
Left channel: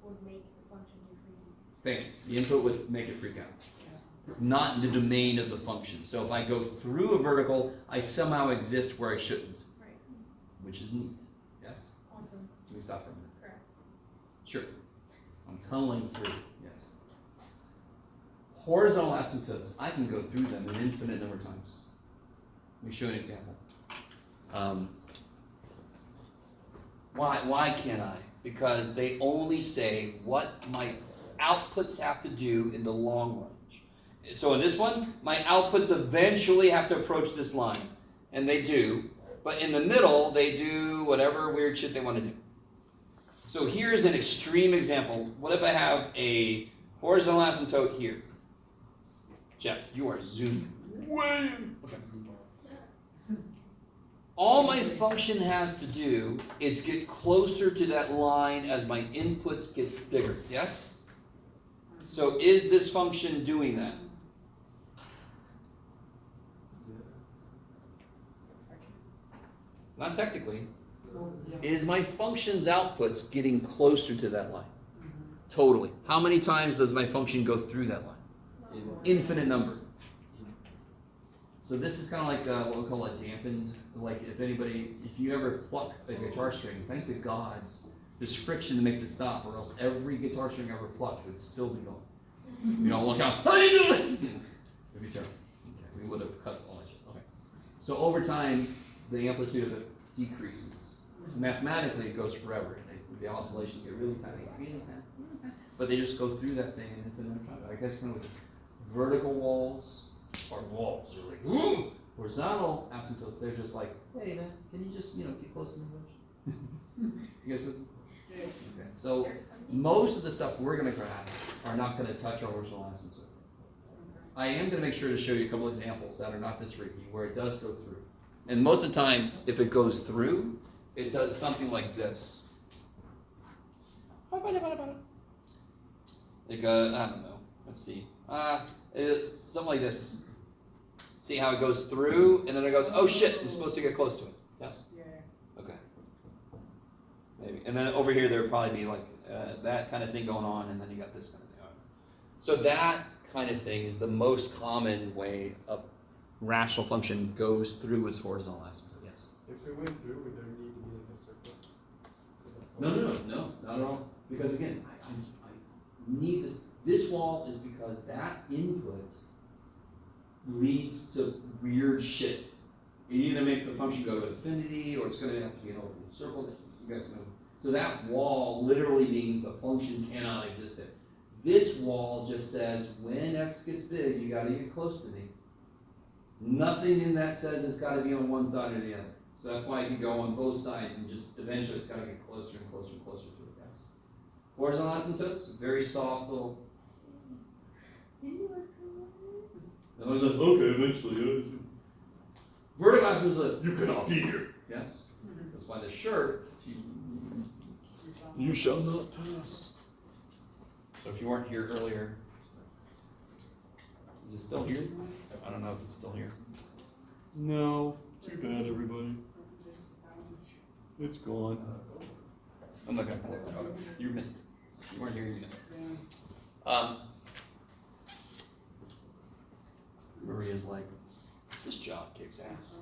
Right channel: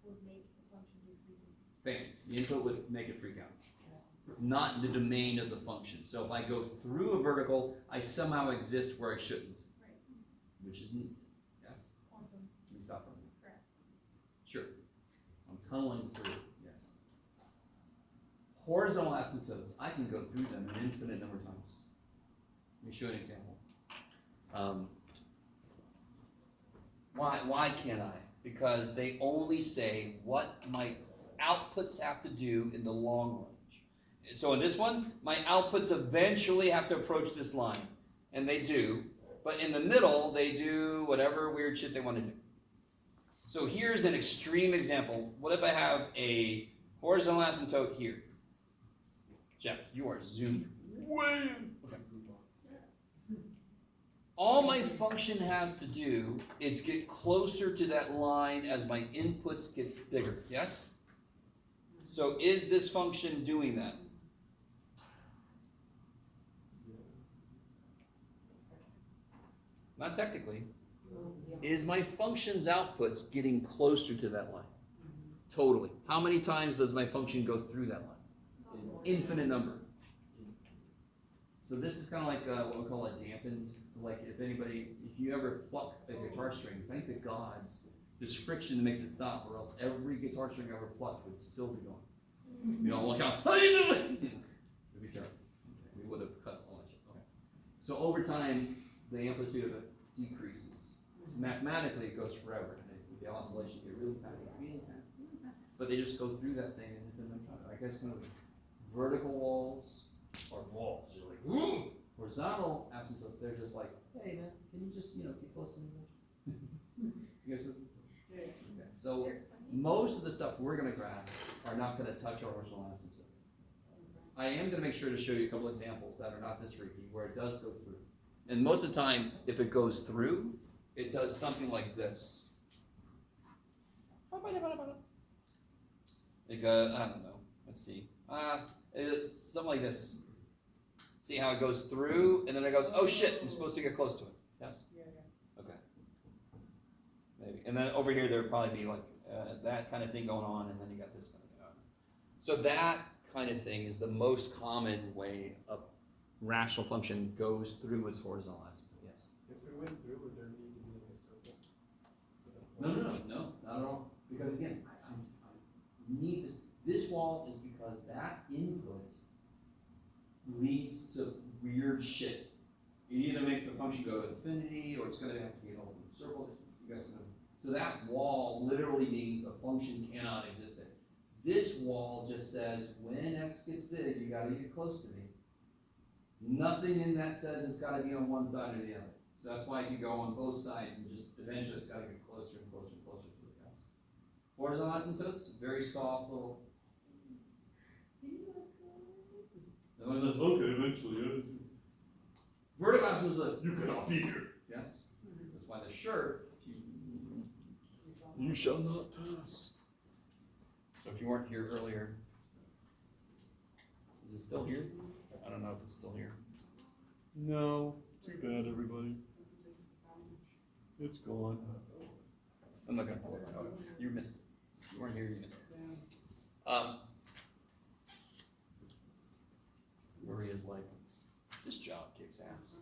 would make the function do freezing. Thank you. The input would make it freak out. It's not in the domain of the function. So if I go through a vertical, I somehow exist where I shouldn't. Right. Which is neat. Yes? Quantum, Can we stop for a minute? correct. Sure. I'm tunneling through. Yes. Horizontal asymptotes, I can go through them an infinite number of times. Let me show you an example. Why can't I? Because they only say what my outputs have to do in the long range. So in this one, my outputs eventually have to approach this line. And they do. But in the middle, they do whatever weird shit they want to do. So here's an extreme example. What if I have a horizontal asymptote here? Jeff, you are zoomed way in. Okay. All my function has to do is get closer to that line as my inputs get bigger. Yes? So is this function doing that? Not technically. Is my function's outputs getting closer to that line? Totally. How many times does my function go through that line? Infinite number. So this is kind of like what we call a dampened, like if you ever pluck a guitar string, thank the gods, there's friction that makes it stop, or else every guitar string ever plucked would still be going. You know, look out. It'd be terrible. Okay, we would have cut all that shit. Okay. So over time, the amplitude of it decreases. Mathematically, it goes forever. The oscillations get really tiny, really tiny, but they just go through that thing and it's another time. I guess kind of vertical walls are walls. They're like, horizontal asymptotes, they're just like, hey man, can you just get close to the bush? You guys with me? Yeah. Okay. So most of the stuff we're gonna grab are not gonna touch our horizontal asymptote. I am gonna make sure to show you a couple examples that are not this freaky, where it does go through. And most of the time, if it goes through, it does something like this. Like, I don't know. Let's see. It's something like this. See how it goes through, and then it goes, oh shit, I'm supposed to get close to it. Yes? Yeah. Okay. Maybe. And then over here, there would probably be like that kind of thing going on, and then you got this kind of thing on. So that kind of thing is the most common way a rational function goes through its horizontal asymptote. Yes? If it went through, would there need to be like a circle? No, not at all. Because again, I need this. This wall is because that input leads to weird shit. It either makes the function go to infinity, or it's going to have to be an open circle that you guys know. So that wall literally means the function cannot exist there. This wall just says when x gets big, you got to get close to me. Nothing in that says it's got to be on one side or the other. So that's why you can go on both sides and just eventually it's got to get closer and closer and closer to it. Yes. Horizontal asymptotes, very soft little. And I was like, okay, eventually. Vertical asymptotes are like, you cannot be here. Yes. That's why the shirt. You shall not pass. So if you weren't here earlier, is it still here? I don't know if it's still here. No. Too bad, everybody. It's gone. I'm not gonna pull it back. Okay. You missed it. You weren't here, you missed it. Maria's like, this job kicks ass.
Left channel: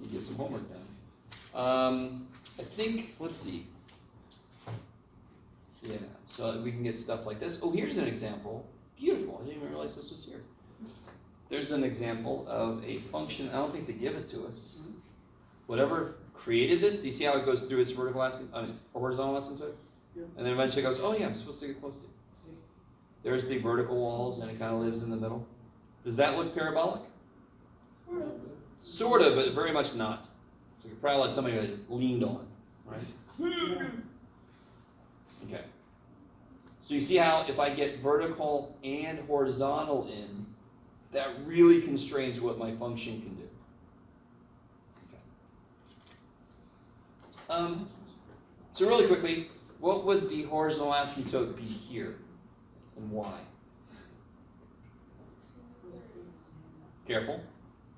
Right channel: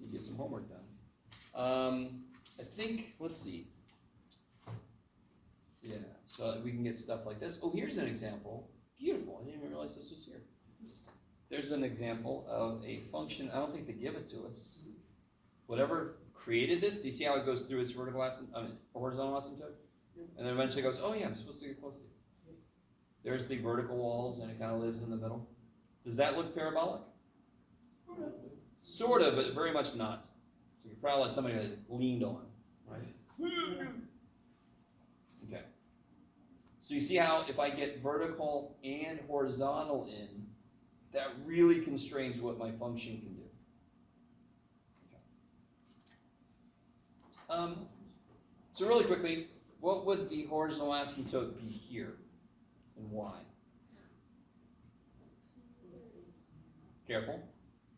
You get some homework done. I think, let's see. Yeah, so we can get stuff like this. Oh, here's an example. Beautiful, I didn't even realize this was here. There's an example of a function, I don't think they give it to us. Whatever created this, do you see how it goes through its vertical horizontal asymptote? Yeah. And then eventually it goes, oh yeah, I'm supposed to get close to it. There's the vertical walls, and it kind of lives in the middle. Does that look parabolic? Sort of, but very much not. So you probably like somebody that leaned on, right? Okay. So you see how if I get vertical and horizontal in, that really constrains what my function can do. Okay. So really quickly, what would the horizontal asymptote be here, and why? Careful.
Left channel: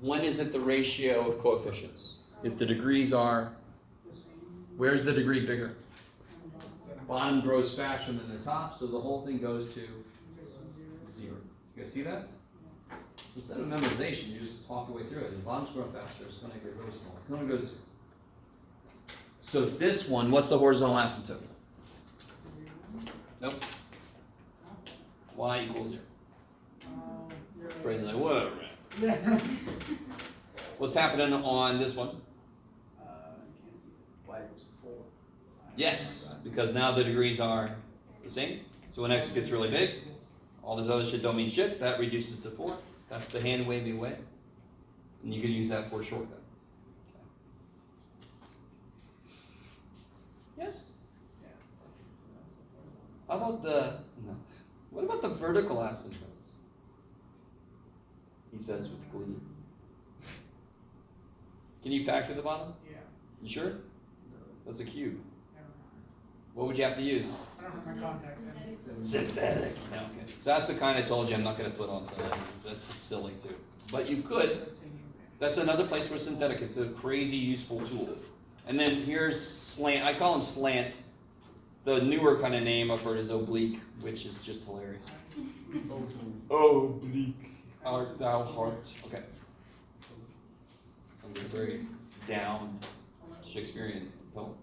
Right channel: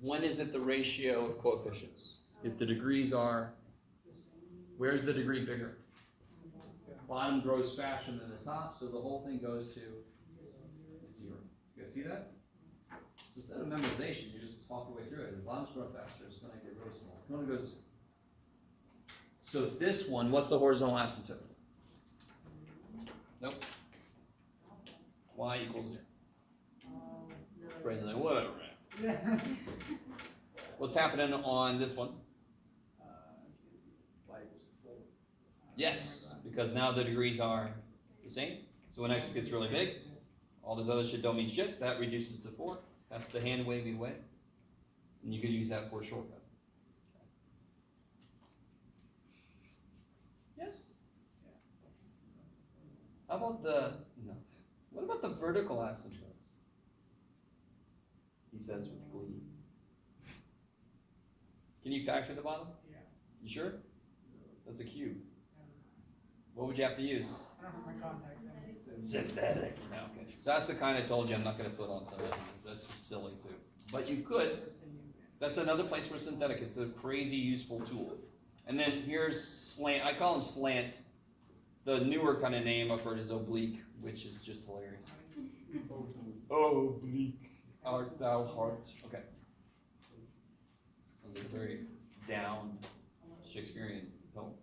When is it the ratio of coefficients? If the degrees are, where's the degree bigger? Bottom grows faster than the top, so the whole thing goes to 0. You guys see that? So instead of memorization, you just talk your way through it. The bottom's growing faster, it's going to get really small. It's going to go to 0. So this one, what's the horizontal asymptote? Nope. Y equals 0. Brain's like, whatever, man. What's happening on this one? Y equals 4. Yes, because now the degrees are the same. So when x gets really big, all this other shit don't mean shit. That reduces to 4. That's the hand wavy way. And you can use that for a shortcut. Yes? How about no. What about the vertical asymptotes? He says with glee. Can you factor the bottom? Yeah. You sure? That's a cube. What would you have to use? I don't have my contacts in. Synthetic. No, okay. So that's the kind I told you I'm not going to put on synthetic. That's just silly too. But you could. That's another place where synthetic. It's a crazy useful tool. And then here's slant. I call them slant. The newer kind of name I've heard is oblique, which is just hilarious. Oblique. Art thou heart. Okay. Sounds like a very down Shakespearean poem.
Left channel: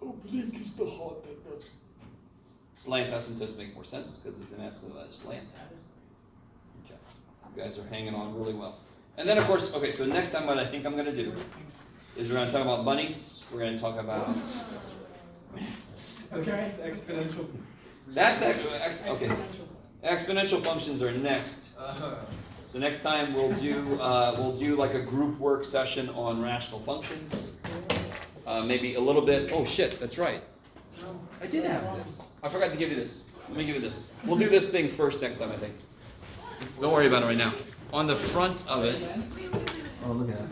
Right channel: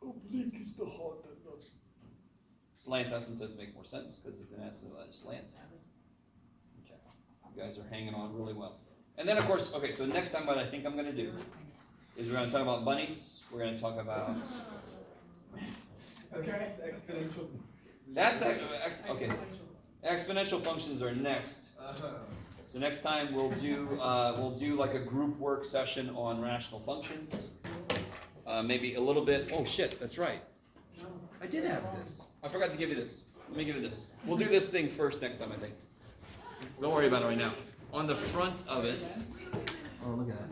Oblique is the heart that does. Slant asymptotes make more sense because it's an asymptote slant. Okay. You guys are hanging on really well. And then of course, okay, so next time what I think I'm going to do is we're going to talk about bunnies. We're going to talk about... Okay, exponential. That's okay. Exponential functions are next. So next time we'll do like a group work session on rational functions. Maybe a little bit. Oh shit, that's right. I did have this. I forgot to give you this. Let me give you this. We'll do this thing first next time, I think. Don't worry about it right now. On the front of it. Oh, look at that.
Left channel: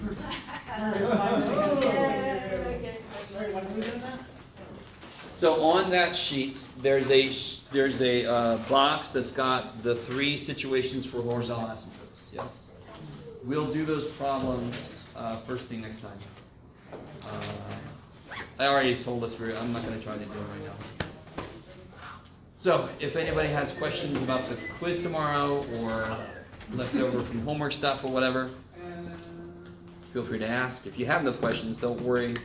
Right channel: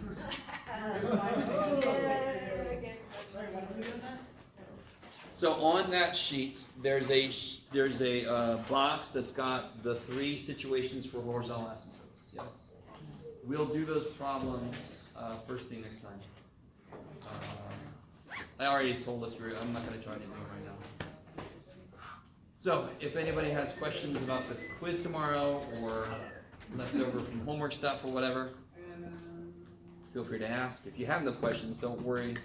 So on that sheet, there's a box that's got the 3 situations for horizontal asymptotes. Yes. We'll do those problems first thing next time. I already told us I'm not going to try to do it right now. So if anybody has questions about the quiz tomorrow or leftover from homework stuff or whatever, feel free to ask. If you have no questions, don't worry.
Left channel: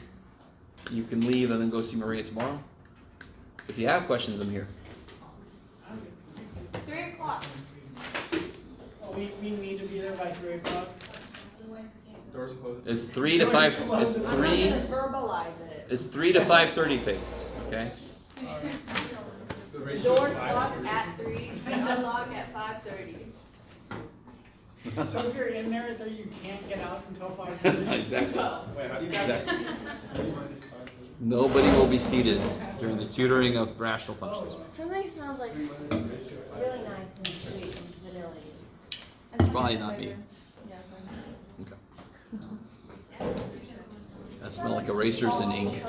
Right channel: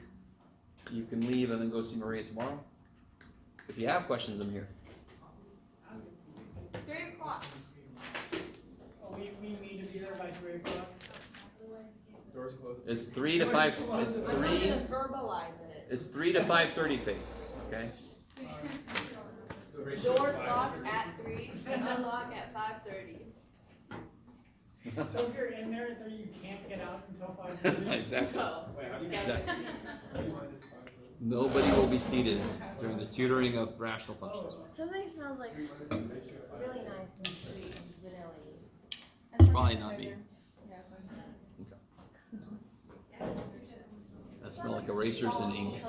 You can leave and then go see Maria tomorrow. If you have questions, I'm here. 3 o'clock. We need to be there by 3 o'clock. Doors closed. It's 3 to 5. It's 3. Verbalize it. It's 3 to 5:30 face. Okay. Doors lock at 3 and unlock at 5:30. So if you're in there, though, you can't get out until 5:30. Exactly. Wait, Exactly. Nobody will be seated during the tutoring of rational functions. Something smells like really nice and sweet and vanilla. It's probably not me. Okay. That smell like erasers and ink.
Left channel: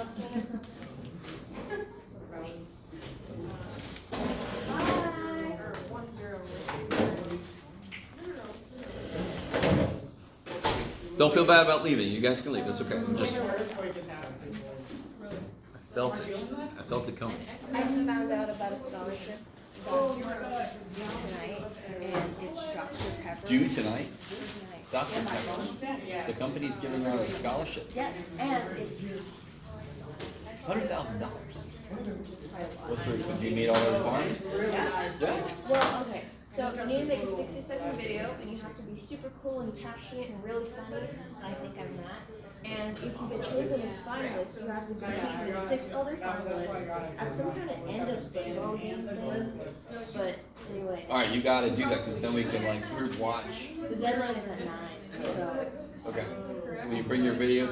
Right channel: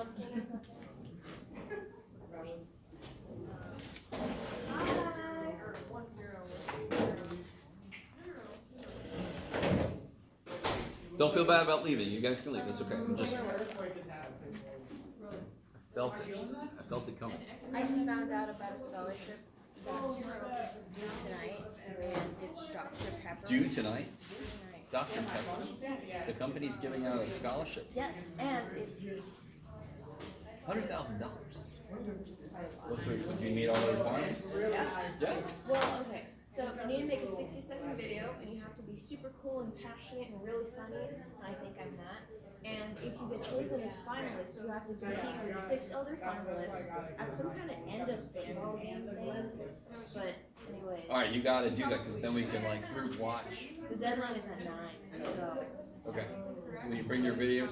Don't feel bad about leaving. You guys can leave. It's okay. I'm just. I felt it. I felt it coming. I just found out about a scholarship tonight, and it's Dr. Pepper. Due tonight, Tonight. Dr. Pepper. The company's giving out a scholarship. Yes, and it's $100,000. What's the reason? Do you meet all the requirements? Yeah. well, okay. So you need to make a 60-second video, and you have to be super cool and passionate and really funny. I think I'm that. And if you get chosen as finalist, you have to compete with 6 other finalists at some kind of end of state voting thing. But anyway, Alright, you gotta do that, cause then we can like group watch. the deadline is at 9, so Okay. Will you bring your video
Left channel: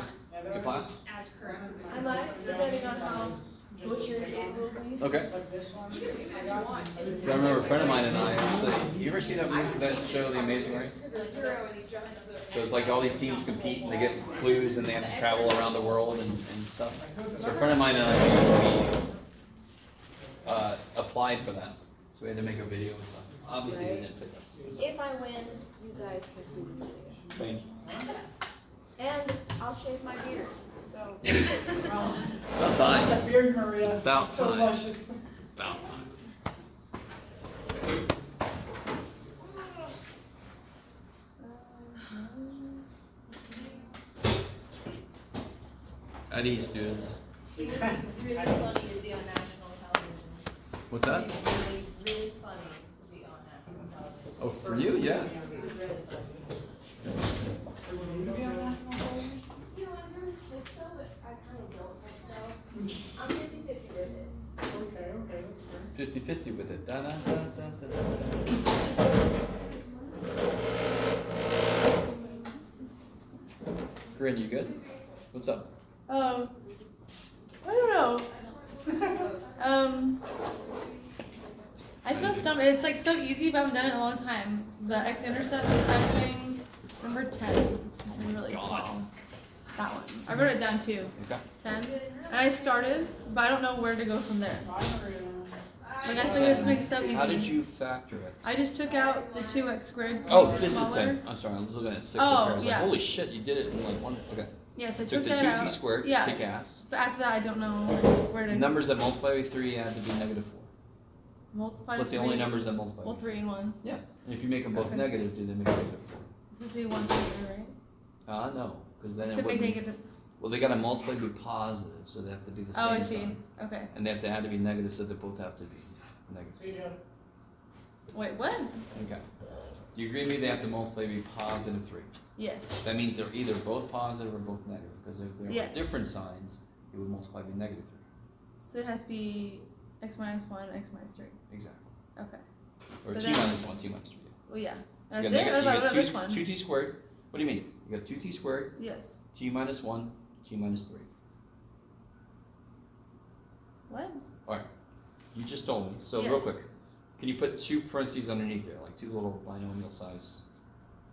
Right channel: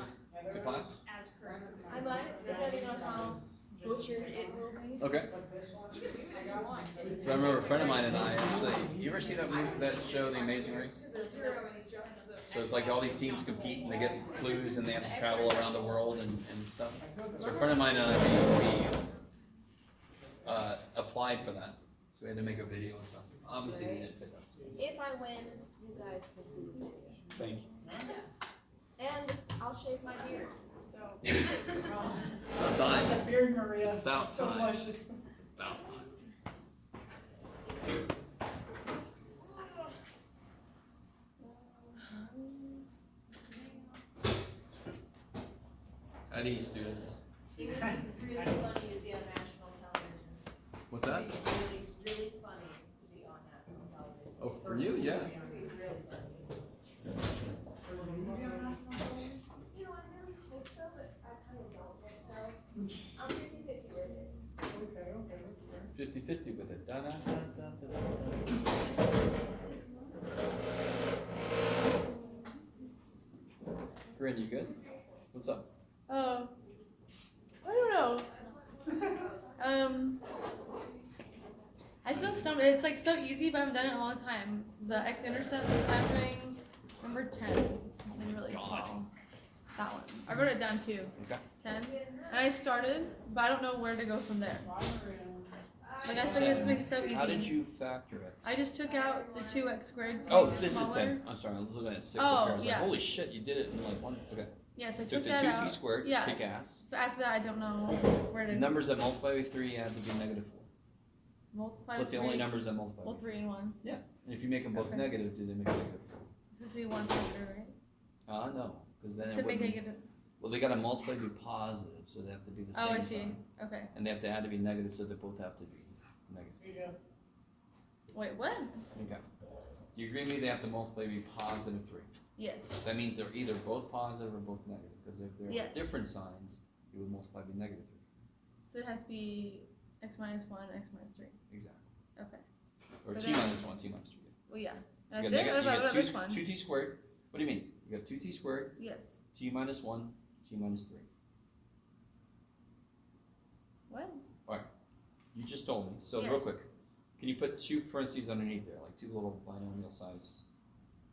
to class? I might, depending on how butchered it will be. Okay. But this one, So I remember a friend of mine and I actually, you ever see that movie, that show, The Amazing Race? So it's like all these teams compete and they get clues and they have to travel around the world and stuff. So a friend of mine and I, we applied for that. So we had to make a video and stuff. Obviously they didn't pick us. If I win, you guys can see the video. Thank you. And I'll shave my beard, so. It's about time. that beard, Maria, It's about so time. luscious. About time. I need students. It would be really funny to be on national television. What's that? It would be really, really funny to be on national television. Oh, for you? Yeah. It was really funny. You know, I never think so, but I kind of don't think so. I'm 50-50 with it. Okay, that's fair. 50-50 with it. Da, da, da, da, da, da. Corinne, you good? What's up? I don't know. I feel stumped. It's like so easy, but I haven't done it in a long time. The x-intercept I'm doing number 10. It's really small. That one. I wrote it down too. Okay. 10. And I started, but I don't know where to go from there. Bye, Maria. Like I think it's like so easy. How did you factor it? I just took out the 2x squared. to Oh, make it this is smaller. 10. I'm sorry, I was looking at 6 Oh, up here. I was yeah. like, holy shit, you did it in like one. Okay. Yes, I Took took the that 2t out. squared, Yeah. kick ass. But after that, I don't know where to Numbers that multiply by 3 had to be -4. multiply. What's the only numbers that multiply? Well, 3 and 1. And if you make them both Okay. negative, do they make -4? It's supposed to be 1, 2, 3, right? No, because then Except it they would be. take it. Well, they gotta multiply to be positive, so they have to be the Oh, same I see. sign. Okay. And they have to add to be negative, so they both have to be negative. So you have Wait, what? Okay. Do you agree with me? They have to multiply to be positive 3. Yes. That means they're either both positive or both negative, because if they were Yes. different signs, it would multiply to be -3. So it has to be x minus 1, x minus 3. Exactly. Okay. Or But t then- minus 1, t minus 3. Well, yeah. So That's you it? got, What you about got this one? 2t squared. What do you mean? You got 2t squared, Yes. t minus 1, t minus 3. What? You just told me. So real Yes. quick, can you put 2 parentheses underneath there, like 2 little binomial size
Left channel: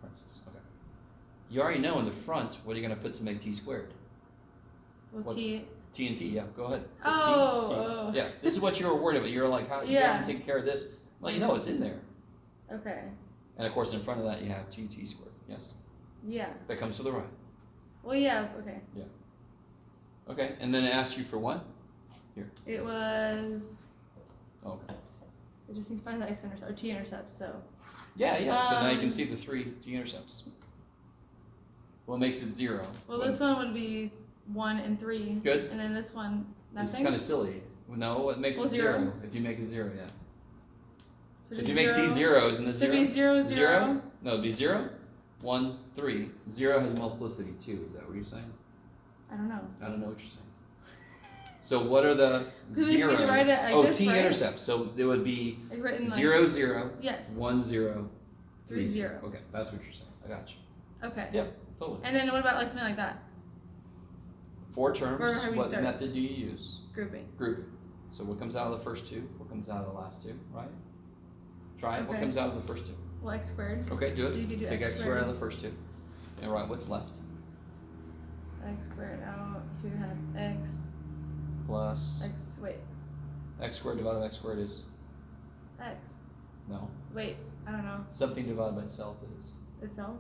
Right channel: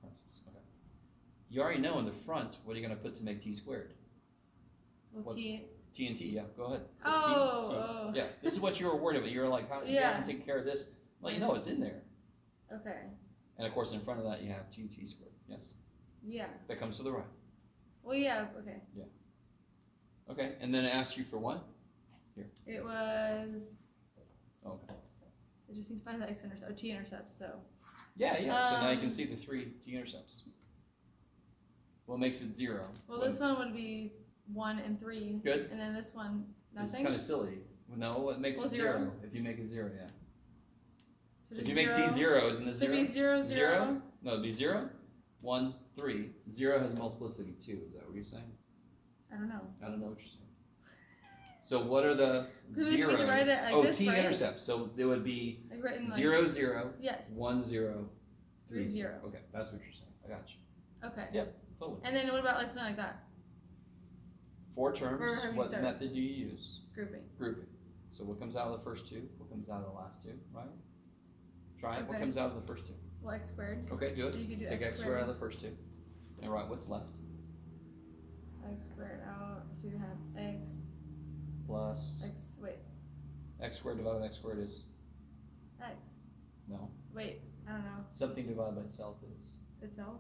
parentheses? Okay. You already know in the front, what are you going to put to make t squared? Well, What? t. T and t, yeah, go ahead. Put Oh, T. oh. Yeah, this is what you were worried about. You were like, how you Yeah. haven't taken care of this? Well, you know it's in there. Okay. And of course, in front of that, you have 2t squared. Yes? Yeah. That comes to the right. Well, yeah. Okay. Okay, and then it asks you for what? It was. Okay. It just needs to find the x-intercept or t-intercept. So. Yeah, yeah. So now you can Um, see the 3 t-intercepts. What makes it 0? Well, this one would be 1 and 3. Good. And then this one, This is nothing. kind of silly. No, what makes Well, it 0? 0. If you make it 0, yeah. So If just you make t 0. 0, isn't it So 0? it'd be 0, 0. No, it'd be 0, 1, 3. 0 has multiplicity 2. Is that what you're saying? I don't know. I don't know what you're saying. So what are the Because we zeros? could write it like Oh, this, right? t-intercepts. So it would be Like written like 0, 0, Yes. 1, 0, 3, 3, 0. 0. Okay, that's what you're saying. I got you. Okay. Yeah. Totally. And then what about like something like that? 4 terms. Where have you What started? method do you use? Grouping. Grouping. So what comes out of the first 2? What comes out of the last 2? Right? Try it. What Okay. comes out of the first 2? Well, x squared. Okay, do it. So you could do Take x x squared out of the first 2. And write what's left. X squared out. So we have x. Plus Wait. x squared divided by x squared is X. no. Wait. I don't know. Something divided by self is Itself.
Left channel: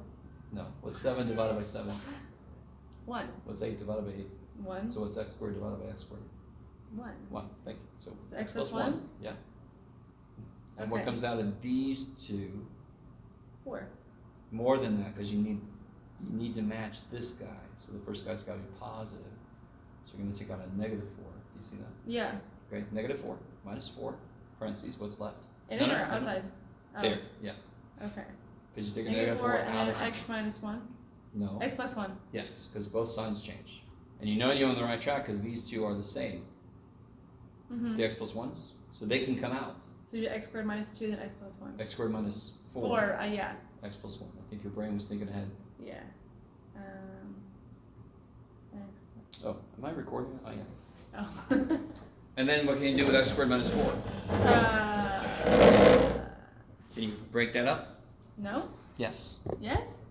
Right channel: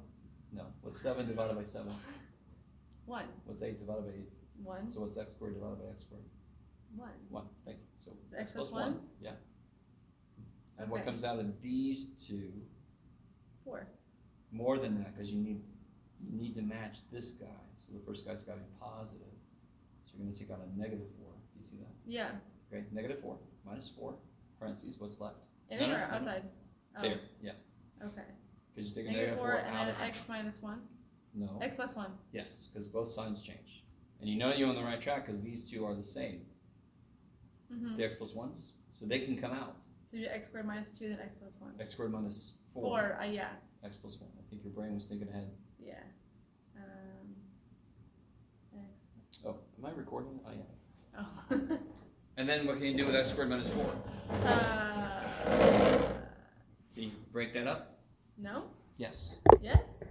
no. What's 7 divided by 7? 1. What's 8 divided by 8? 1. So what's x squared divided by x squared? 1. 1. Thank you. So So x plus 1? Yeah. And what Okay. comes out of these 2? 4. More than that, because you need to match this guy. So the first guy's got to be positive. So you're going to take out a -4. Do you see that? Yeah. Okay, -4 minus 4 parentheses. What's left? In No, or no, no. outside? Oh, There. Yeah. Okay. Because you take a -4 -4 out and of then x minus 1. No. X plus 1. Yes, because both signs change. And you know you're on the right track because these two are the same. Mm-hmm. The x plus 1s. So they can come out. So you do x squared minus 2, then x plus 1. X squared minus 4. 4, yeah. X plus 1. I think your brain was thinking ahead. Yeah. X Oh, am I recording? I am. plus. Oh. And then what can you do with x squared minus 4? uh, Can you break that up? no? Yes. Yes?